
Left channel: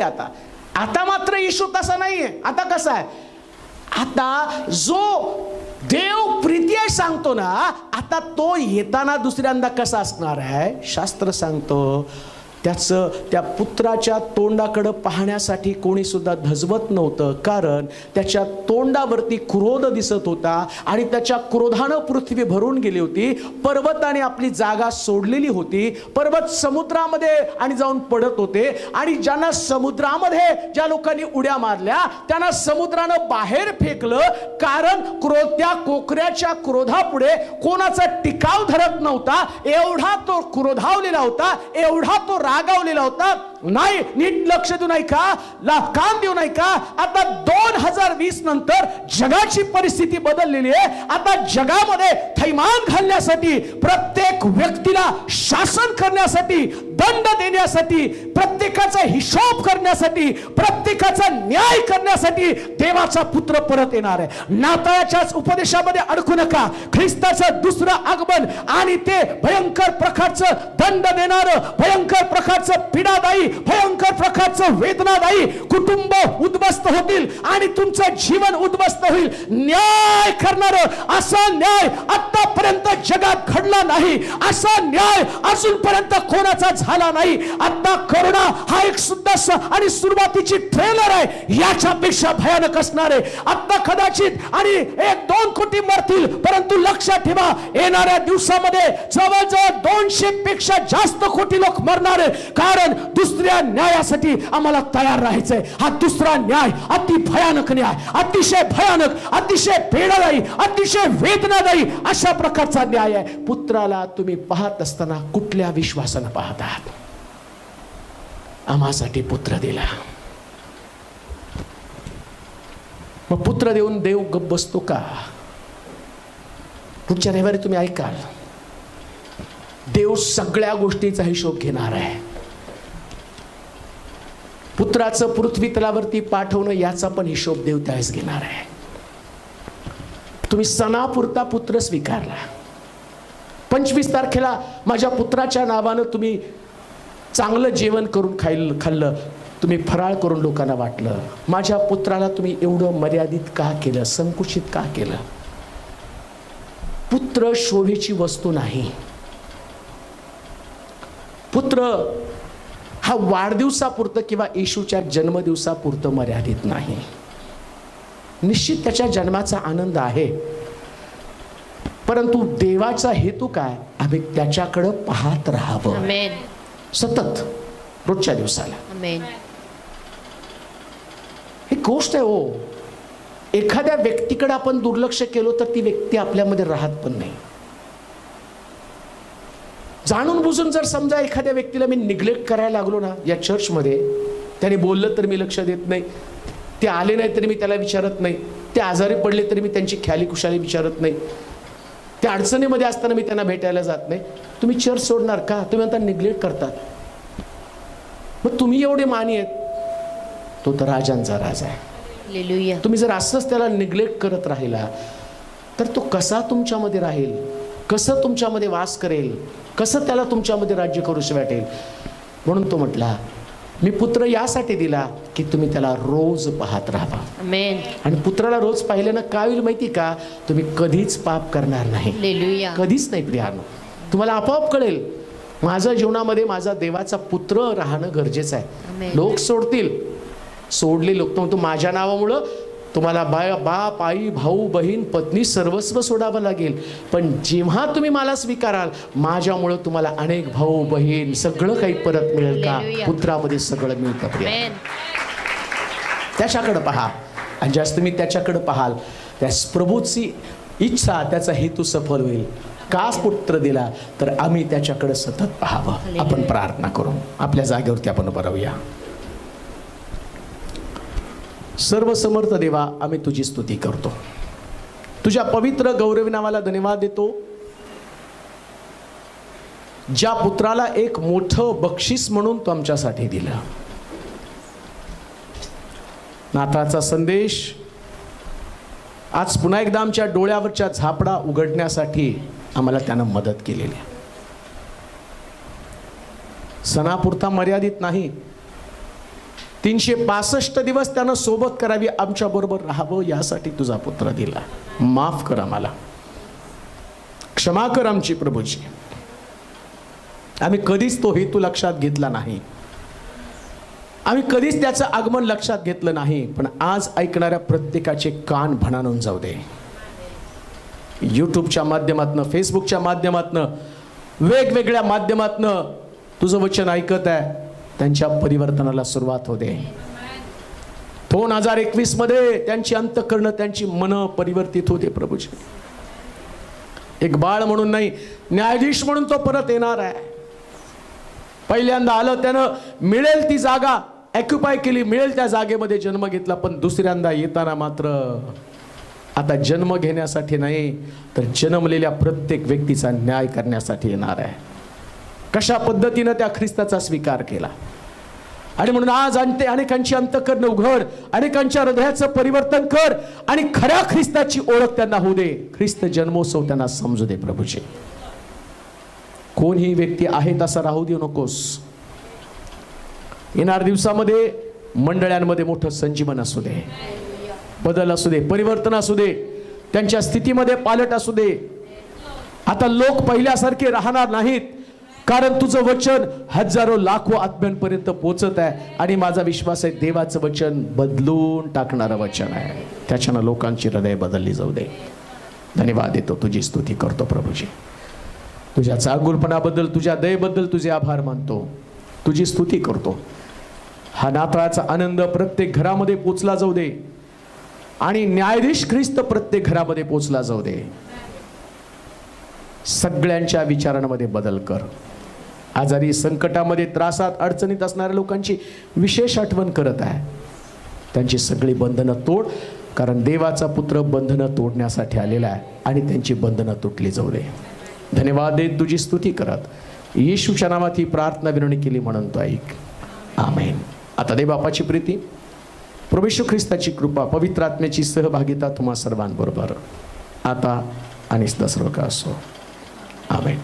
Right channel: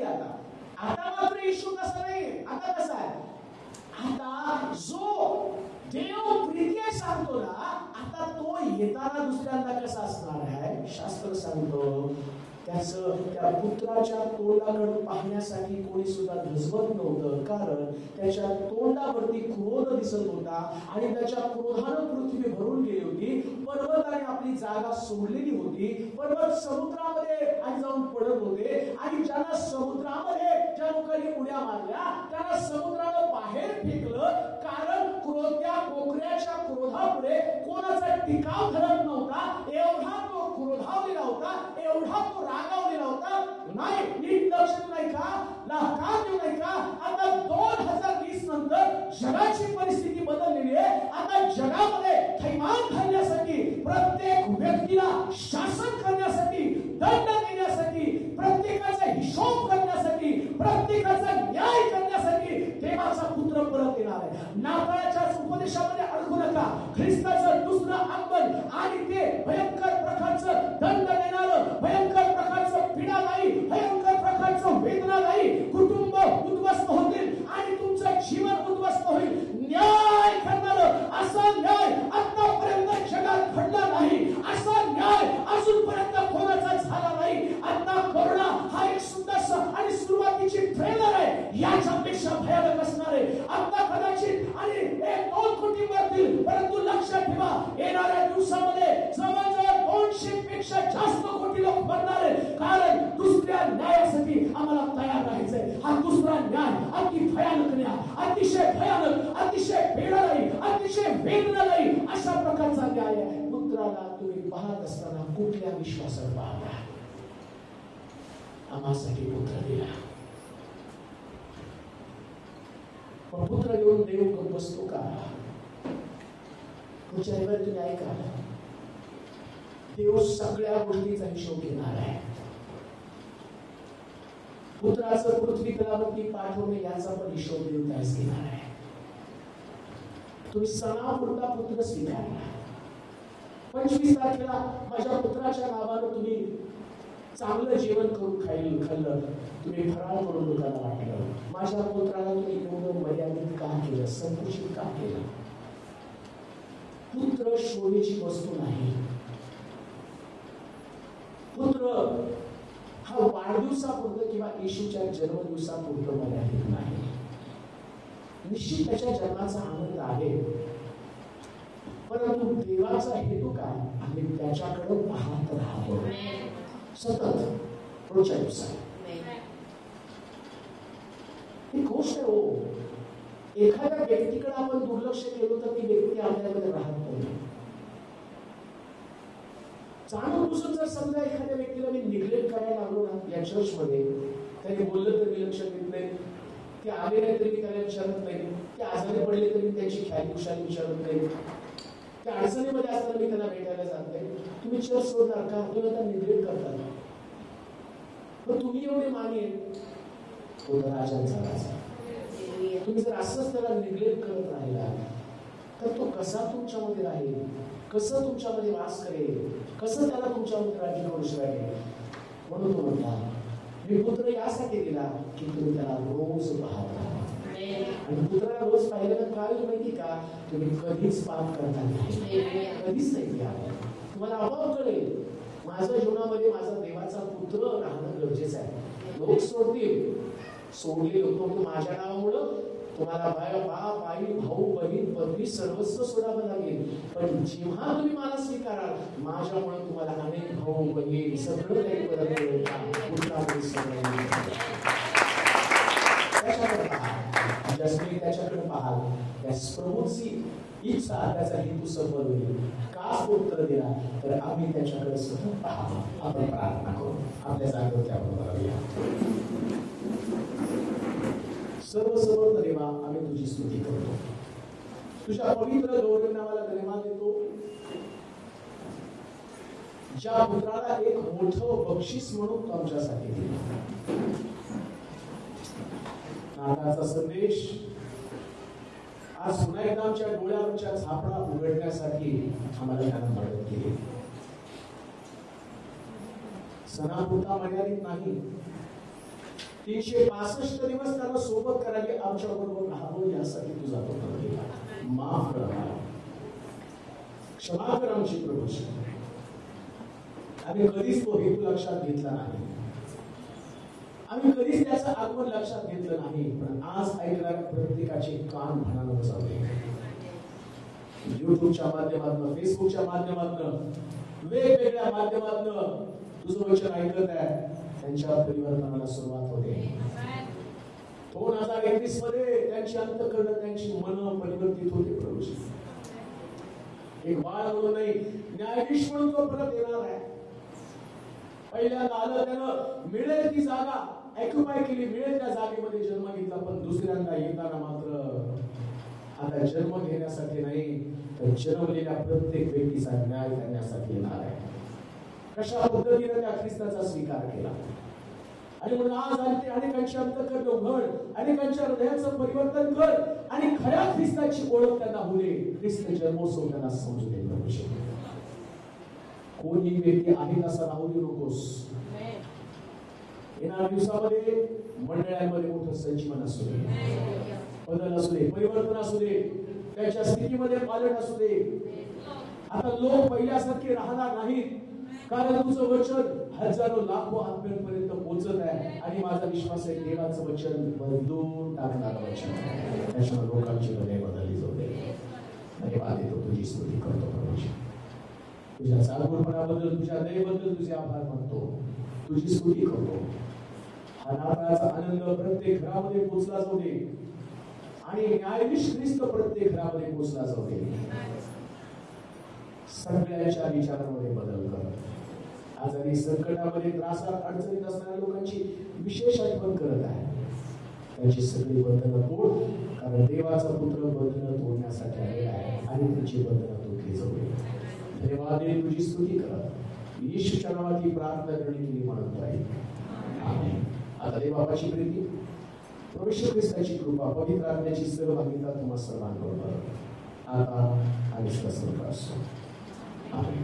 आता मात्र येशू तसा नाहीये. आता कसा आहे? आता जो देव प्रीती आहे सांगतो ना, आता तो येताना दुसऱ्यांदा कसा असणार आहे? शास्त्र सांगतो त्या पुत्राच्या तोंडाकडे पाहण्यासाठी कोणी सुद्धा धजवत नव्हतं, कारण त्याच्या तोंडावरती क्रोध दिसत होता आणि त्याच्या क्रोधानं पृथ्वी भरून गेली होती. पर्वताने आपली जागा सोडलेली होती. पर्वत समुद्रामध्ये आणि जाऊन पडत होते, आणि ज्यांना समुद्रामध्ये ज्या लोकांनी उड्या मारल्या त्यांना समुद्रानं बाहेर फेकलं, कारण त्या कोकऱ्याच्या क्रोधापुढे कोणाचा टिकाव धरत नव्हता. एवढा तो क्रोधावलेला होता, एवढा तो रागावलेला होता. नाही, नीट लक्ष देऊ नाही का, कान देऊ नाही का. आता 2020 नंतर जगाची परिस्थिती बदललेली आहे. आता जगामध्ये थैमान घालण्यासाठी, प्रत्येक व्यक्तीला शासन करण्यासाठी, दंड देण्यासाठी, प्रत्येकाचा हिशोब करण्यासाठी, प्रत्येकाचा न्याय करण्यासाठी देवाचा पुत्र परत येणार आहे. नाताळाच्याच उपदेशामध्ये अडकू नका. ख्रिस्ताचं दुसरं आगमन आणि ते भयंकर प्रकारचं दंड देणारं, भयंकर प्रकारचं पीडादायी, भयंकर प्रकारचं वेदनादायी, कुटुंब उद्ध्वस्त होतील आणि तुमचं जीवन उद्ध्वस्त होईल. न्याय करणारं, असा न्याय आतापर्यंत जगात घडला नाही. असा न्याय अजूनपर्यंत कोणाचा झाला नाही. आता करोना हा एक सुद्धा आणि सुरुवातीची ट्रेलर आहे. याच्यापेक्षा भयानक असणार आहे. आता कदाचित आणि 1-2 कोटी मरतील, परंतु लक्षात ठेवा, येणाऱ्या दिवसामध्ये जवळजवळ 200 पेक्षा जास्त कोटी लोक मरणार आहे. कारण दुसऱ्या न्यायासाठी आम्हाला तयार राहायचंय. हा दुसरा न्याय अति भयानक न्याय, अतिशय भयानक, अतिशय वेदनादायी, अतिशय वेदनादायी अशा प्रकारचा न्याय आहे. पुत्राला तुम्ही पाहत असताना कुठल्या विश्वासानं पाहत आहात? आम्हासाठी पुत्र दिला. मग पुत्र देऊन देव गप्प बसतो का? पुढच्या रविवारी तुम्ही ऐकाल, देव सगळ्या गोष्टीचा हिशोब घेणार आहे. पुत्राचं पृथ्वी तलावरती पाठवणं याचा पण हिशोब देव त्यावेळेस घेणार आहे. तुम्ही सणापुरता पुत्र स्वीकारला. 25 तारखेला माझ्या पुत्राच्या नावानं तुम्ही चांगलं जेवण करून खाल्लं, तुम्ही फराळ करून लोकांना वाटलं. माझ्या पुत्राला तुम्ही एवढं मर्यादित का केलं, संकुचित का केलं? पुत्र शोभेची वस्तू नाही. पुत्र हा वाढदिवसापुरतं किंवा येशूच्या जन्मदिवसापुरतं मर्यादित नाही. निश्चित त्याच्या जन्माचा आनंद आहे, परंतु देवाचा हेतू काय? आम्ही त्याच्याकडे पाहत राहावं सतत, रोजच्या दिवसाला. ही गोष्ट आहे हो. एखाद्या व्यक्तीकडे आपण दुर्लक्ष केलं तर ती व्यक्ती आपल्यामध्ये राहत पण नाही. जाणून बुजून जर समजा एखाद्या व्यक्तीला मी निग्लेक्ट करायला लागलो ना, या चर्चमध्ये त्याने बोललं तर मी लक्ष देत नाही, ते आले नाही तरी मी त्याला विचारत नाही, ते आजारी पडले तरी मी त्यांची ख्याली खुशाली विचारत नाही, त्या अडचणीमध्ये असताना मी त्यांना भेटायला जात नाही, तुम्ही चर्च सोडणार का? तुम्ही म्हणता निग्लेक्ट करतात. मग तुम्ही एवढे मानी आहेत, तो तर राजांचा राजा आहे. तुम्ही जर असंच त्याला निग्लेक्ट करत राहिला तर तो कसा तुमच्यामध्ये राहील, कसं तुमच्यामध्ये वास करेल, कसं त्याला तुमच्यामध्ये राज्य करूशी वाटेल? म्हणून तो म्हटला, मी पुत्र यासाठी दिला की तुम्ही त्याला रोज पाहत राहा. आणि पुत्राला रोज पाहिल्यानं काय होईल माहिती का? तुम्ही कधीच पाप करणार नाही, कधीच नाही प्रियानो. तुम्हाला आपोआप कळेल, माझ्या जीवनामध्ये माझा देवाचा पुत्र राहणं गरजेचं आहे. लोक सोडतील, सोडले लोक, तो माझ्या नावामुळं तुम्हाला बाप, आई, भाऊ, बहीण, पत्नी सर्वस्व सोडावं लागेल. पण जेव्हा तुम्ही मला स्वीकाराल, माझ्यामुळं तुम्हाला अनेक भाऊ बहीण सगळं काही परत मिळेल का? पुत्रामध्ये सगळं मिळतं. त्याच्याकडे पहा, आणि जास्त तुम्ही त्याच्याकडे पाहाल, त्या प्रभूची इच्छा, त्याचा हेतू सफल होईल. का पुत्र दिला? तर आम्ही त्याच्याकडे सतत पाहावं. आपण प्रार्थना करू, आपल्या जागेवरती आपण उभं राहूया. सर्व समर्थ देवा, आम्ही तुझी स्तुती करतो, तुझ्या पवित्र गौरवी नावाला धन्यवाद देतो. ज्या पुत्राला एक मोठं बक्षीस म्हणून तू आमच्यासाठी दिला. नाताळचा संदेश आज पुन्हा एकदा आमच्या डोळ्यावरच्या झापडा उघडण्यासाठी आम्हाला त्यानं मदत केलेली. सणापुरता मर्यादित नाही, 365 दिवस त्यानं सोबत करावी, आमच्या बरोबर राहावं, यासाठी तुझा पुत्र दिला. माफ कर आम्हाला, क्षमा कर आमची प्रभूची. आम्ही कधीच तो हेतू लक्षात घेतला नाही, आम्ही कधीच त्याचं आगमन लक्षात घेतलं नाही. पण आज ऐकणाऱ्या प्रत्येकाचे कान भणाणून जाऊ दे. यूट्यूबच्या माध्यमातनं, फेसबुकच्या माध्यमातनं, वेगवेगळ्या माध्यमातनं तुझं वचन ऐकत आहे, त्यांच्या परिवर्तनाला सुरुवात होते. 2021 मध्ये त्यांची अंतःकरणं, त्यांची मन परिवर्तित होते प्रभूजी. एक बाळ म्हणून नाही, न्यायाधीश म्हणून तो परत येणार आहे. पहिल्यांदा आलं, त्यानं मिळेल ती जागा ऑक्युपाय केली, मिळेल त्या जागेमध्ये जन्म घेतला. पण दुसऱ्यांदा येताना मात्र आता जन्म घेण्यासाठी नाही, तर जन्मलेल्या प्रत्येक व्यक्तीचा न्याय करण्यासाठी येणार आहे. कशा पद्धतीनं त्या ख्रिस्ताचा स्वीकार केला. आणि म्हणून आज अनेकांची अंतःकरण उघड, अनेकांच्या हृदयाचं परिवर्तन कर आणि खऱ्या ख्रिस्ताची ओळख त्यांना होऊ दे. ख्रिस्त जन्मोत्सव त्यांना समजू दे प्रभूचे. कोणही व्यक्ती आहे तसा राहू देऊ नकोस. येणाऱ्या दिवसामध्ये मंडळांमध्ये मोठं संजीवन असू दे, बदल असू दे, परिवर्तन असू दे, त्यांच्या स्थितीमध्ये पालट असू दे. आता लोक पहिल्यासारखे राहणार नाहीत, कारण तुझं वचन हजारो लाखो आत्म्यांपर्यंत पोहोचत आहे. आणि माझा विश्वास आहे देवाचं वचन बदलून टाकणारं वचन आहे. त्याच्यानं लोकांची हृदय बदलली जाऊ दे. धन्यवाद देतो, तुझी स्तुती करतो प्रभूजी. तुझ्या चांगुलपणाबद्दल, तुझ्या दयेबद्दल तुझे आभार मानतो, तुझी स्तुती करतो. हा नाताळाचा आनंद प्रत्येक घरामध्ये पोचला जाऊ दे आणि न्यायाधीश ख्रिस्त प्रत्येक घरामध्ये पोचला जाऊ दे. सगळ्यांच्या विचारांमध्ये बदल कर. आजारी, संकटामध्ये, त्रासात, अडचणीत असणाऱ्या लोकांची विशेष आठवण करत आहे. त्यांची सगळी बंधनं तोड, कारण देवाचा पुत्र बंधनं तोडण्यासाठी आलेला आहे आणि त्यांची बंधनं तुटली जाऊ दे. धन्यवाद देत तुझी स्तुती करत येशूच्या नावात ही प्रार्थना विनवणी केली म्हणून तो ऐक. आमेन. आता दे बापाची प्रीती, प्रभू येशू ख्रिस्ताची कृपा, पवित्र आत्म्याची सहभागिता तुम्हा सर्वांबरोबर आता आणि सदा सर्व काळ असो. आमेन.